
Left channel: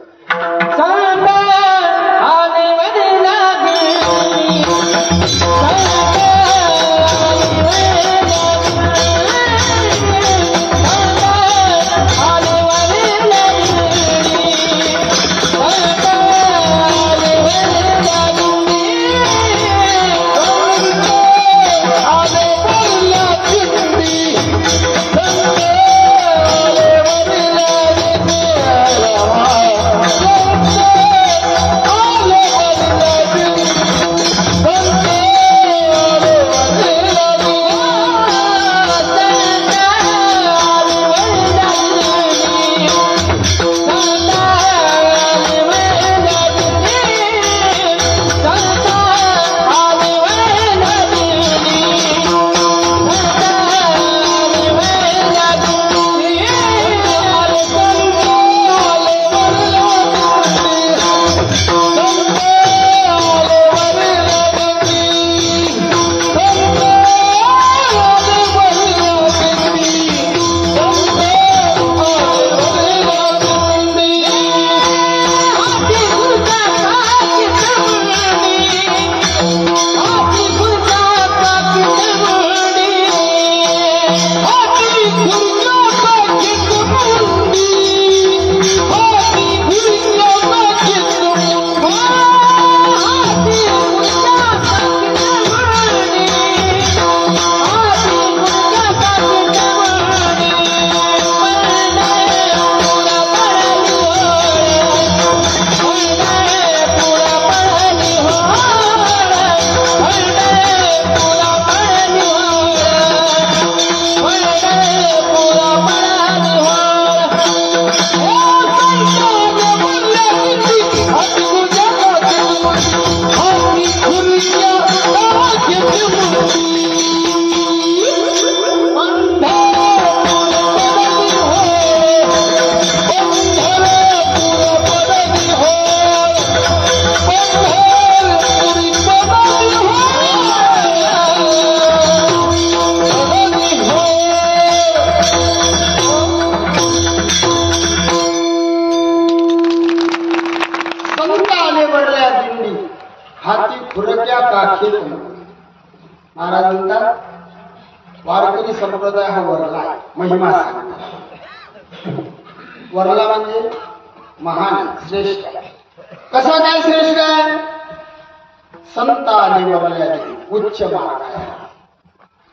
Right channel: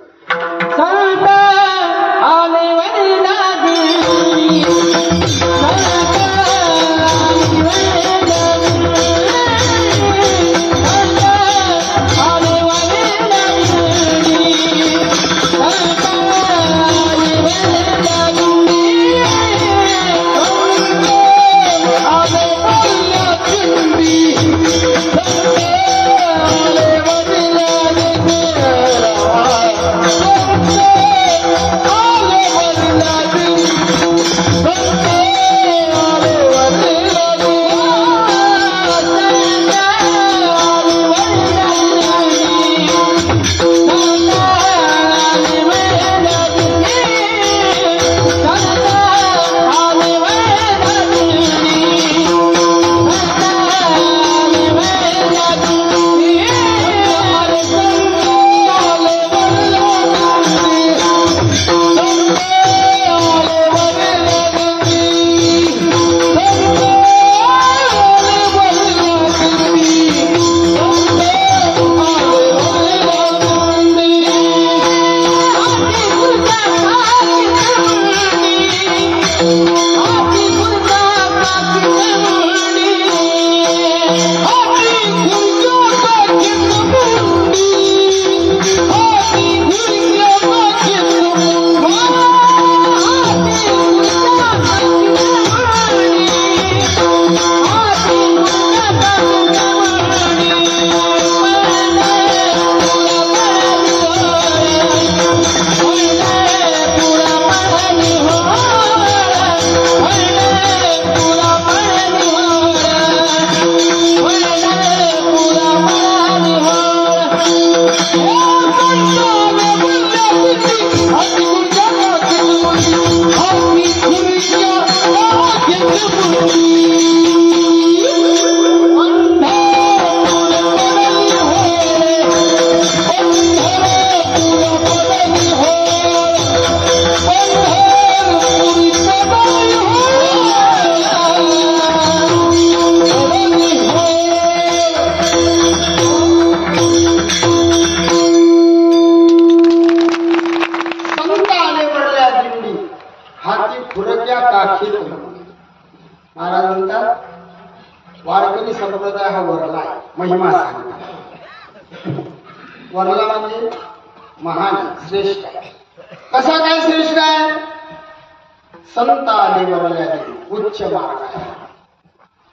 महाराज म्हणतात वारकरी संप्रदाय हा वरला आहे, महिमा सांगतात. वरला म्हणजे महान श्रेष्ठ आहे. कसा काय श्रेष्ठ आहे? संत आले वरल्या देवी, उच्च मार्ग आहे.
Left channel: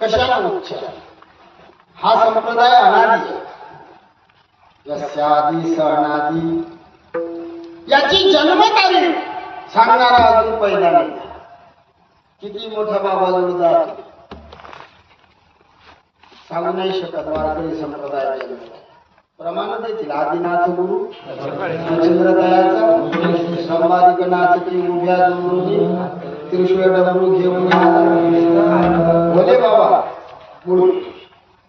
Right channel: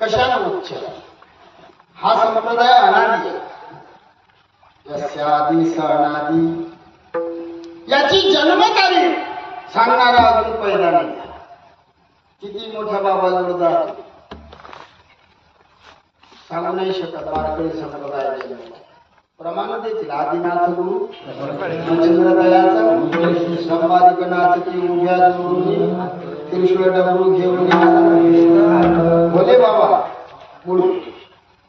कशाला उच्च? हा संप्रदाय अनादी आहे. यस्यादी सणादी, याची जन्मतारीख सांगणारा अजून पैदा नाही. किती मोठा बाबा जोड जातो सांगू नाही शकत. वारकरी संप्रदाय प्रमाण देतील. आदिनाथ गुरु मच्छिंद्रदयाचा संवादिक नाचती उभ्या जोडून त्रिशूळ डमरू घेऊन भोले बाबा मूळ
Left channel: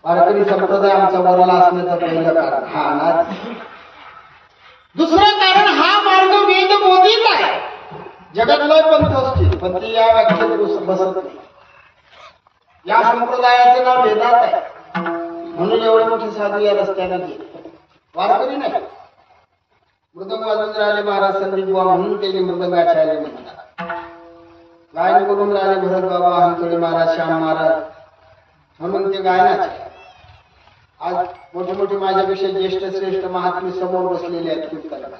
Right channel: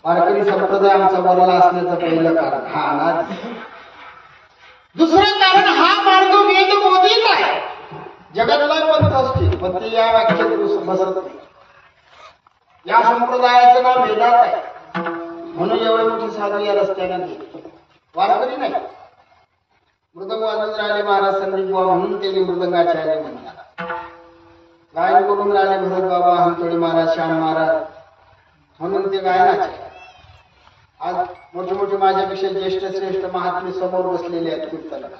वारकरी संप्रदाय आमचा वरला असण्याचं पहिलं कारण हा अनादी. दुसरं कारण हा मार्ग वेद बोधित आहे. जगात लय पंथ असते पण ते या व्याख्येत बसत नाही. या संप्रदायाचं नाव वेदात आहे म्हणून एवढे मोठे साधू या रस्त्याने गेले. वारकरी नाही. मृदंग वाजून राहिले महाराज संदीप बुवा म्हणून ते मृदंगाचे आले म्हणतात. गायन करून राहिले भरत बाबा हंतोळे महाराज श्याम महाराज म्हणून ते गायनाचे. आज मोठे मोठे माझ्यापेक्षा ज्येष्ठ श्रेष्ठ महात्मे समोर बसलेले आहेत कीर्तनकार.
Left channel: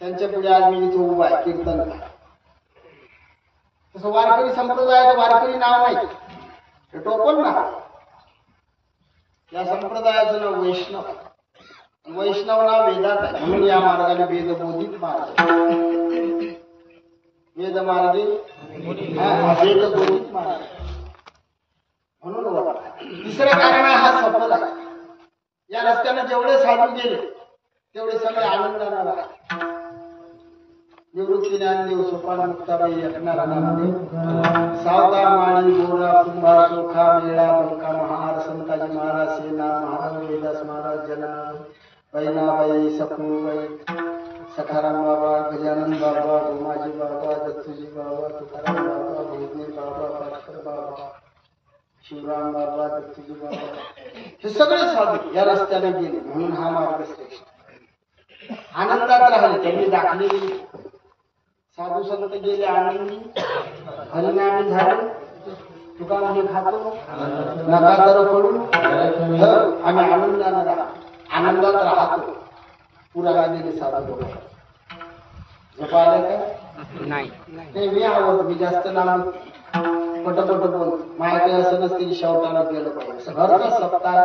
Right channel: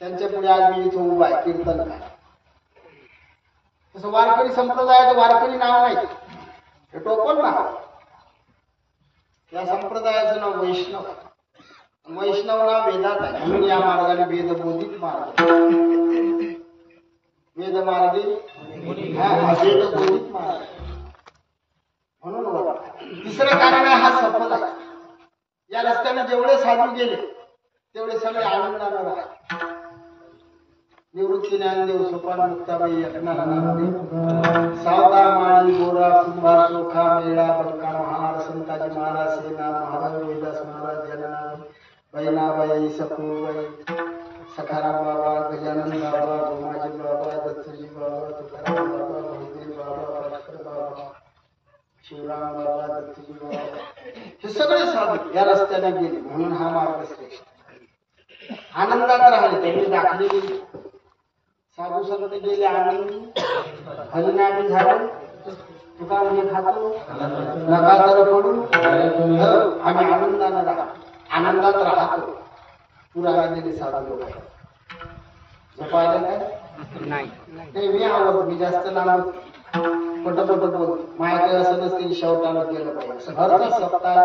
त्यांच्या पुढे आज मी इथं उभा आहे कीर्तनकार. तसं वारकरी संप्रदायाचं वारकरी नाव नाही, हे टोपण नाव. या संप्रदायाचं नाव वैष्णव. वैष्णव नाव वेदात आहे म्हणून या मार्गाने वेदबोधित मार्ग. वेदमार्गे हा वेदबोधित मार्ग म्हणून वर्ग. तिसरं कारण आहे हा सफल आहे. या रस्त्याने जेवढे साधू गेले तेवढे सगळे आनंदाने राहिले. निवृत्ती ज्ञानदेव सोपान मुक्ताबाई अकनारा नामदेव सावता माळी गोरा कुंभा चोखा मेळा बंका महार संताजी महाराज सेना महाराज वेदास महाराज जना बहिणाबाई सपूबाई सखाराम बाबा गजानन बाबा गोमाजी बाबा दत्तूजी बाबा तुकाराम बाबा भोजने बाबा पाटकर बाबा शिवराम बाबा दत्तूजी बाबा हे सगळे साधू या रस्त्याने गेले म्हणून हा मार्ग श्रेष्ठ. आनंदात राहिले त्यांनी दाखले दिली. साधू संत गेले आनंदी हरिनामी झाले. तुका म्हणजे खातो नका तर पडू आम्ही आनंदाने राहतो आनंदात राहतो. पुरा गालेले साधू लोक झोपायला काय नाही. मी आवडतो. मी जास्त लांब पटपट बोल. माझ्याकडे असं नसते की शेवटानं गेलं पाहिजे. घरचा सप्ताह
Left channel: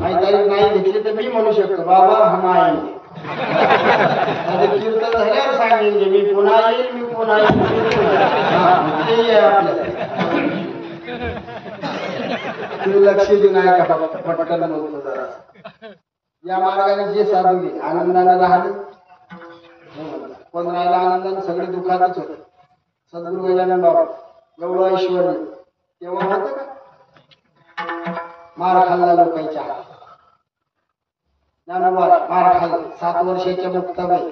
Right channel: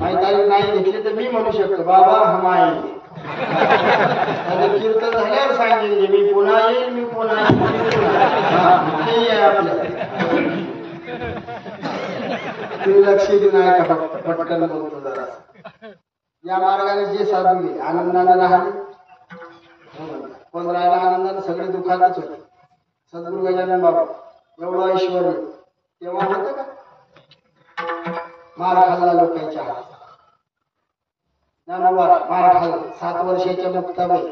माझी तारीख नाही घेतली तर मी म्हणू शकतो बाबा हम आएंगे. कीर्तन झाल्यावर सांगेन मी पुन्हा येईल मी पुन्हा येईल. ते आहे आपल्याला. तुम्ही लक्ष देऊ नाही का पटकन बोलतो जरा. या मार्गाने जे साधू गेले आनंदाने राहिले. पण राहिला आनंदाने सगळे दुःखातच होते. सद्गुरु गजानन बाबा एवढं ऐश्वर तेव्हा होतं का? मार खाल्ला लोकांच्या हात. ज्ञानोबा मार खाल्ला. 7 वर्षाच्या मुक्ताबाई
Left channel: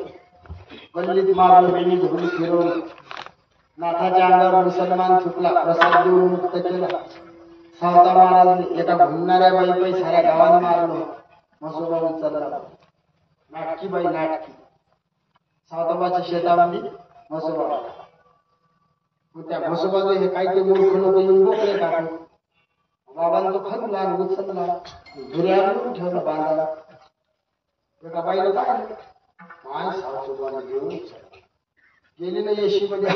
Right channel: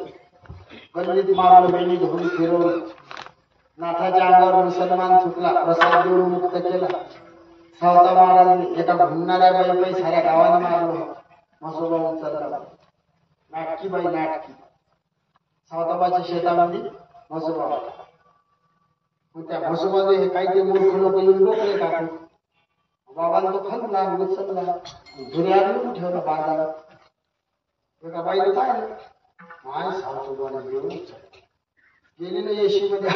गल्लीत मारलं बेनी धुरून फिरवलं. नाथाच्या अंगावर मुसलमान चुकला प्रसाद देऊन मुक्त केला. सावता महाराज एका घुमणाऱ्या बाई साऱ्या गावानं मारलं. म्हसोबा उचलला. नाटकी बाई नाटकी. सावताबाच्या शेतामध्ये म्हसोबा. त्या म्हसोबाचे हे काही ते मूर्ख लोक येऊन बोकले टाकून. बाबांना तो खणला उचलला धुऱ्या येऊन ठेवला बांधा. एका बाईला पाहिलं माय सावतोबाला घेऊन गेली ना येशी मध्ये.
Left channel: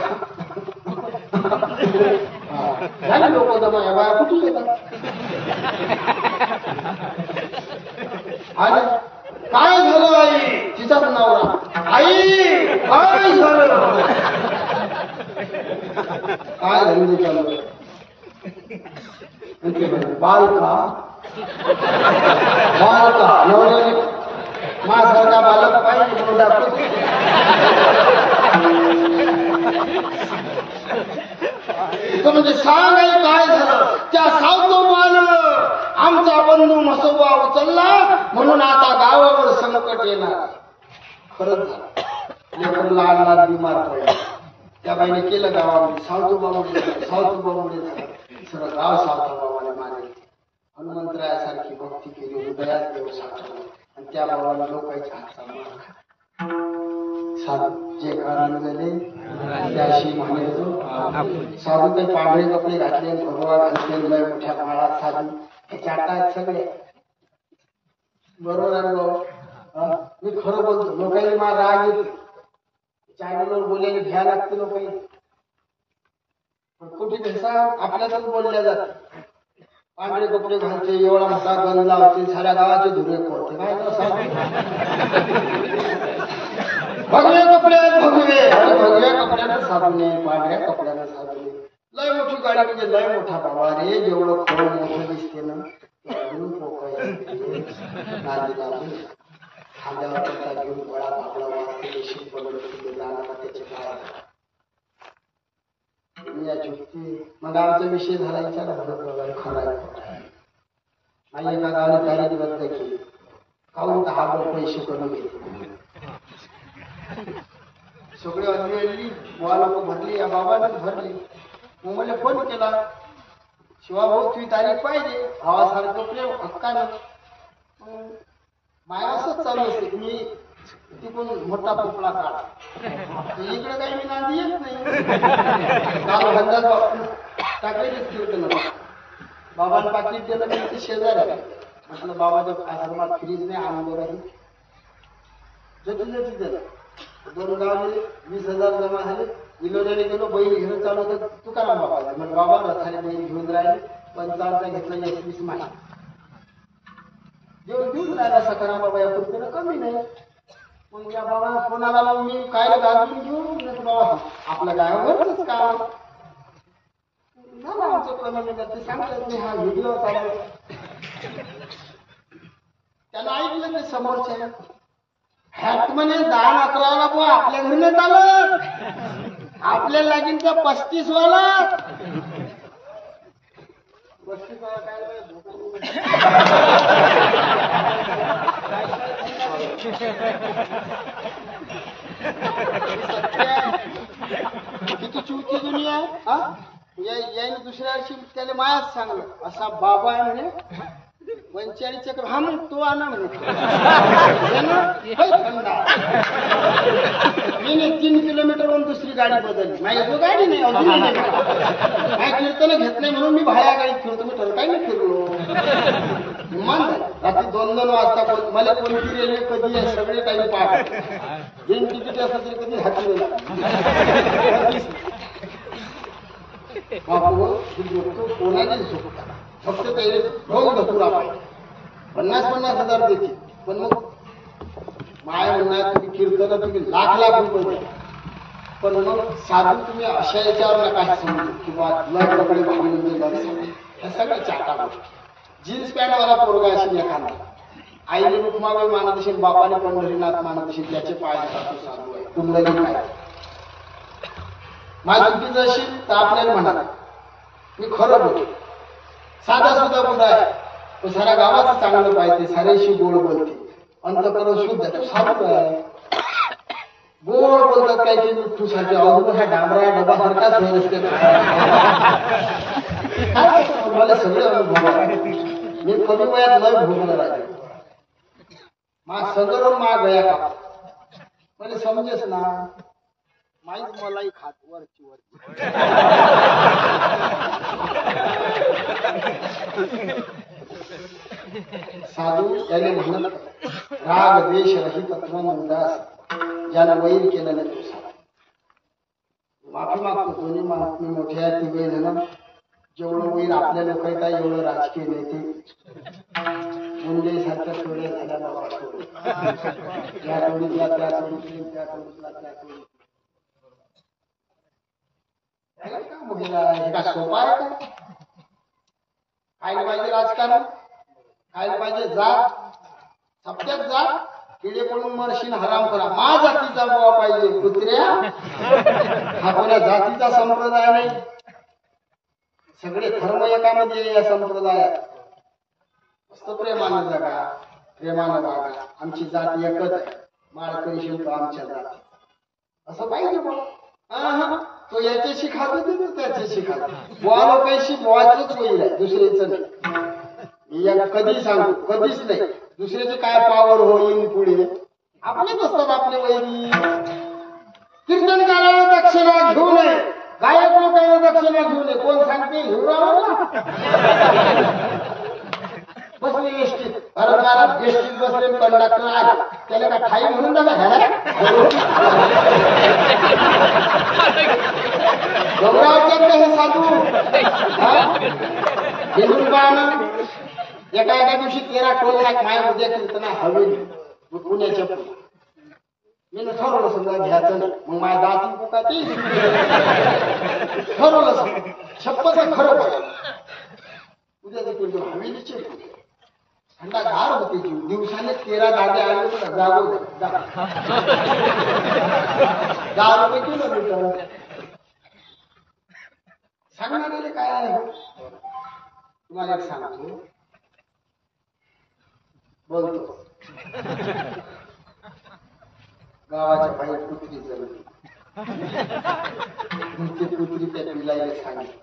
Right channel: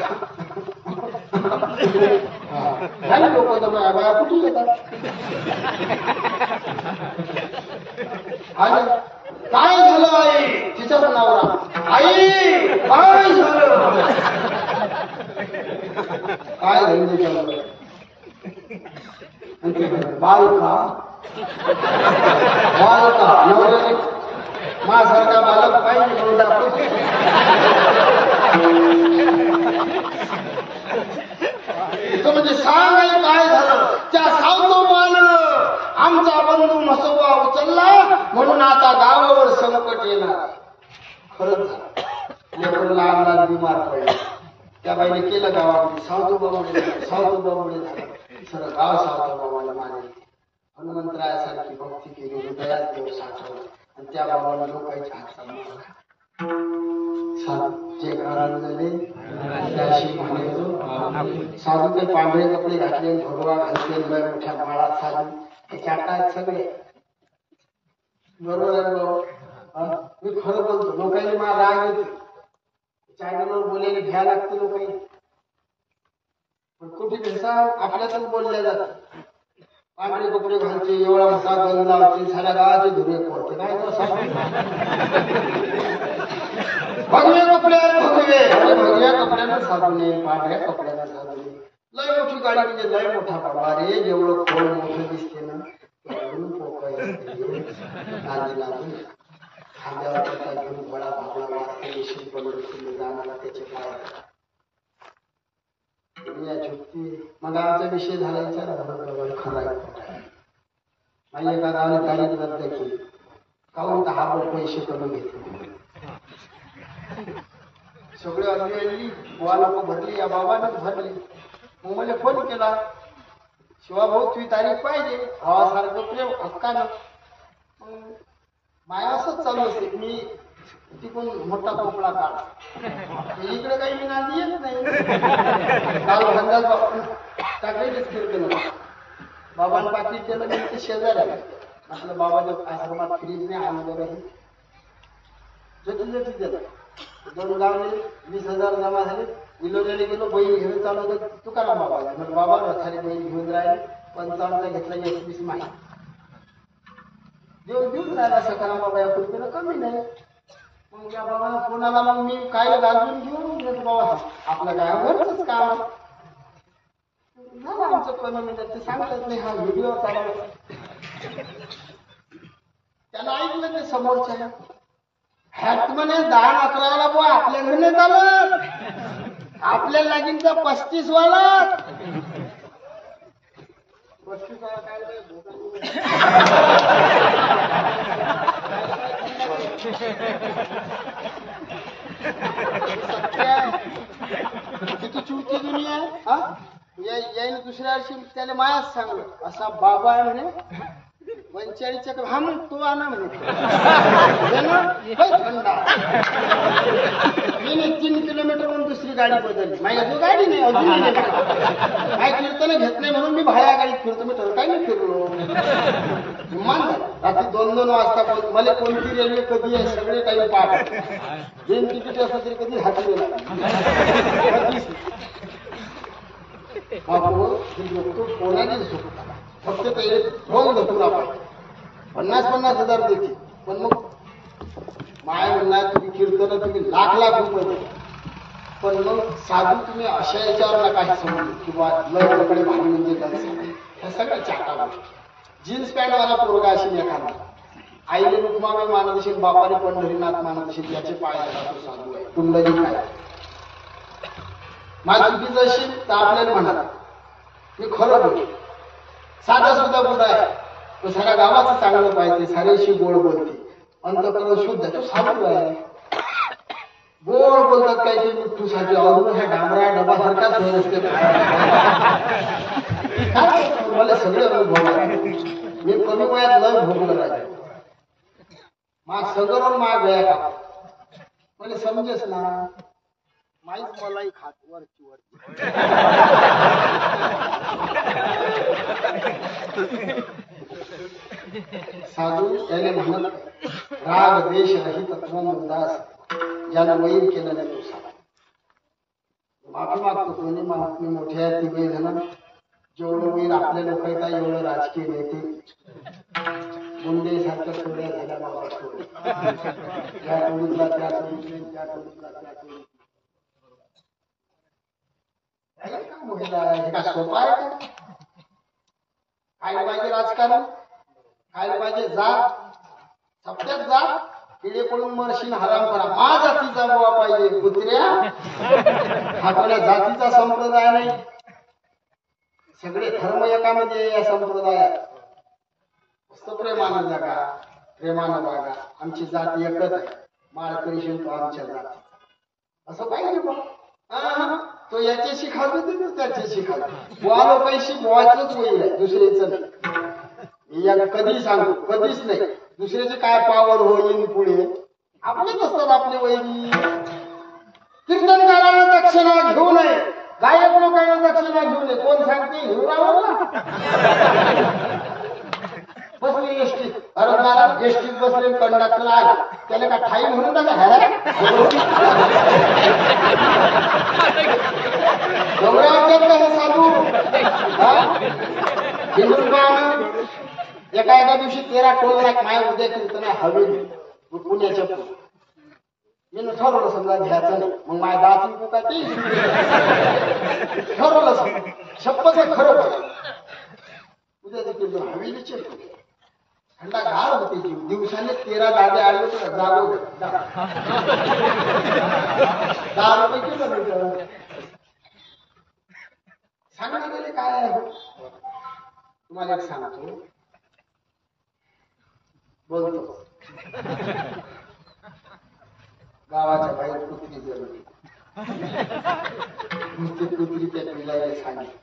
झाली लोक तर माझ्या बाया कुठे येतात. आणि काय झालं आई तिचाच नवरा. आई काय झालं काय झालं चालू बालका बालका नवऱ्याने माझ्यासारखा बालक पाहिजे म्हणून दाखवतो. म्हणजे सांग आई काय झालं. त्या सावतोबानं आमचा बंधू म्हसोबा उचलला म्हणून आता गावावर संकट येणार. खरंच झालं. लेकर लहान लहान बिमार पडले. त्या बाईने केलं गावामध्ये सावतोबामुळे सावतोबामुळे झालं. सगळं गाव सावतोबाला मानेल. हनुमंतरायासारखी भक्ती केली. हृदयात देव साठवलं आणि त्या बाबाला लोकांच्या हातचा मार. साधू जे कारण झाले त्याशी म्हणायचो. साधू ते पांढरे कपडे घातले भगवा घालते लय मोठ्या माळात साधू चाटात सगळे. बरोबर आहे भाऊ. मी खरं बोलतो. लोकांनी मला राग येते. चॅनलवर बोलायला घ्या लागते लोकांनी. पण कुठे भेसा आपल्यातच बोलल्या जात. पांढरे कपडे घालते एवढा मोठा गंध लावते साऱ्या गावाचे धुरे पडते. काय भगवे कपड्यात भगवे आणि भगव्या कपड्यानं साधू नये पांढऱ्या कपड्यानं साधू नये. लय मोठी गाडी म्हणजे लय मोठा बाबा रे. जेवढं खोड मोठं दिसते ना त्यावरून पोकळ नांदी लागून खांद्यावर त्याचा घेऊन गोळा भागला वाचते शिल्पलून जाणारा त्याचे पाय. या झुकती मग आमचा विषय झाला विचार खरं आहे. माझी एका गावाने तारीख रद्द केली. काहून तर हा पैसे करून घेतले. सगळे अल्ली अल्ली बुवा लोक भरली. या बाबानेच भरली. मग मला फोन केला शिवाभाऊ तुझी तारीख पाहिजे भावासारखं प्रेम हक्कानं. माय असंच चालू असते. मी तिकडून मोठा पोपळा काढ. इकडे काही मी नांदी येत नाही. काल अंदाज टाकायचेच कीर्तन होतं. बाबांनी पाकिट दिलं मी ते शेजारी आले. म्हटलं बाबाच्या आश्रमात फ्रीज नाही आणलं राहील. जटी दिलं. 2 गावले 20,000 जमा झाले. विलोद्याने गेलो, बैल घेऊन चालू होतं तुकाराम बाबा. मग बाबा रथाने बैल घेऊन राहिले. 55 घेतला, 21 माहिती देऊन राहिला. सखाराम बाबा या कृतीनं कमी नाही. मग या बाबा फोन आला. मग मी काय गाजून घेऊन बाबा आपल्या गावावरच काम आहे झालं आमचं कमी मिळत. ते सांगतात नाही हा व्हिडिओ चालू त्यानं ऐकलं ते समोरच्या हॅट म्हणे 10-11 बुवा आपल्या घरी नाही चालत. आपल्याला लागेल त्या 35 वाला. 35 वाला काय किती चुकी दुनिया आहे. यायनं दुसऱ्या वर्षी त्याला मायाच सांगलं असा बाबा आहे म्हणे 45 चक्र. हा मग तो आणा म्हणे. थंडा 3 किलोमीटरवरून दुसरी गाडी बदलली. माझ्या जो गाडी नाही अजून नाही कीर्तन घेत नाही म्हणून मी भाड्या गाडीत फिरतो. मी ठरकाय नाही फिरलो. मान झालं. रात्री 2-2 वाजता मला कोणती रेल्वे कधी आहे सगळे टाईम पाठ. बिन तिकीट असलं तरी कधी हाती कधीच बापू लोक कोणाची झोपतात. फक्त ते रोज धतुरा पाहिजे. 50-50 हजार देते. पण मग माय म्हणणार तुम्ही कीर्तन तुम्ही लाख रुपये द्या. पण मग साधू तुम्ही अशा याच्यावर नका हे समजू किंवा लय कपडे भारी म्हणजे लय साधे. ह्या सगळ्या चाटा गोष्टी. जीन्स पॅन्ट वाला पोरगा असेल एखादा आईने रुक्माबाई मानत असेल बापाने पंढरीनाथ मानत असेल त्याचे पाय तो साधू आहे. कुंडली काय माझ्या चुकीचं असेल तर आपल्याला म्हणा मी खरं बोलतो. साधा सुद्धा बुडा आहे पण साऱ्या गावाचं चांगलं पाहिजे. साऱ्याशी गोड बोलते. अंतकरण शुद्ध तो साधू आहे. गोड बोलतात काय ते मिठ्ठूसाठी अजून ह्या डांबरा डबासारखाच नसते. मला सगळे अनुभव आहे. मी कमी वयात लय भोगलं राहिले. मा सगळं मा गया का मला समजेस ना माहीत मलाही खात वरची साधू त्याने म्हणत राग द्वेष रहित तत्वन उदास ज्यानं वैर केलं नाही तो साधू. माफी मागतो. दोन्ही महात्मे मोठ्या तिघे जण जेवढं वैर आपल्या लोक येतात एवढं राजकीय नेते मुंडे सारख्या थोड्या झाल्या बाबा थोडे या टोळीतला त्या टोळीतले त्या टोळीतला त्या टोळीतला का महिला हे का सोपा आहे का. खायला पाहिजे राजकारण. खायला पाहिजे जात. सप्त्यात जात किडे पडून मरशीन हराम करा. मा जातीचा बुवा पाहिजे कुत्र्या. हा कोण्या जातीचा संप्रदाय नाही. सगळे धर्म एकामध्ये या संप्रदायात. मस्त प्रेमानं जगा प्रेमानं वागा. आमची जात एकच आहे. माळकरी तो आमच्या जाती असं पाहिजे बघ. तो याच्याशी खातो तो त्याच्याशी खातो. बुवा लोकांशी बुवाचंच वैर आहे दुसऱ्याचं नाही. कधी सांगतो कधीच नाही. दुसऱ्याची काय पावर होईन पुढे आपलेच असतात आपले वैरी. कीर्तनकारांना दक्षिणा घेऊ नये. गायक लोकांना दक्षिणा घेऊ नये. कोण सांगते घेऊ राहिला बसले एसटीत. अरे महाराज एसटीत बसले कंडक्टर आला त्याला का ठाई म्हणून डोंगरावर का हे साधू हिंदून पाहणं. एका दिवशी 13 टोल नाक माया उद्या कीर्तन हवेली पुण्याच्या पुढे. मी ठरवलं समजा घ्यायचं नाही. मग माझ्या दाती काय ते ठरवलं समजा शपथ खरं बोल. उद्या ते कीर्तन हवेलीचे पुढे. थंडा गार होते जीव. दिवसाने 13 दागे आले तर जागो 10 रुपये किलोमीटर. सांगणारे काय आहे. तुम्हाला एक सांगतो बोलतो. गावाच्या बाहेर कुत्री जळली. ते कुत्री त्या पिलाला सांगितलं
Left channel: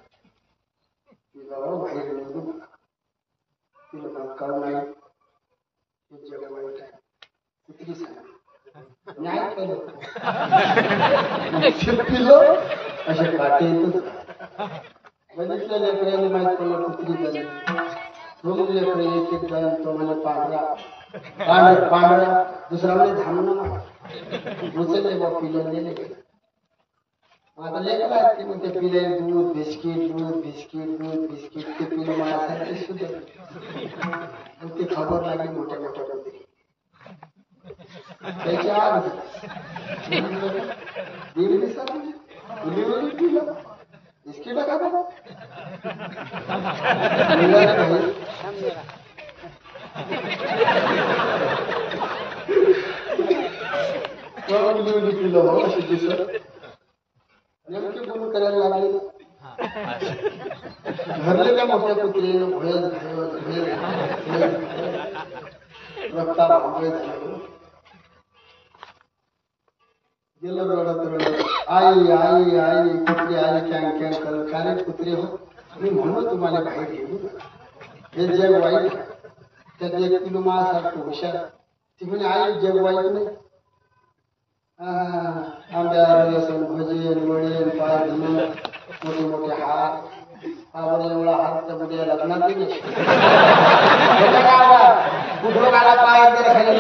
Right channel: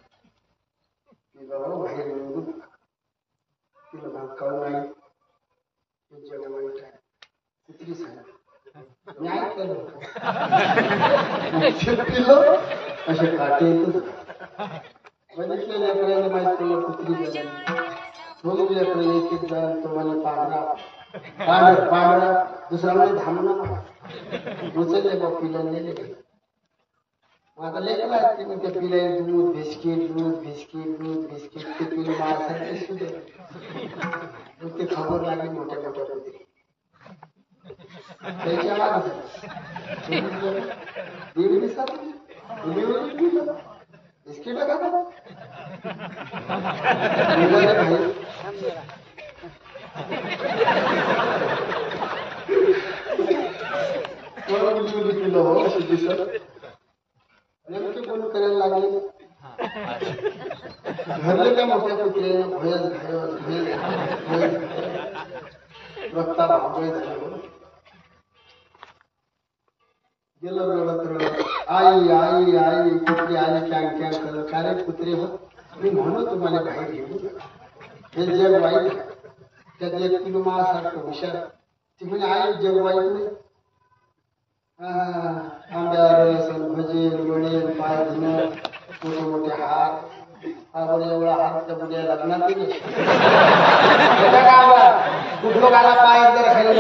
बाहेर निघू नका. तिला कळू नाही ते जग वाईट आहे. कुत्री सांगितलं मी ऐकलं पिलं असे काटे येतच बघितल्या लेकरांनी माहित पडलं कुत्री झाली दोन लेकर एक एक जण तो म्हणे पांढरा दुसरा म्हणजे धामणं मला उचलले बा पिलं नेले मग आता लेकर आहेत की मग ते पिले दूध बिस्किट ते पिलं माझ्यासारखे सुद्धा मग ती खबर लागली मोठ्या मोठ्या कुत्री त्याची आग दीड दिवसात उली पिलं बिस्किट खाता पिलं हो अशी दिसत नेमके कोण करायला लागले घरले त्या मोठ्या कुत्र्यानं भयच रक्ता भांबळे झाले गेलं रडत आई कुत्री आई कॅं करत का रे कुत्रे हो मी म्हणू तुम्हाला बाहेर घेऊ हे जग वाईट त्यात एक किलो माझ्यासारखं हुशार ती म्हणे आई जग वाईट नाही आंब्या रसन भजेन वडेन पाय धुणं मोठे मोठे हात आपण एवढा हात त्या बुड्या लग्नात नाही कुठलो गाला पाय जर खायला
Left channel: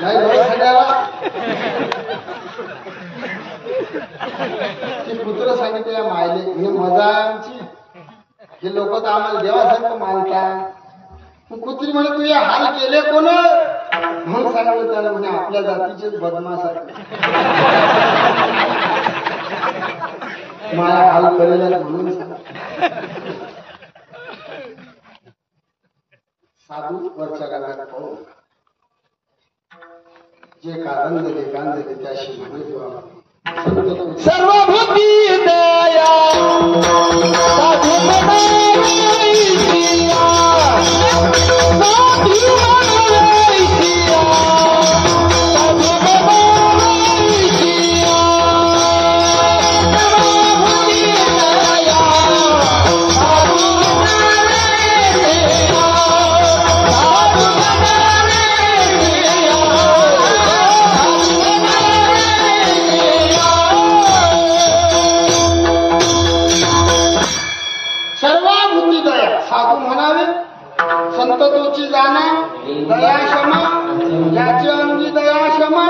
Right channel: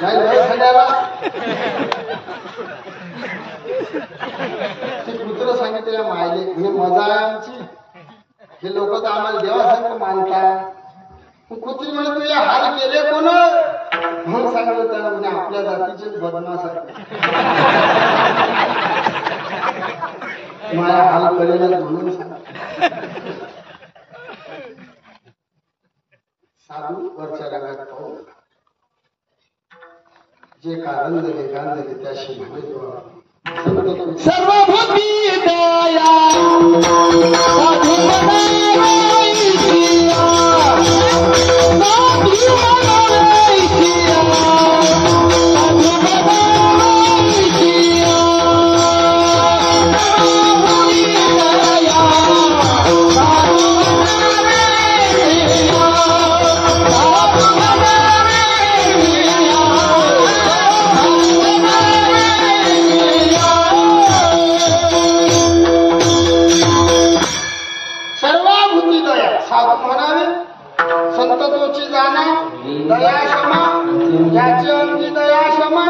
नाही खाण्याला ते कुत्र सांगितलं मायले म्हणजे मजा आहे आमची हे लोक तर आम्हाला देवासारखं मानतात कुत्री म्हणे तू या हाल केले कोण म्हणून सांगितलं त्याला म्हणजे आपल्या जातीचेच बदमासारखे माझ्या हाल करेल म्हणून सांग साधू वरच्या गाण्यात पाहू जे कारण दिले गांधले त्याशी म्हणे सर्वभूती दया साधू साधू म्हणावे संततोची जाणा दया क्षमा ज्याची अंगी दया क्षमा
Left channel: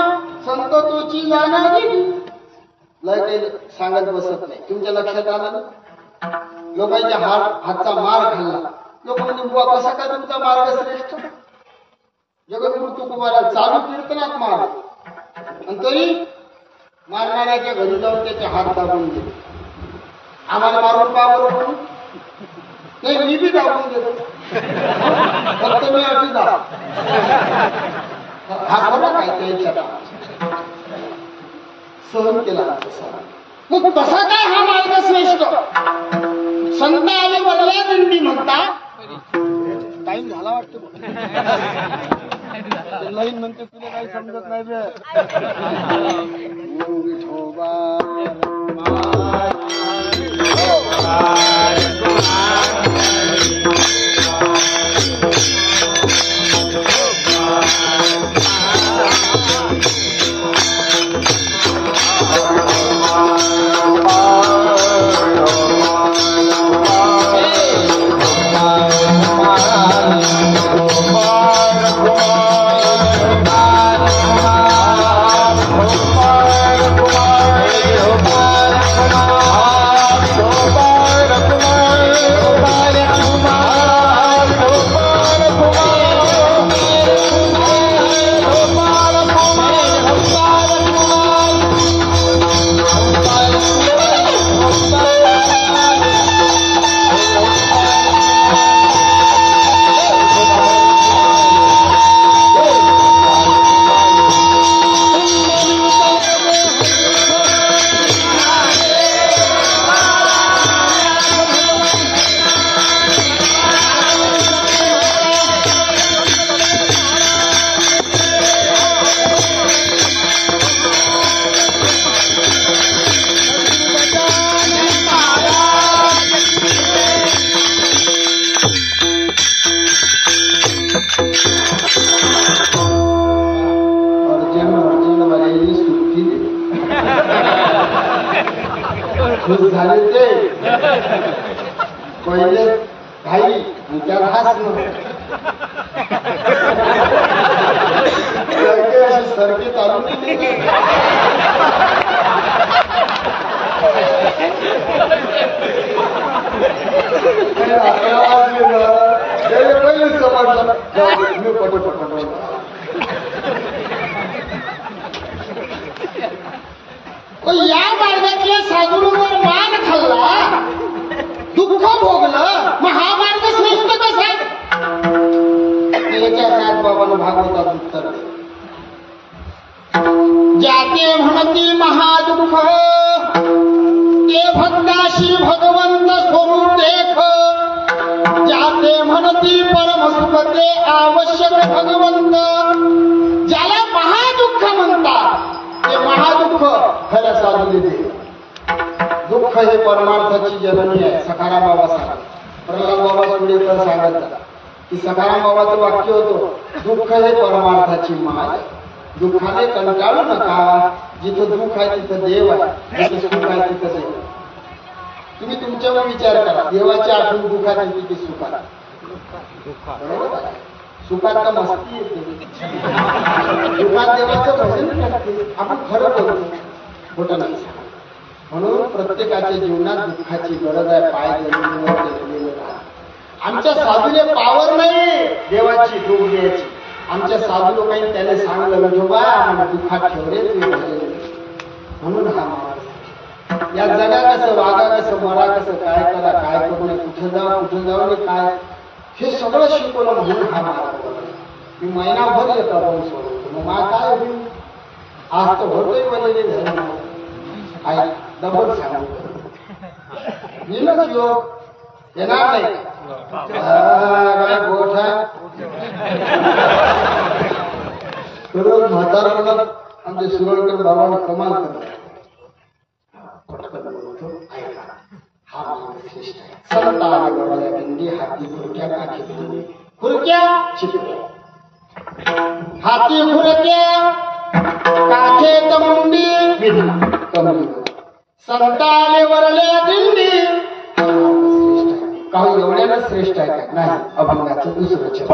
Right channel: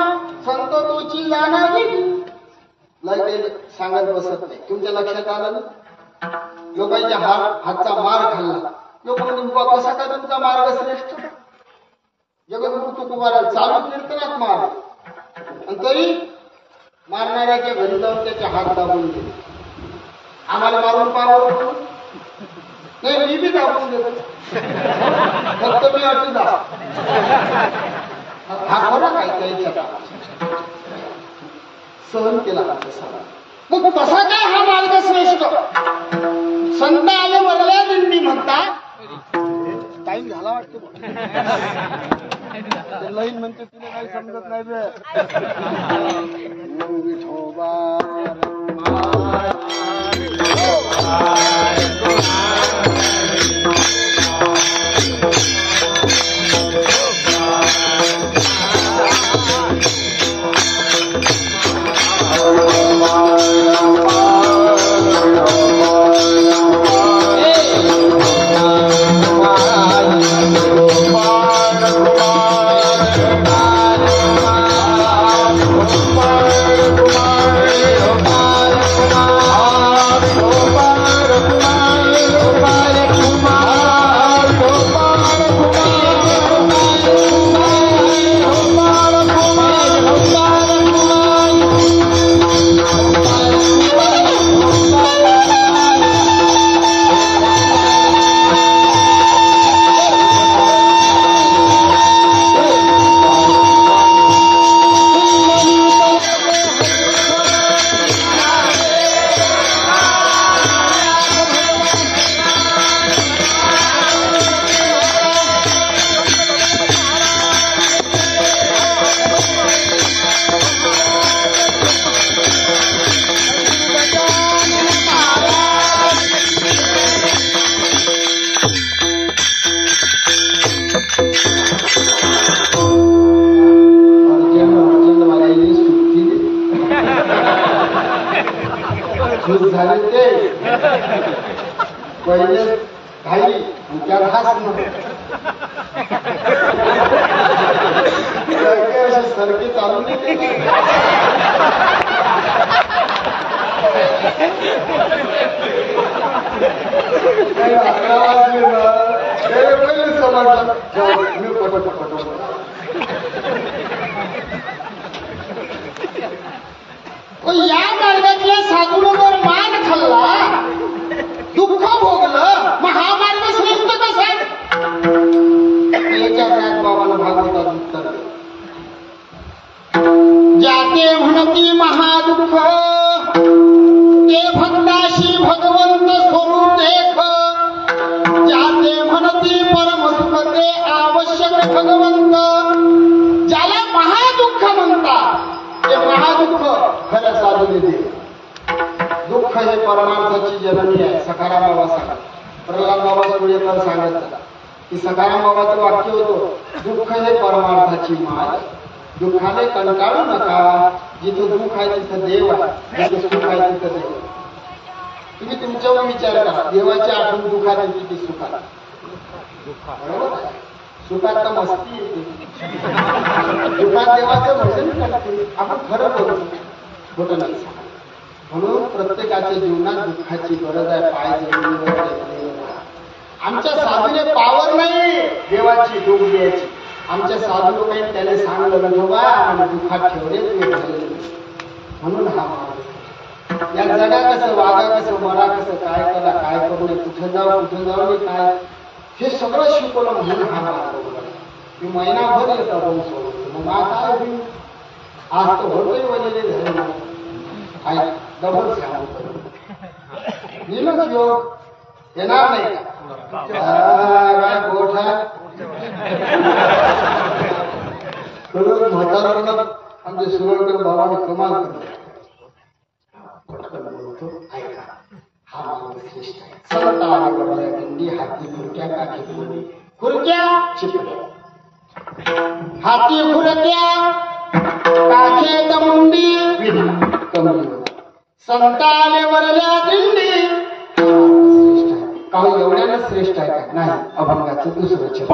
संततोची जाणा लय काही सांगत बसत नाही तुमच्या लक्षात आलं ना लोकांच्या हातचा मार खाल्ला लोक म्हणजे बुवा कसा काय तुमचा मार्ग श्रेष्ठ जगद्गुरु तुकोबाला चालू कीर्तनात मार आणि तरी मारणाऱ्याच्या घरी जाऊन त्याचे हात दाबून गेले आम्हाला मारून पावर नाही मी बी दाबून देतो फक्त मी अशी दाब हा खरा काय त्याच्या सहन केला मग तसा काय हा मार्ग श्रेष्ठ संत आले वरल्या दिंडी म्हणता टाइम झाला वाटतो लईन म्हणते तुला काही समजत नाही बे विठोबा खुश झाले ते पहिले घाई आणि त्यात हसणं. काही असे सरके चालू नाही. काही 11 वाजले ना त्याने पहिले समजलं मी पटपट बोलतो. या मार्गातल्या साधूंवर मान खाल्ला, दुःख भोगलं, मग हा मार्ग श्रेष्ठ कसा? याच्या काय बाबांना भागवतात उत्तर. जाते म्हणती महादुःख ते भक्ताशी भगवंत स्वरूप देख. जाते म्हणती परम सुख ते आवश्यक भगवंत. ज्याला महादुःख म्हणतात ते महादुःख खऱ्या साधूने दे. दुःख हे परमार्थाची जननी आहे. सखाराम बाबा सांगतात, प्रल्हाद बाबा सुरेकर सांगतात की सखाराम बाबाचं वाक्य होतं, दुःख हे परमार्थाची माय. दुःखाने कंटाळू नका. जिथं दुःख आहे तिथं देव आहे, जिथं सुख आहे तिथं देव. तुम्ही तुमच्यावर विचार करा, देवाची आठवण दुःखात येते की सुखात? बरोबर आहे. सुखात का मस्ती येते, दुःखात देवाचं भजन करते. आपण खरं बोलतो, खोटं नाही सांगा. म्हणून प्रत्येकाच्या जीवनात दुःखाची गरज आहे. पाय जमिनीवर टेकलेले राहा. आमच्या साधूने पावर नाही देवाची दुःख द्यायची. आमच्या साधू लोकांनी त्याला सांगलं विठोबा आम्हाला दुःखात ठेवले तुम्ही भजन. म्हणून हा माणूस या जगा कसं, वागा कसं, मरा कसं, काय करा काय करू नये, कुठं जाऊ नये काय, हे सगळं शिकवलं. म्हणून हा मार्ग बघा. मी महिनाभर येता बोल सोडतो, मग मा काय होईल? आज तर भरतोय वलेले झाले. काय डबल सांगू येणंच योग येणार नाही. काय गोठा खरंच म्हातारपणात आमचे सुरळकर बाबांना कमाल करतो. पटकन बोलतो, ऐका हा मार्ग श्रेष्ठ आहे. संत आले बरोबर दिंडी, हाती खुर्क्या काठी बोलली, खुर्क्या चिपट्या, हाती खुर्क्या काखेत मुंडी कमली. संत आले वरल्या दिंडी, हा मार्ग श्रेष्ठ आहे. का एवढ्यानं श्रेष्ठ आहे का? नाही. अभंगाचं दुसरं चरण.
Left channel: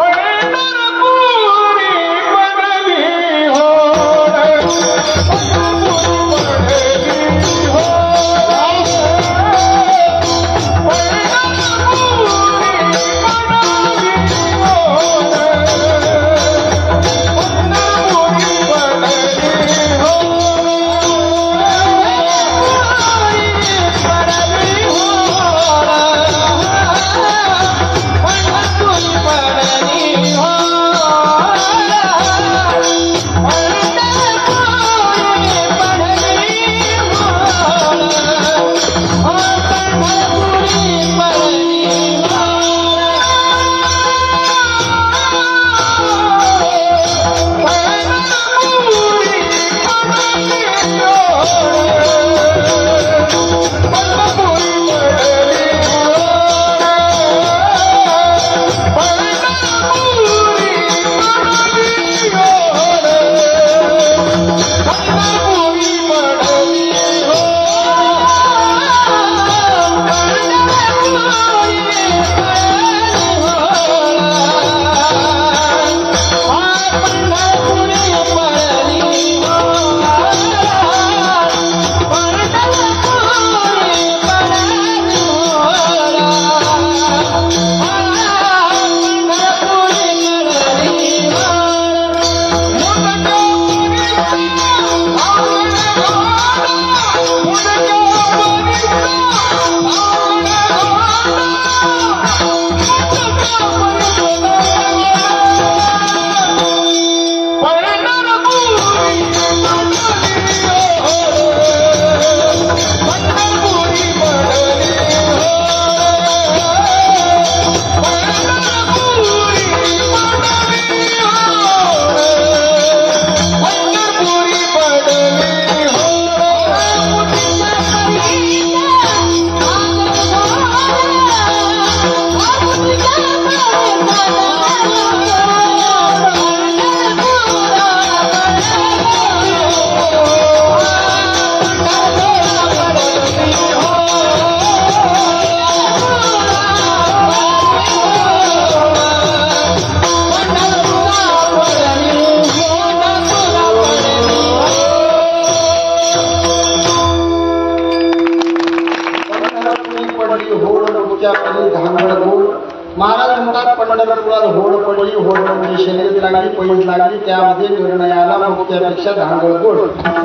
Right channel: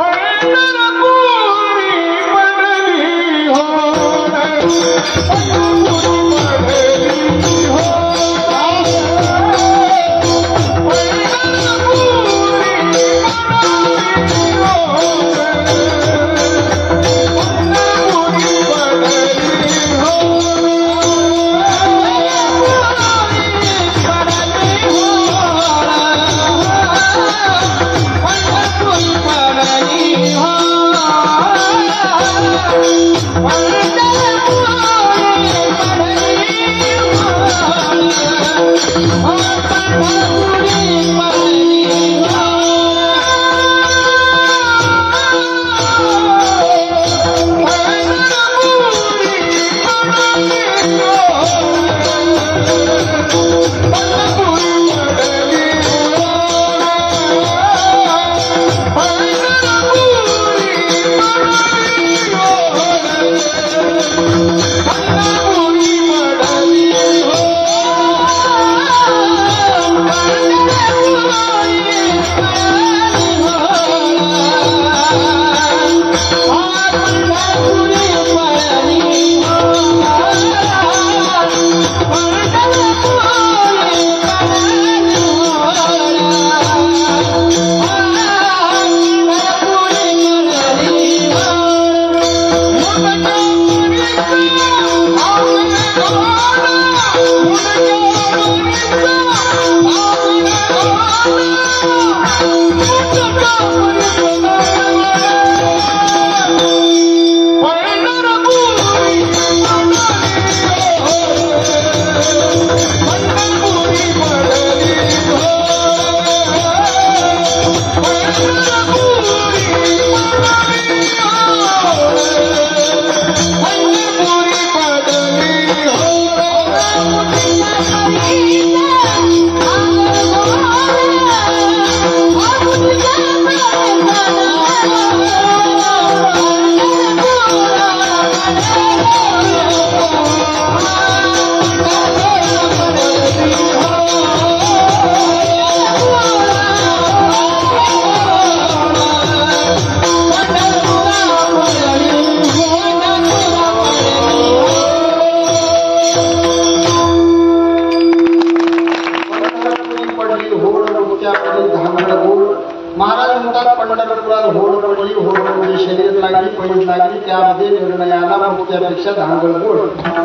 पंढरपुरात होड पडली, होड म्हणजे शर्यत लागली, पैज लागली, त्यामध्ये निर्णय आला मुक्त्यापेक्षा धांगड गोड.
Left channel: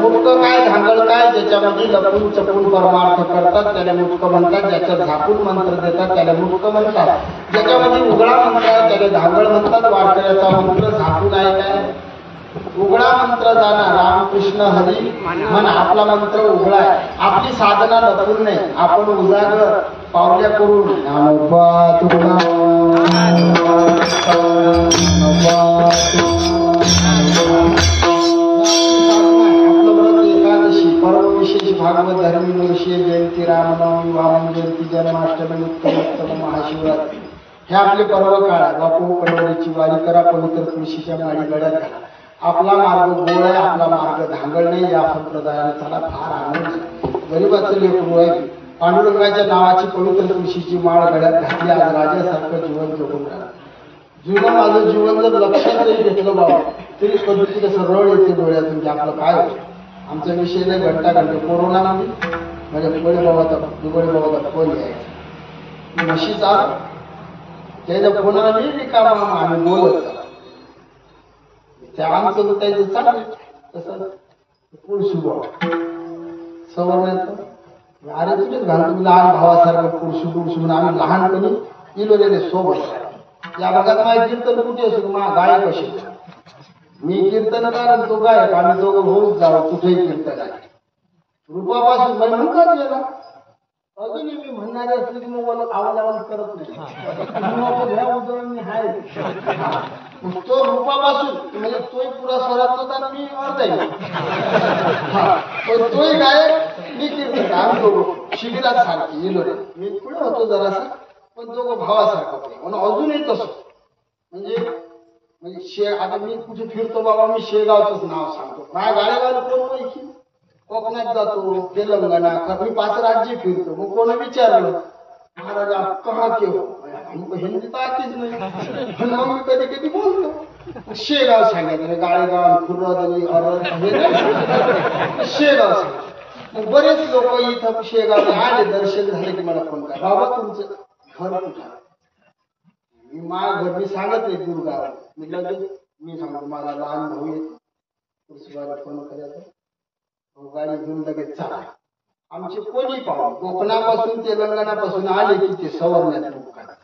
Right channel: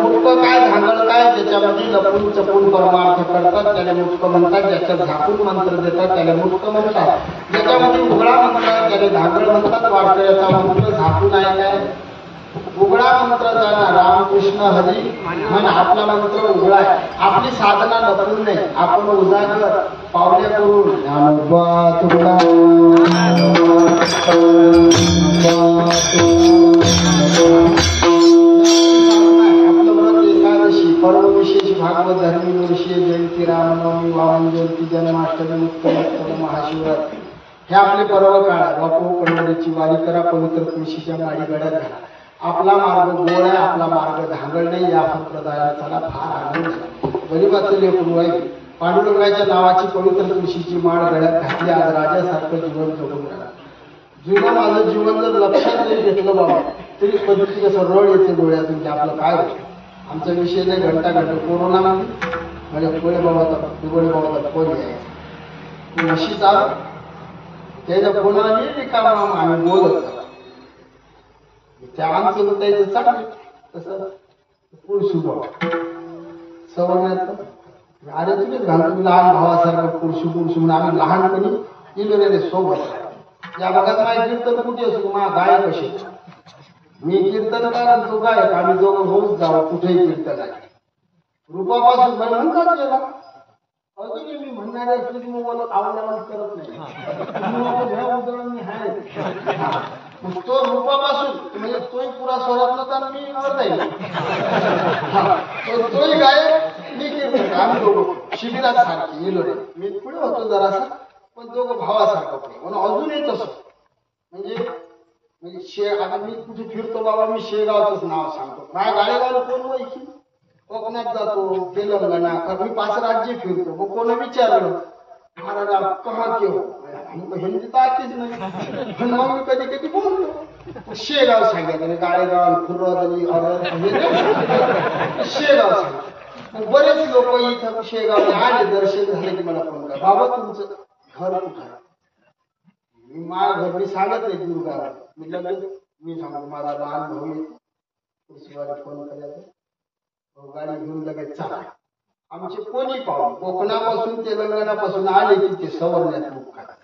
मुक्त काय धांगड काय, ज्याच्यामध्ये लपून चपून परमार्थ करतात त्याला मुक्त म्हणतात, ज्याच्यात झाकून मंत्र देतात त्याला मुक्त म्हणतात, ज्याच्यामध्ये उघडा मंत्र आहे त्याला धांगड म्हणतात. वारकऱ्याचा मंत्र झाकून आहे काय, उघडा मंत्र जाणार रामकृष्ण हरी म्हण, आपला मंत्र उघडा आहे. आपली साधना लपून नाही, आपण उजागर पावल्या करून ज्ञानोबा तुला आपलं व्रत एकादशी पर्व विशेष भागवत धर्मी दिवशी जयंती रामनवमी वामन जयंती जन्माष्टमी उत्तम महाशिवरात्री हे आपले पर्व काळ आहे. बापू पंढरीची वारी करा, पवित्र तुळशीच्या माळी गड्यात घाला. आपला मार्ग गोड आहे, आपला मार्ग धांगड नाही. या संप्रदायाला फार आनंद. गरीबाचं लेकरू आहे, पांडुरंगाच्या नावाची पवित्र तुळशीची माळ गड्यात घातली, आज राजासारखं जीवन जगून राहिलं. जुनं माझं जीवन जर लक्षात नाही घेतलं बाबा तरी कधी कसं रड येते डोळ्यातून की आपलं काय होतं. आमचा विषय नाही घंटा कोरोनामध्ये म्हणजे दुबळे बाबाचा फोन यायचा, म्हशी चाल त्याच्या फोनाला मी रिकामा आम्ही बोलत त्या आमचं लुटायचं चांगलं तसं पुरुषुभ सवरण्याचं अरे तुम्हीच घालतो लहान भावासारखं पुरुषू म्हणून आम्ही लहानपणी इलोलेले सोबत या भागात माझे कीर्तन कुठे असो माझा गायक असे मी कीर्तनकार तो गायक आम्ही दोघं होऊच जावं कुठेही कीर्तन आहे. रूपापासून मला म्हणतात गेला अजूनही मी म्हणणारे असले की मोबाईल आवाज करत नाही ह्या उदळ मी आहे. तो रूपापासून म्हणजे तोही पुरा स्वरात नव्हता मी अर्धा तोही गायक मी कीर्तन आम्ही दोघं शिबिरात सारखी इलोरे मी पुढे होतो जरासा पण दोघं भावासारखं पण म्हणून अजूनही तसं म्हणजे आता मी कुठे फिरतो बाबा मी शेगावचंच नाव सांगतो. माझ्या गाड्यागावला कोण ओळखी कोकणात जातो तेलंगणा मी 5 राज्य फिरतो. मग कोण विचारलं महाराज आप कहा के हो हिंदी तर आतीच नाही पण मग मी कधी कधी बोलतो शेगाव सांगायचं गाळेगाव खुर्रदली शेगाव सांगायचं. मग बरेच लोक इथं शेगाव आले दर्शन झाले की मला फोन करा बाबा तुमचं घर कुठं आहे. मी माझ्या घर मी सांगत नाही गुरगाव मी लगेच मी सांगतो माझा लहान भाऊ येतो पुरुषवाडी फोन करायचा गाडी घेऊन लगेच चला. आमचे कोणी पाहून कोकणापासून तेलंगणापासून आले की ते सवरण्यात बुक करतात.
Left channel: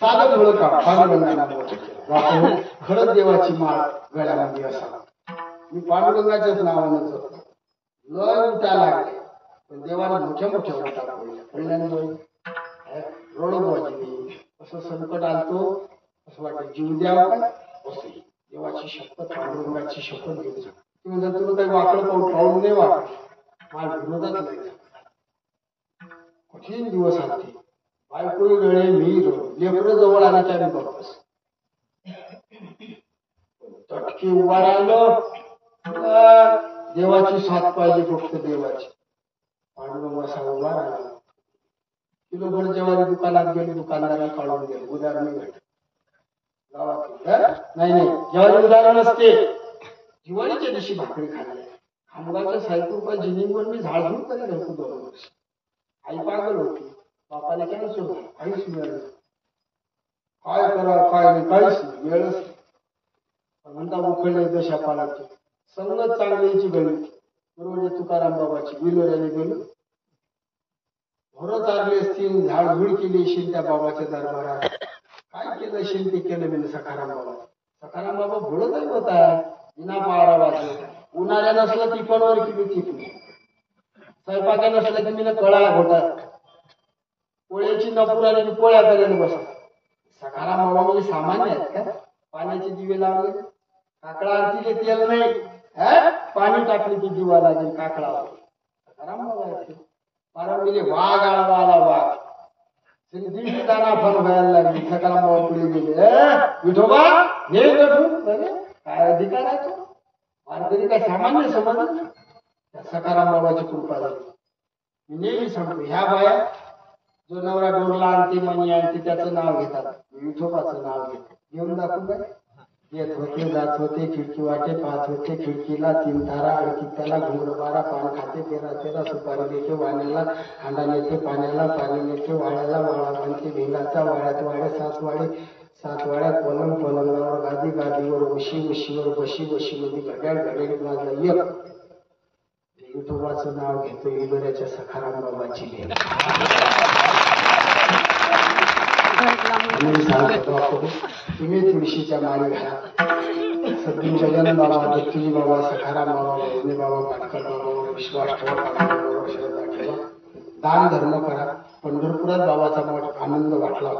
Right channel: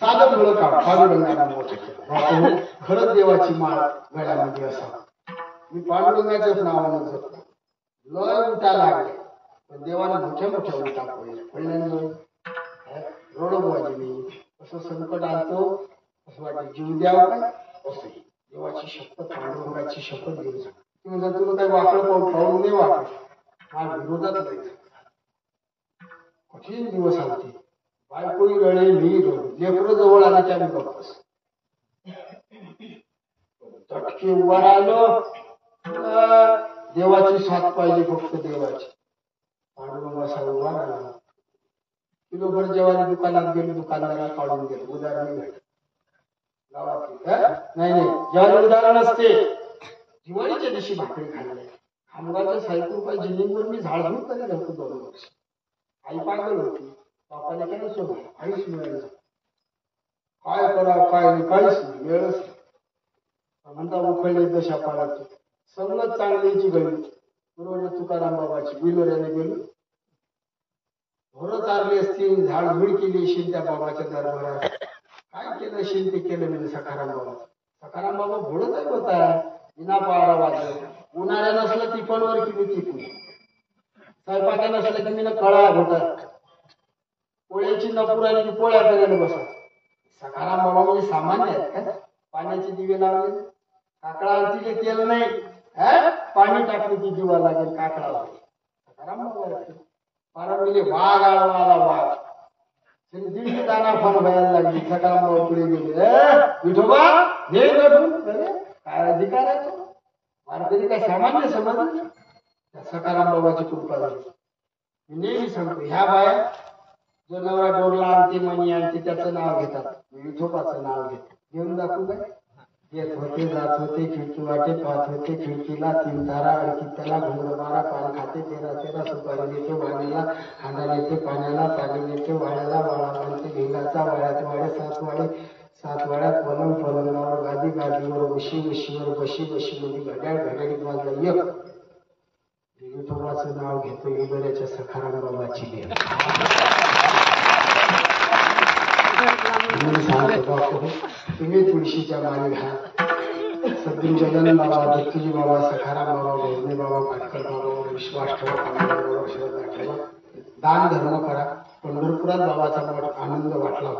साधं मुळ काम पांडुरंगाला मोठं खरंच देवाची माळ गळ्यामध्ये असावं. मी पांडुरंगाच्याच नावानं जपतो. लय उठा लागले पण देवाने मोठ्या मोठ्या उठा पडल्यामुळे रोडबाजी नाही असं संकट आणतो असं वाटतं जीव द्यावं काय असं देवाची शपथ पांडुरंगाची शपथ घेऊन सांग. तुम्ही जर तुला काही वाकडं पाहून नाही वाटत माझ्या विरोधात नाही कठीण दिवस आलते बायकोही रडे मी रडू लेकरं जवळ आल्याच्या मी बघतोस तटके उभा राहिलो देवाची साथ पाहिजे फक्त देवाची. पांडुरंग असा उभा राहिला किलोभर जेव्हा दुकानात गेले दुकानदाराला काढून गेले उदाहरण भेट गावात नाही ज्वारी उदाहरण असते. दिवाळीच्या दिवशी भाकरी खाल्ली खामगावच्या 60 रुपये जिनिंगवर मी झाडझूड करीत होतो 2 वर्ष. आई पागल होती बापाने काय सोडलं काहीच मिळालं काय करा काय नाही काहीच नाही वेळच म्हणता उखळले दशा पालाची संगत चांगलीची गळी पूर्वजे तुकाराम बाबाची विलोऱ्याने गेली घोरं चालली असतील झाडझूड केली असेल त्या बाबाच्या दरबारात काय केलं असेल ते केलं मी सखाराम बाबा. सखाराम बाबा भोळत आहे होता विना पारा वाजव उन्हाळ्या नसलं टिफनवर की मी टिफन स्वयंपाक्या नसलं की मी कळा घोटात पोळ्याची नपूर आणि पोळ्या करायला बसा. सखाराम बाबा म्हणजे सामान्य आहेत का पाण्याचे दिवे लावले काकडा आरतीले तेल नाही पाणी टाकले की दिवा लागेल काकडावर सखाराम बाबा पारंबीले वाघ आळवा आला वाघ दिंडी दाना पण व्हायला लागली. सखाराम बाबा पुढे गेले विठोबा हे काय अधिकार आहे तो वारकरी काय सामान्य समजलं. सखाराम बाबाची कृपा झाली. मी नेहमी सांगतो ह्या बाया जो नवरा डोरला आणते मणी आणते त्याचं नाव घेतात विठोबाचं नाव घेते घेऊन दाखवू काय येत होते जात होते खिडकी वाटे पाहत होते खिडकीला 3 तारा अडकी त्याला घुंगड बारा पान खाते 13 सुपारी देते वाण्याला हांडा नेते पाण्याला पाणी नेते वाड्याला वाळा बांधते भिंगाचा वाड्यात वाडे 7 वाड्यात पलंगावर गादी गादीवर उशीवर बशीमध्ये घड्याळीत वाजलं एक विठोबाचं नाव घेतो इगऱ्याच्या सखाराम बाबाची देव मी सांगतो तुम्ही तुळशीच्या माळी घाला सद्गुरू गजानन बाबा दत्तूजी बाबा सखाराम बाबा भोजने बाबा पाटकर बाबावर विश्वास ठेवा पाण्यावर श्रद्धा ठेवा दान धर्म करा पंढरपुरात बाबाचा मठ आनंद वाटला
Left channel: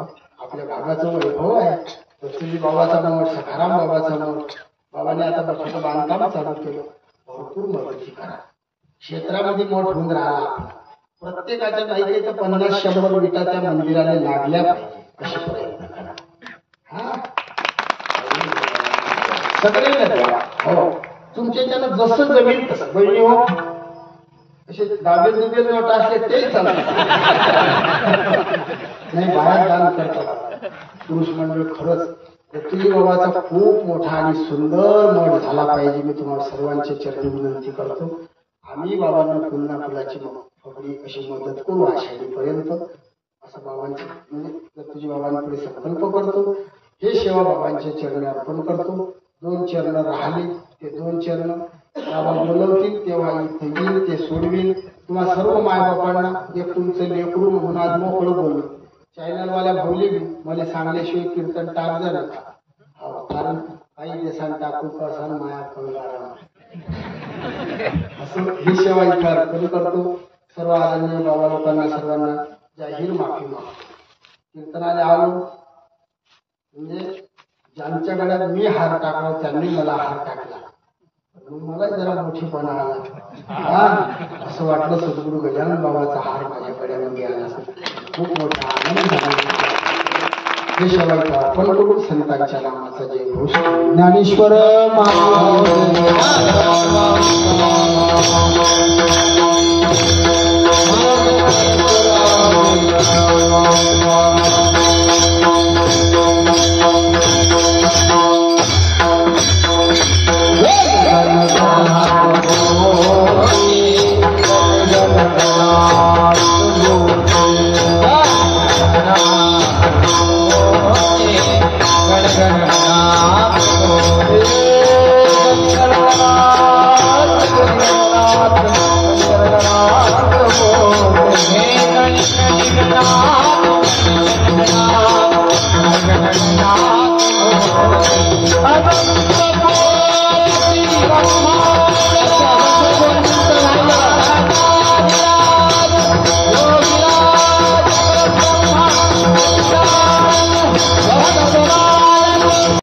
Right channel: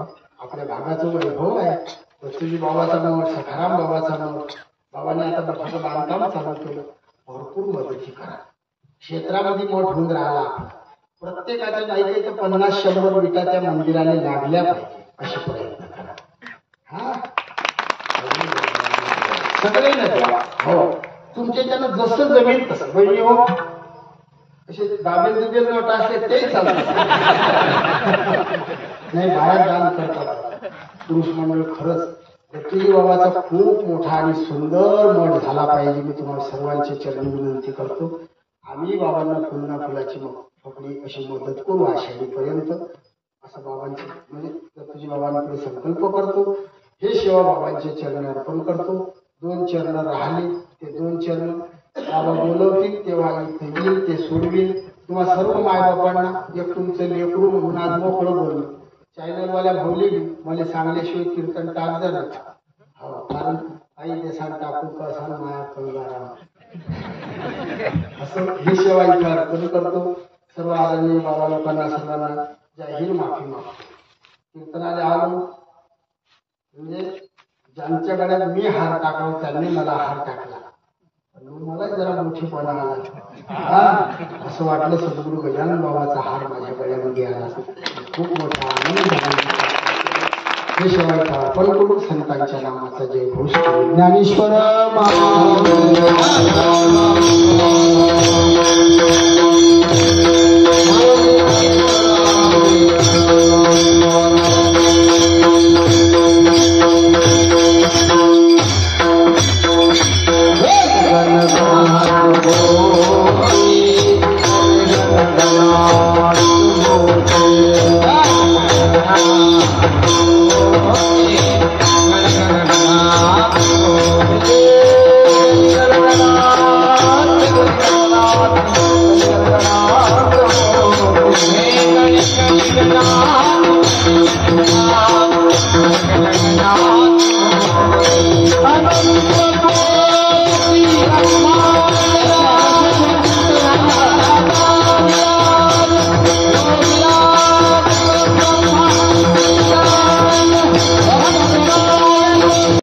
आपल्या भागाचं वैभव आहे दत्तूजी बाबाचा मठ सखाराम बाबाचा मठ बाबाने आता मठाचं बांधकाम चालू केलं भरपूर मदती करा क्षेत्रामध्ये मठ होऊन राहिला प्रत्येकाच्या काही काही तर 50-100 विटा त्या मंदिराने लागल्या पाहिजे असे प्रयत्न करा हा सगळे द्या हो तुमच्या त्यानं जसं जमेल तसं बहिणी हो असे दाबेल नोट असले ते चालतात नाही बाहेर दान करतात पुरुष मंडळ खरंच दत्तूजी बाबाचा खूप मोठा आणि सुंदर मठ झाला पाहिजे मी तुम्हाला सर्वांचे चरणी विनंती करतो आम्ही बाबांना पुन्हा फुलाची फकडी अशी मदत करू आषाढीपर्यंत असं बाबांचे म्हणजे दत्तूजी बाबांकडे संकल्प करतो हे सेवा बाबांच्या चरणी अर्पण करतो 2 चरण राहिले ते 2 चरण बाबा बोलवतील तेव्हा इथे येईल ते सोडवील तुम्हा सर्व मायबापांना एक तुमचं लेकरू म्हणून आज मोकळं बोललो चॅनलवाल्या भाऊली बी मला सांगल्याशिवाय कीर्तन टाक जा नका हो कारण आई देसान टाकू कसान माया कंगाराम असं ही सेवा इथे अर्पण करतो सर्व आदरणीय बाबा लोकांना सर्वांना जाहीर माफी मागतो कीर्तनाला आलो म्हणजे ज्यांच्या गळ्यात मी हार टाकला त्यांनी मला हार टाकला मला जरा मोठीपणा आला हा असं वाटलं सद्गुरू गजानन बाबाचा हार माझ्या गळ्यामध्ये आला खूप मोठा आनंद झाला हे सेवा इथे अर्पण करू संतांच्या नामाचा जय घोष ज्ञानेश्वर